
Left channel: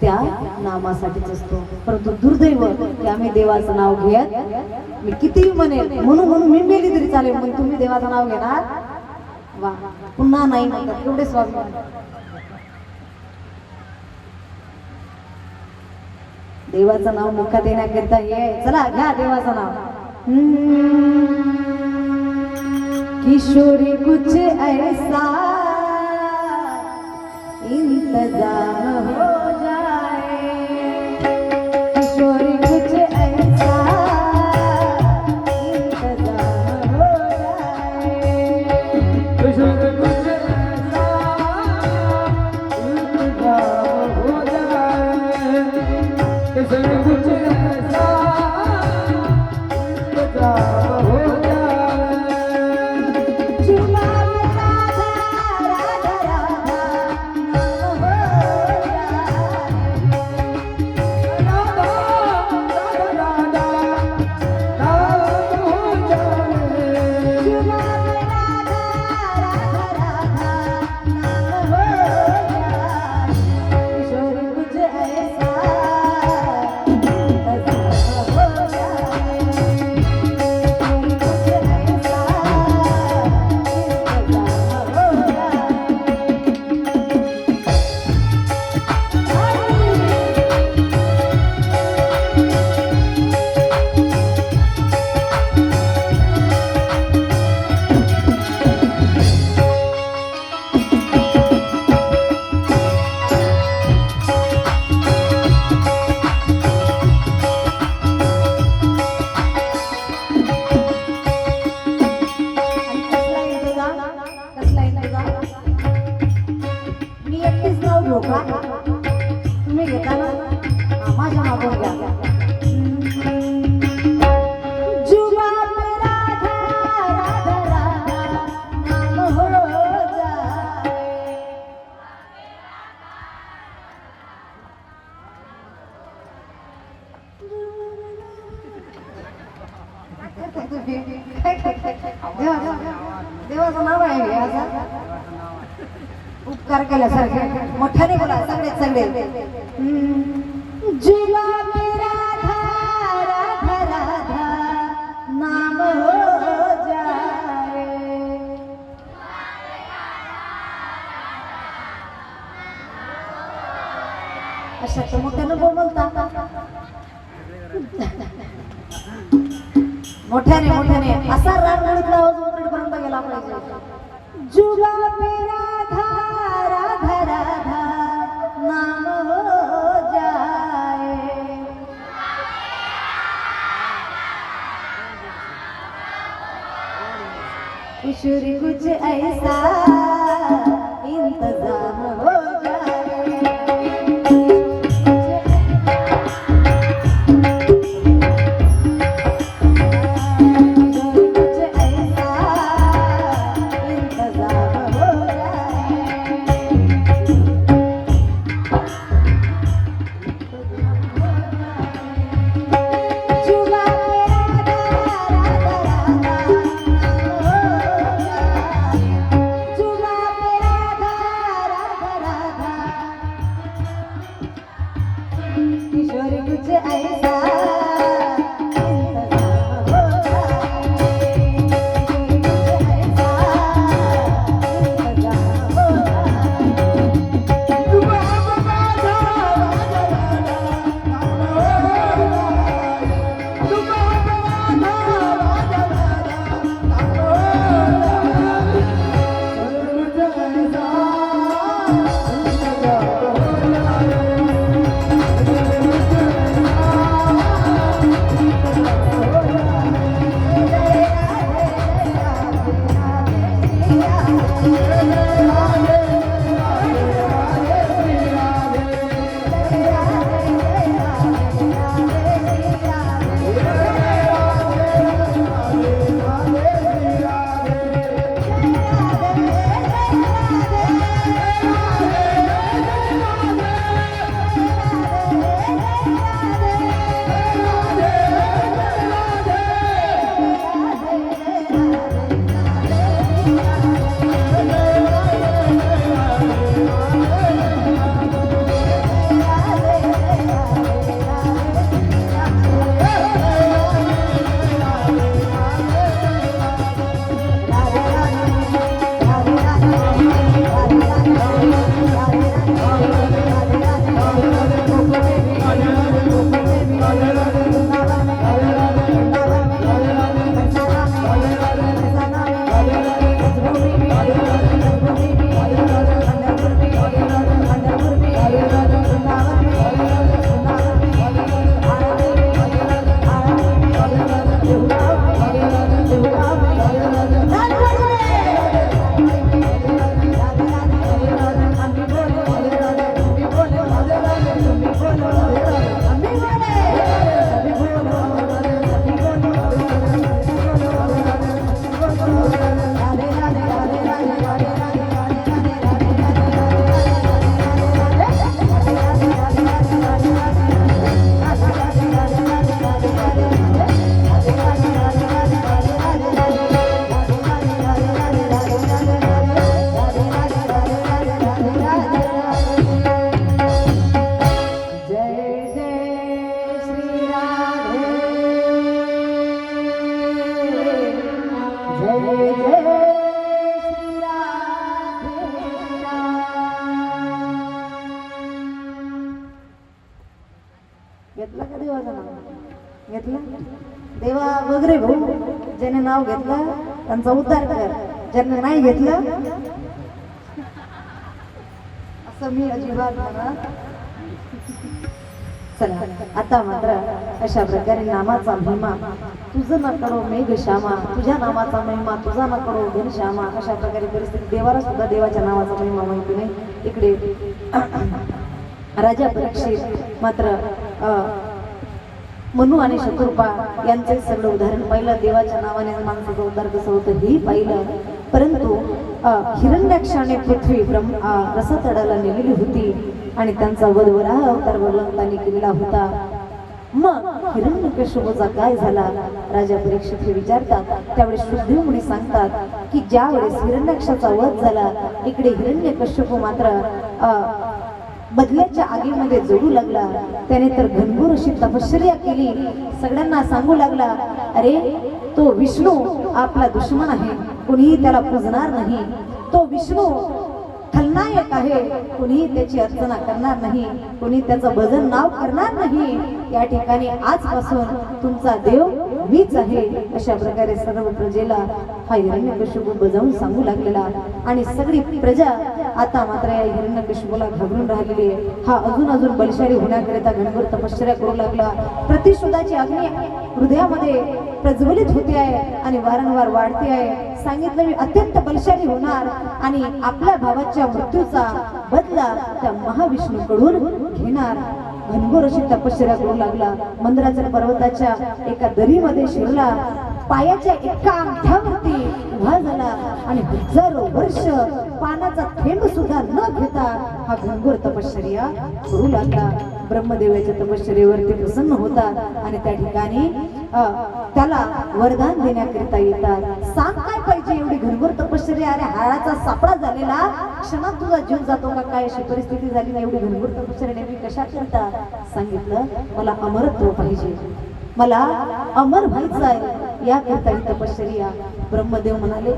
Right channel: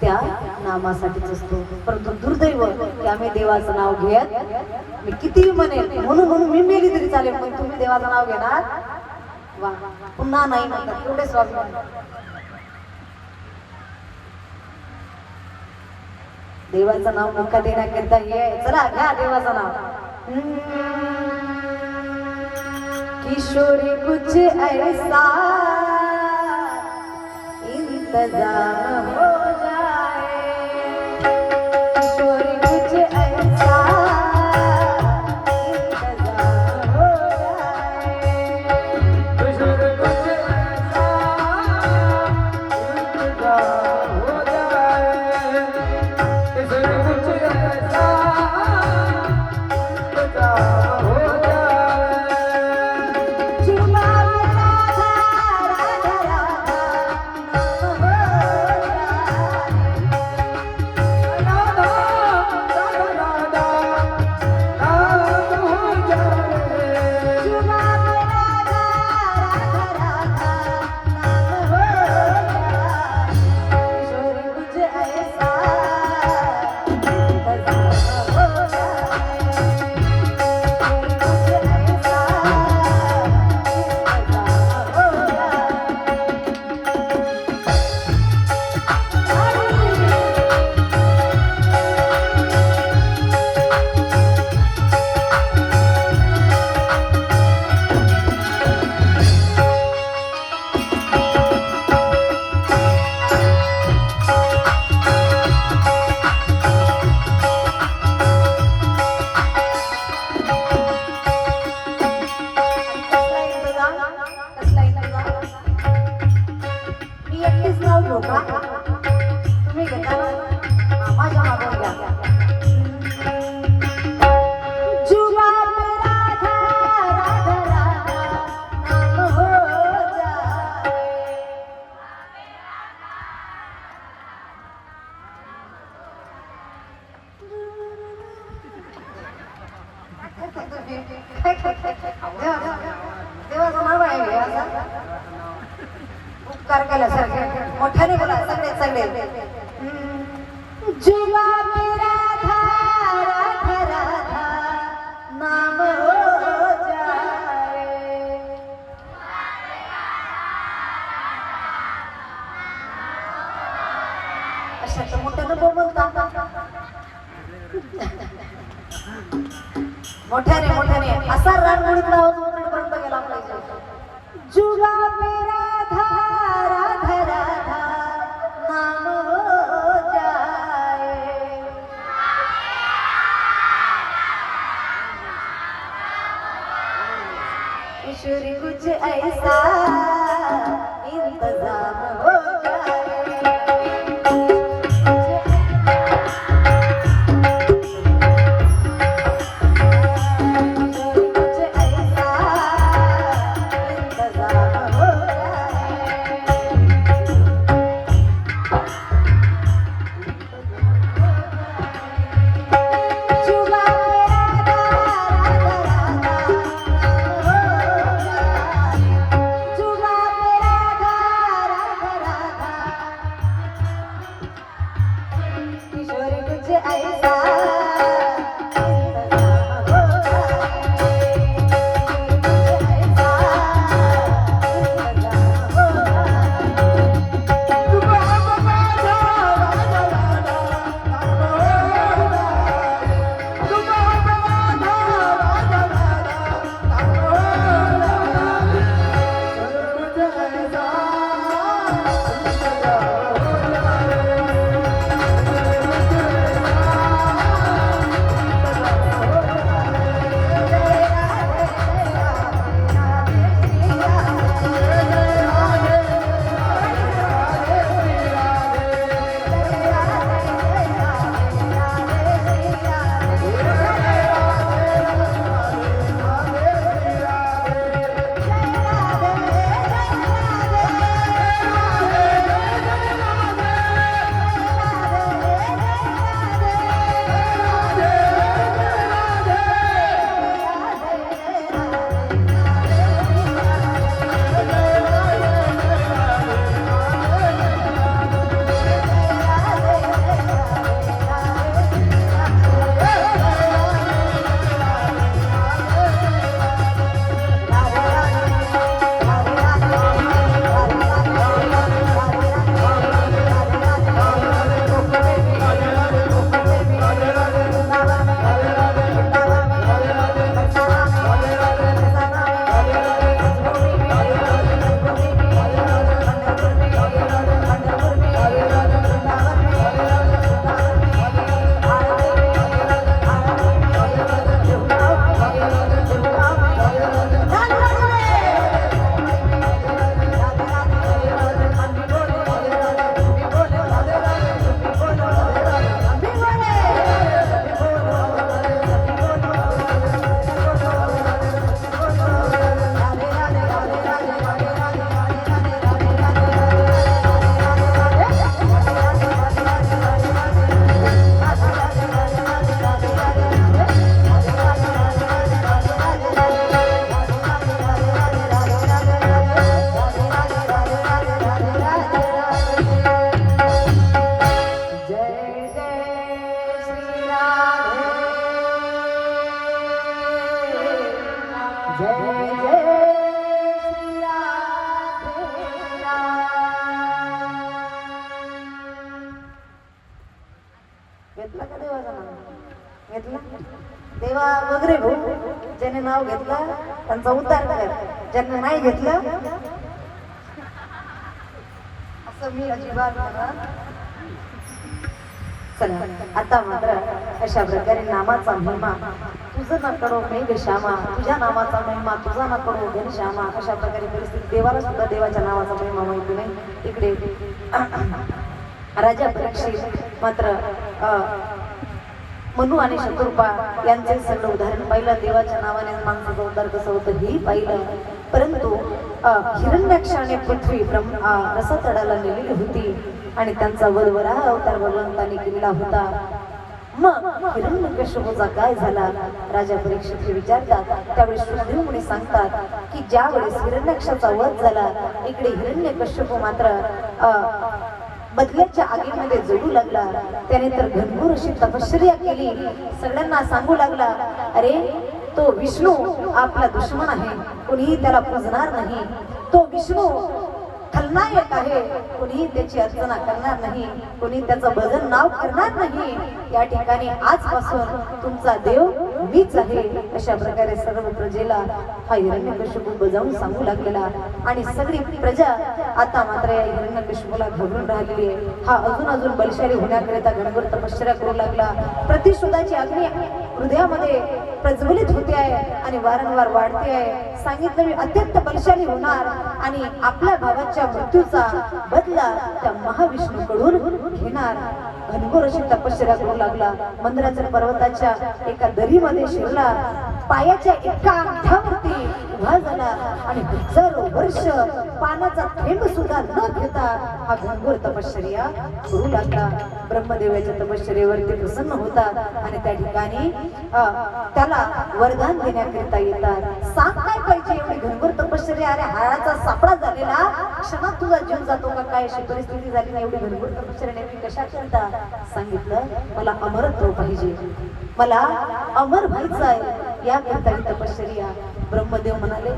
त्या नामासाठीच असतो. परंतु दुर्दैव की आम्ही देवाचं नाव घेत मी किती म्हणेल म्हणून मी मेली तरी चालेल पण तुम्ही देवाचं नाव घेणार वा पुन्हा नाही म्हणतात. एवढे स्वामी देवाचं नाव मुखात येण्याकरिता हे चला घ्या देवाचं नाव. किशोरी कुछ ऐसा इंतजाम हो जाए, किशोरी कुछ ऐसा इंतजाम हो जाए, किशोरी कुछ ऐसा इंतजाम हो जाए, किशोरी कुछ ऐसा इंतजाम हो जाए. जुबा में राधा राधा नाम हो जाए, राधा राधा नाम हो जाए. जुबा में राधा राधा नाम हो जाए, किशोरी कुछ ऐसा इंतजाम हो जाए, किशोरी कुछ ऐसा इंतजाम हो जाए. कसला इंतजाम? मी एकटीच नाव घेऊ का? तुम्ही घेता ना? माझ्या मागून घ्या. जुबा पे राधा राधा राधा नाम हो जाए, देवाचं नाव आहे हे असं उपकार केल्यासारखे मोठ्याने बोला सगळे जुबा पे राधा राधा राधा नाम हो जाए, अशा तर मोठ्यानं बोलता मोठ्याने असा रांगोळीतला आवाज उतरपर्यंत गेला पाहिजे. जुबा पे राधा राधा राधा नाम हो जाए, किशोरी कुछ ऐसा इंतजाम हो जाए, जुबा पे राधा राधा श्री राधे राम. घेतला का देवाचं नाव? घेतला? देवा बघ रे भाऊ, ज्याने नाव घेतलं त्यांचा उद्धार कर, ज्याने नाही घेतलं असं मी अजिबात म्हणत. चला आता मात्र अशा प्रकारे नामाचा महिमा तुझं न कळो मेघ श्यामा, तुझ्या नामाचा महिमा तुझा न कळो घनश्यामा. अशा प्रकारे परिस्थिती देवाला सुद्धा देवाच्या नावाचा महिमा माहिती नाही. इकडे राजा परीक्षित मात्र मनु आणि शत्रुपा यांचे सगळं उदाहरण पाहिलं. देवाच्या नावाने माणसाचा उद्धार कसं होतं हे पाहिलं. परंतु हिरण्याक्षाने पृथ्वी रसातडाला नेलेली होती आणि त्यांचा वध वराह अवतार भगवंतांनी केलेला होता. मग हिरण्यकश्यपूचा काय झाला राजा परीक्षित हे विचारतात. त्यावेळेस श्रुद्धेव मुनी सांगतात की ज्या वेळेस हिरण्याक्षाचा वध झाला, इकडे हिरण्यकश्यपू मात्र बदल्याच्या आगीमध्ये जळू लागला. त्याने तर घनघोर अशी तपश्चर्या केली. सगळ्यांना सांगू लागला, अरे तो विष्णू आपला दुश्मन आहे, कोणीही त्याला पूजणार नाही. तो विष्णू खलनायक आहे, कोणीही त्याची अर्चना करणार नाही, कोणी त्याचं भजन नाव करणार नाही. या ठिकाणी आजपासून तुमचा देव मीच आहे. अशा प्रकारे सर्व प्रजेला हा हिरण्यकश्यपू बजावून सांगू लागलेला. आणि सगळी प्रजा आता मात्र या हिरण्यकश्यपूला घाबरून राहिलेली आहे. हा अजून बलशाली होण्याकरिता घनघोर तपश्चर्या करू लागला. प्रतिशोधाची अग्नी हृदयामध्ये प्रज्वलित होते आहे आणि वारंवार वाढते आहे. सांगितलं मी अत्यंत बलशाली होणार आणि आपल्या भावाच्या मृत्यूचा बदला त्या महाविष्णूकडून घेणार. घनघोर अशी तपश्चर्या करू लागला. मंदिराच्या पर्वताच्या एका दरीमध्ये शिरला. पायाच्या एका अंगठ्यावरती उभा झाला आणि हजारो वर्ष पानाचा थेंब सुद्धा न घेता हा घनघोर तपश्चर्या करू लागला. ब्रह्मदेवाच्या तपश्चर्येवरती प्रसन्न होतात आणि त्या ठिकाणी त्याला वरदान देण्याकरिता येतात. सांग काय पाहिजे एवढी घनघोर तपश्चर्या? अरे हाडाचा सापडा झालेला, क्षणात तुझा जीव जातो का काय अशी परिस्थिती झाली ना. एवढी घनघोर तपश्चर्या नेहमी कशा करता? सांगितलं मला अमरत्व पाहिजे, मला अमर व्हायचं आहे, याकरिता ही तपश्चर्या. ब्रह्मदेव म्हणाले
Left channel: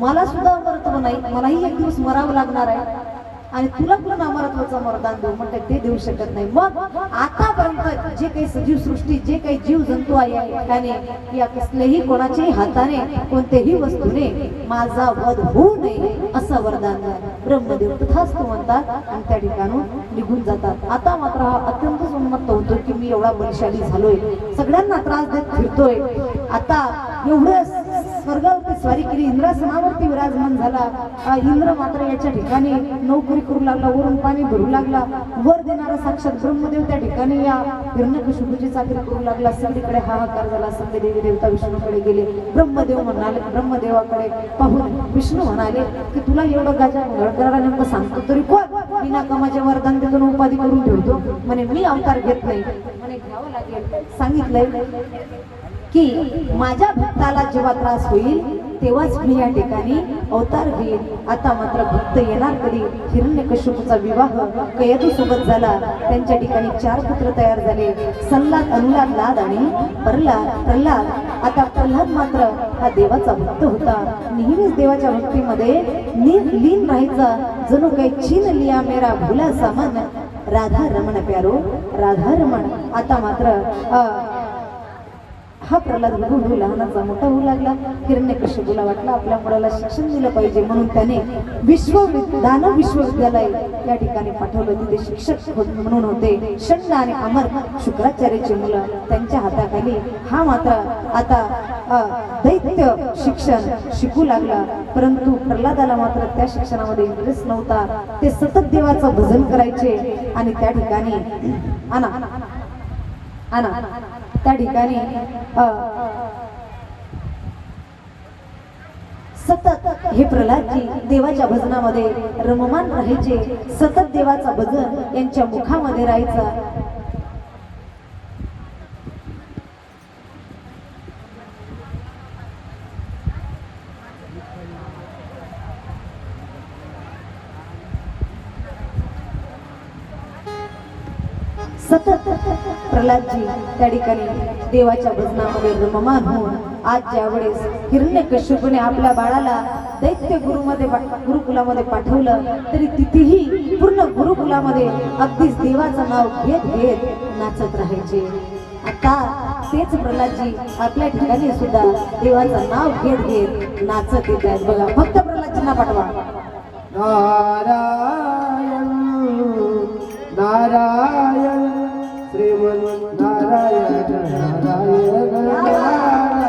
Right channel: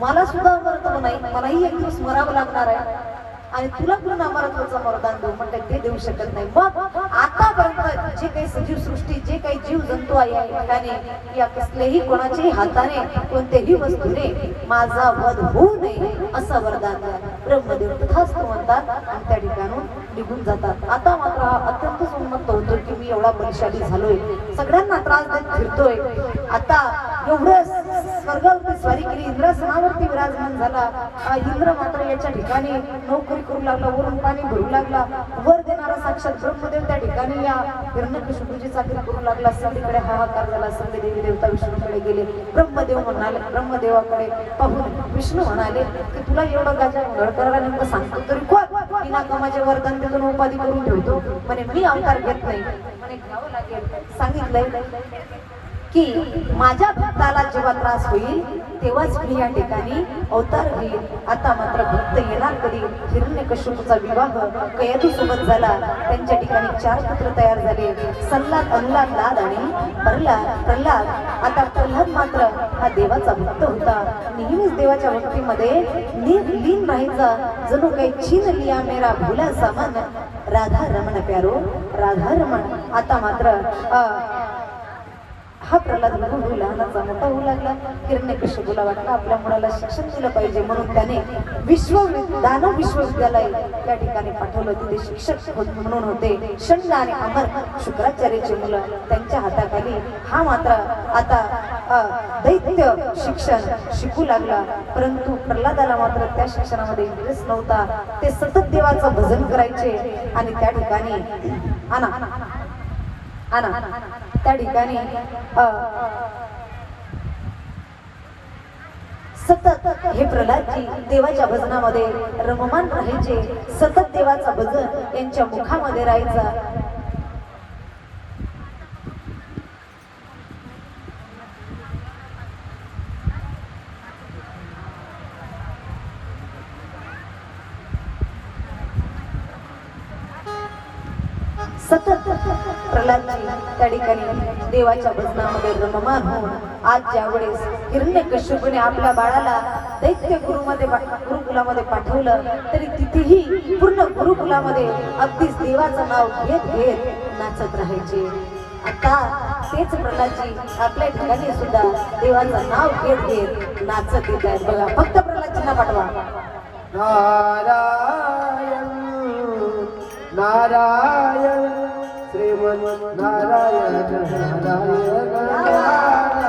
मला सुद्धा अमरत्व नाही, मलाही एक दिवस मरावं लागणार आहे आणि तुला पण अमरत्वाचं वरदान देऊ म्हणते ते देऊ शकत नाही. मग आतापर्यंत जे काही सजीव सृष्टी, जे काही जीव जंतू आहे या ठिकाणी, या कसल्याही कोणाच्याही हाताने कोणत्याही वस्तूने माझा वध होऊ नये असं वरदान द्या. ब्रह्मदेव तथास्तु म्हणतात आणि त्या ठिकाणून निघून जातात. आता मात्र हा अत्यंतच उन्मत्त होतो की मी एवढा बलशाली झालोय, सगळ्यांना त्रास देत फिरतोय. आता एवढं स्वर्गावरती स्वारी केली, इंद्रासनावरती विराजमान झाला. इंद्र मात्र याच्या ठिकाणी नोकरी करू लागला, वरून पाणी भरू लागला. वर देणारा साक्षात ब्रह्मदेव त्या ठिकाणी या हिरण्यकश्यपूची चाकरी करू लागला. सगळीकडे हाहाकार झाला. सगळे देवी देवता विष्णूकडे गेले. ब्रह्मदेवाकडे पाहून विष्णू म्हणाले की तुला एवढं गाजा करायला नेमकं सांगतो तरी कोण? बिना कामाचे वरदान देतो, उपाधी करून ठेवतो म्हणे. मी अवतार घेत नाही म्हणे, घ्यावं लागेल. सांगितलंय की माझ्या भक्ताला जेव्हा त्रास होईल तेव्हाच मी या ठिकाणी अवतार घेईल. आता मात्र भक्त येणार कधी? हिरण्यकश्यपूचा विवाह कयदू सोबत झाला. त्यांच्या ठिकाणी 4 पुत्र तयार झाले, सल्लाद, अनुलाद, लाद आणि प्रल्हाद. आता प्रल्हाद मात्र हा देवाचा भक्त होता. नेहमीच देवाच्या भक्तीमध्ये लीन राहायचा. जणू काही छीन लिया मेरा भोला सामान, राधा रमण प्यारो राधा रमण. आता मात्र हा प्रल्हाद बघून लहानाचा मोठा होऊ लागला. हिरण्यकश्यपूला वाटलं आपल्या मुलाला शिक्षण दिलं पाहिजे म्हणून त्याने दानव विश्वविद्यालय या ठिकाणी पाठवलं. तिथे शिक्षक म्हणून होते शंड आणि अमर शुक्राचार्याची मुलं. त्यांच्या हाताखाली हा मात्र आता दैत्य शिक्षण शिकू लागला. परंतु प्रल्हादाला मात्र त्या शिक्षणामध्ये इंटरेस्ट नव्हता. ते सतत देवाचं भजन करायचे आणि त्या ठिकाणी त्या ठिकाणी सतत हे प्रल्हादजी देवाच्या भजनामध्ये रममान राहायचे. सतत देवाचं भजन यांच्या मुखामध्ये राहायचं. सतत प्रल्हादजी त्या ठिकाणी देवाच्या भजनामध्ये रममान होऊन आज ज्यावेळेस हिरण्यकश्यपूने आपल्या बाळाला दैत्य गुरुकुलामध्ये पाठवलं, तरी तिथेही पूर्ण गुरुकुलामध्ये अगदीच देवाचं नाव घेत घेत नाचत राहायचे. आता तेच प्रल्हादजी आपल्या ठिकाणी सुद्धा देवाचं नाव घेत घेत नाचत येत आहेत. बघा, फक्त प्रल्हादजींना पाठवा. नारायण नारायण श्रीमन नारायण नारायण नारायण.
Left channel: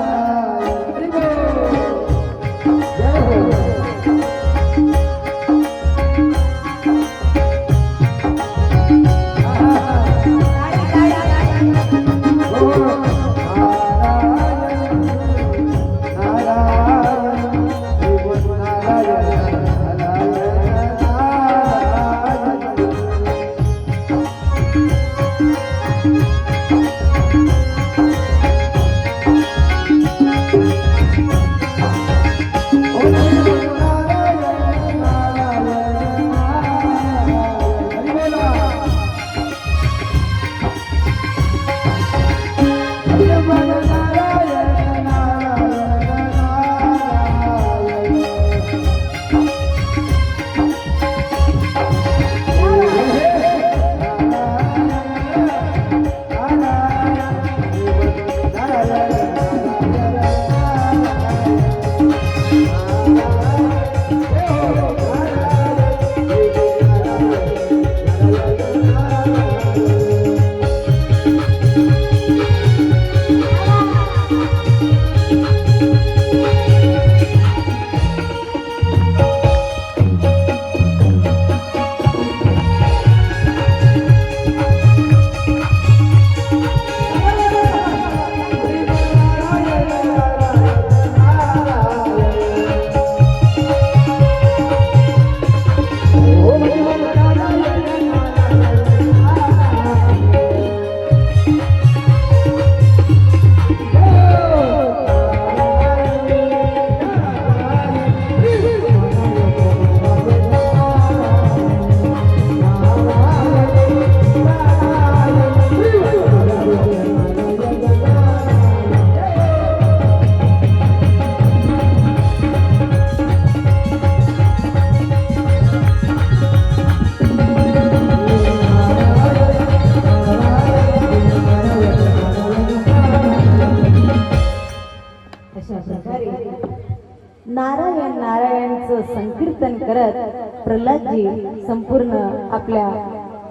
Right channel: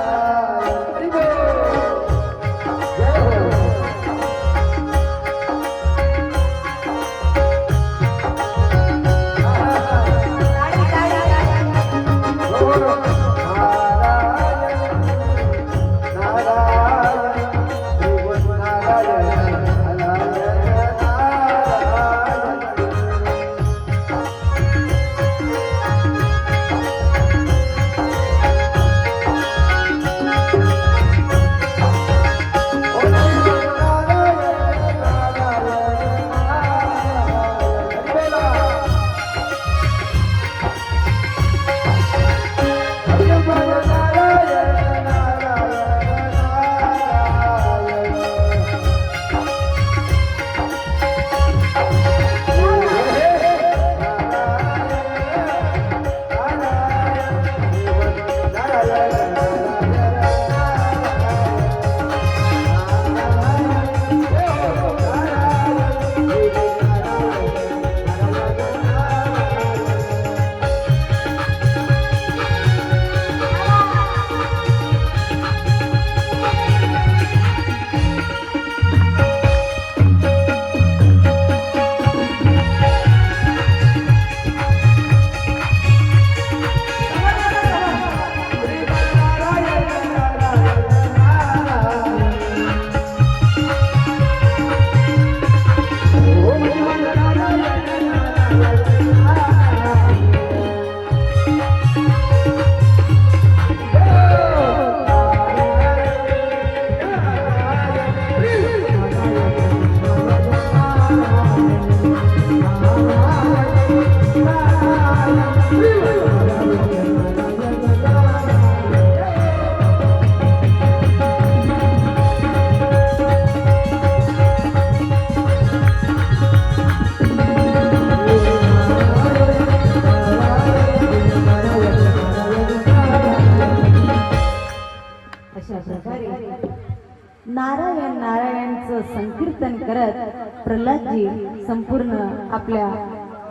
नारायण नारायणचं संकीर्तन करत प्रल्हादजी संपूर्ण आपल्या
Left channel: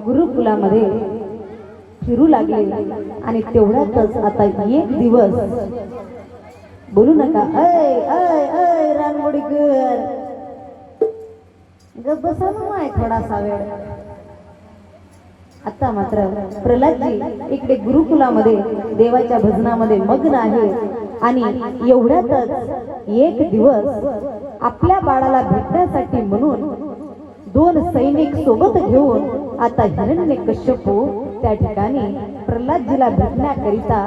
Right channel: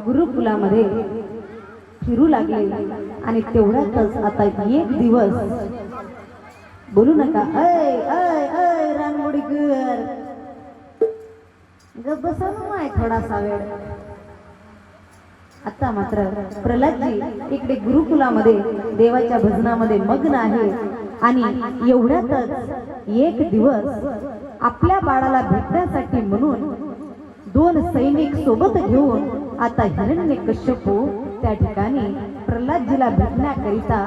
गुरुकुलामध्ये फिरू लागले. आणि तेवढ्यातच आता एक दिवस, बोलू नका ऐ ऐ ऐ रानमुडीकर, गप बसा माय थोडासा वेळ. आता मात्र प्रल्हादजी इकडे गुरुकुलामध्ये देवाच्या भजनामध्ये मग्न आहे. आणि एवढ्यातच एक दिवस आपल्या बाळाला भेटण्यासाठी म्हणून 2 सैनिक सोबत घेऊन आता हिरण्यकश्यपू त्या ठिकाणी प्रल्हादजीला भेटण्याकरिता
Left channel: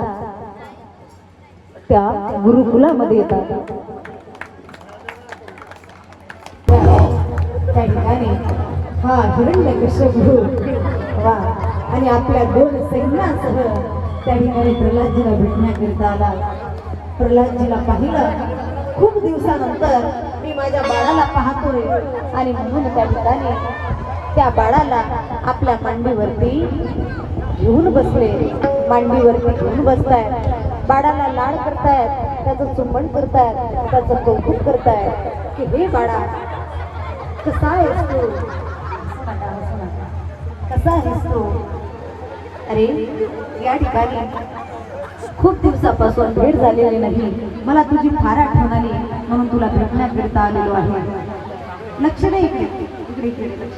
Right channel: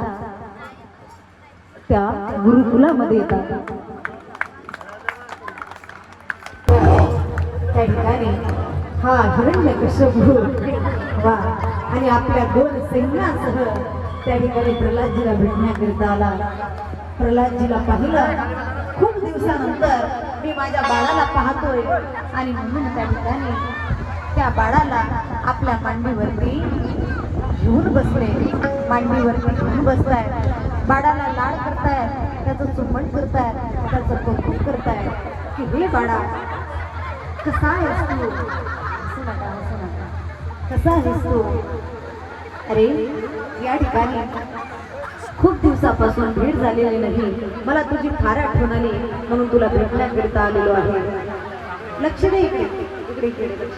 त्या गुरुकुलामध्ये येतात. त्या ठिकाणी हा हिरण्यकश्यपू आणि आपल्या 2 सैन्यासह त्या ठिकाणी प्रल्हादजीला भेटण्याकरिता आला. प्रल्हादजीला पाहिलं, खूप दिवसानंतर मी माझ्या बाळाला पाहतोय आणि म्हणून त्या ठिकाणी त्या बाळाला आपल्या मांडीवरती घेऊन बसले. मांडीवरती घेऊन बसतायत, बाळाला लाड करतायत, त्याचं चुंबन करतायत, त्याचं कौतुक करतायत की हे बाळा कसा आहेस तू, कसा आहेस तू. अरे या ठिकाणी खूप दिवसापासून भेट झालेली नाही, मला तुझी फार आठवण आली म्हणून तुला भेटण्याकरिता आलेलो आहे. लक्ष दे इकडे, इकडे इकडे लक्ष.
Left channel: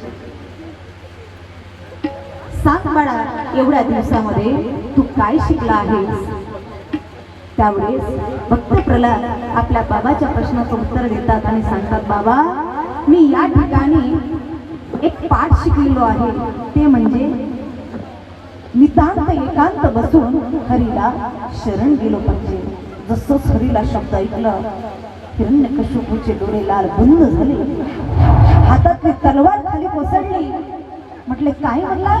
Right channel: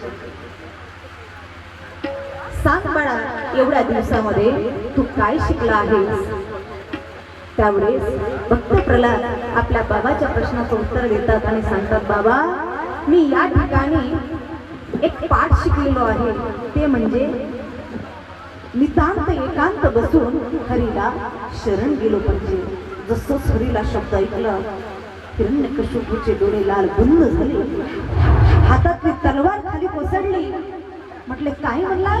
सांग बाळा, एवढ्या दिवसामध्ये तू काय शिकला आहेस. त्यावेळेस भक्त प्रल्हाद आपल्या बाबाच्या प्रश्नाचं उत्तर देतात आणि सांगतात, बाबा मी या ठिकाणी एक पाठ शिकलेलो आहे, ते म्हणजे नितांत एकांत बसून हरीला शरण गेलो पाहिजे. जसंच हरीला शब्द ऐकलं, हिरण्यकश्यपूचे डोळे लाल बंद झाले, हातातली तलवार खाली कोसळली. म्हटले काय म्हणला.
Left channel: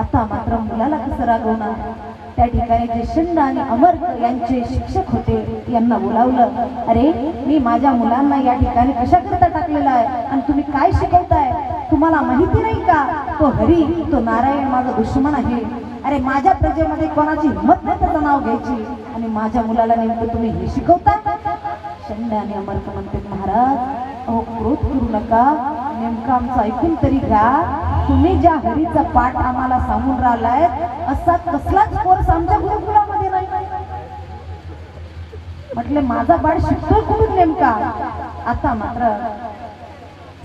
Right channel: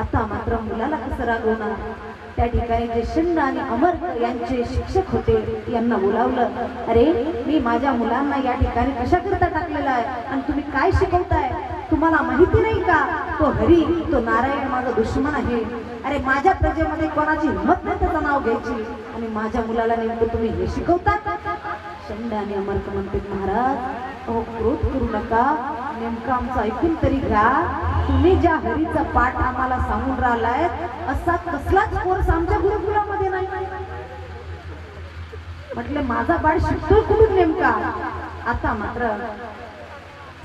आता मात्र मुलाला कसं रागवणार. त्या ठिकाणी जे शंड आणि अमर यांचे शिक्षक होते यांना बोलावलं. अरे मी माझ्या मुलांना या ठिकाणी कशा करता टाकलेला आहे आणि तुम्ही काय शिकवताय? तुम्हाला माहिती नाही का तो हरी तो नारायण माझा दुश्मन आहे. अरे माझ्या प्रजेमध्ये कोणाची हिंमत नाही त्याचं नाव घ्यायची आणि माझ्या मुलाला नेमकं तुम्ही हे शिकवता? शंड आणि अमर म्हणते महाराज अहो क्रोध करू नका, नेमकं आमचं ऐकून तरी घ्या. तुम्ही ज्या हरीचा पाठ आम्हाला सांगून राहिलाय असा कसलाच कोर्स आमच्या गुरुकुलामध्ये नाही. म्हटले माझा बाळ शिकतोय कुठून नेमका? आता मात्र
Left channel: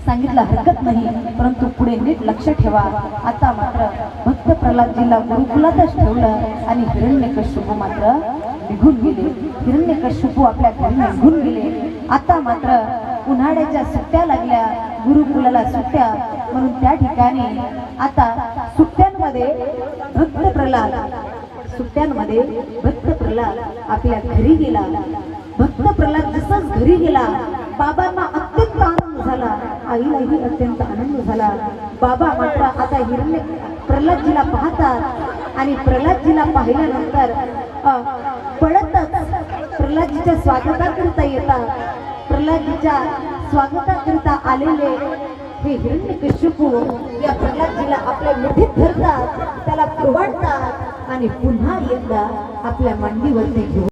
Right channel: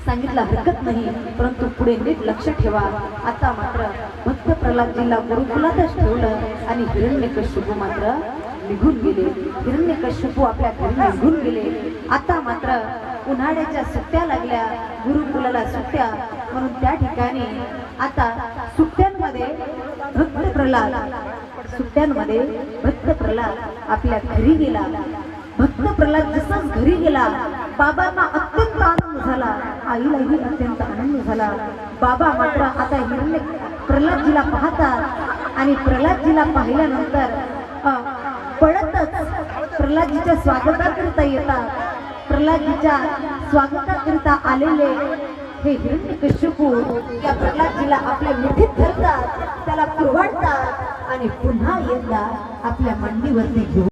सांगितलं हरकत नाही, परंतु पुढे नीट लक्ष ठेवा. आता मात्र भक्त प्रल्हादजीला गुरुकुलातच ठेवलं आणि हिरण्यकश्यपू मात्र निघून गेले. हिरण्यकश्यपू आपल्या घरी निघून गेले. आता मात्र उन्हाळ्याच्या सुट्ट्या लागल्या, गुरुकुलाला सुट्ट्या, म्हणून त्या ठिकाणी आता सुट्ट्यांमध्ये भक्त प्रल्हाद आपल्या घरी गेला. भक्त प्रल्हाद जसाच घरी गेला बाबांना अत्यंत आनंद झाला, आईलाही अत्यंत आनंद झाला. बाबा मात्र आता प्रल्हादजीला पाहतात आणि प्रल्हादजीला पाहिल्यानंतर पळतच प्रल्हादजीच्या स्वागताकरिता येतात. प्रल्हादजीच्या स्वागताकरिता आलेले हे हिरण्यकश्यपू या प्रल्हादजीला आपल्या मिठीत धरतात, त्याला कुरवाडतात आणि पुन्हा एकदा आपल्या मांडीवरती घेऊन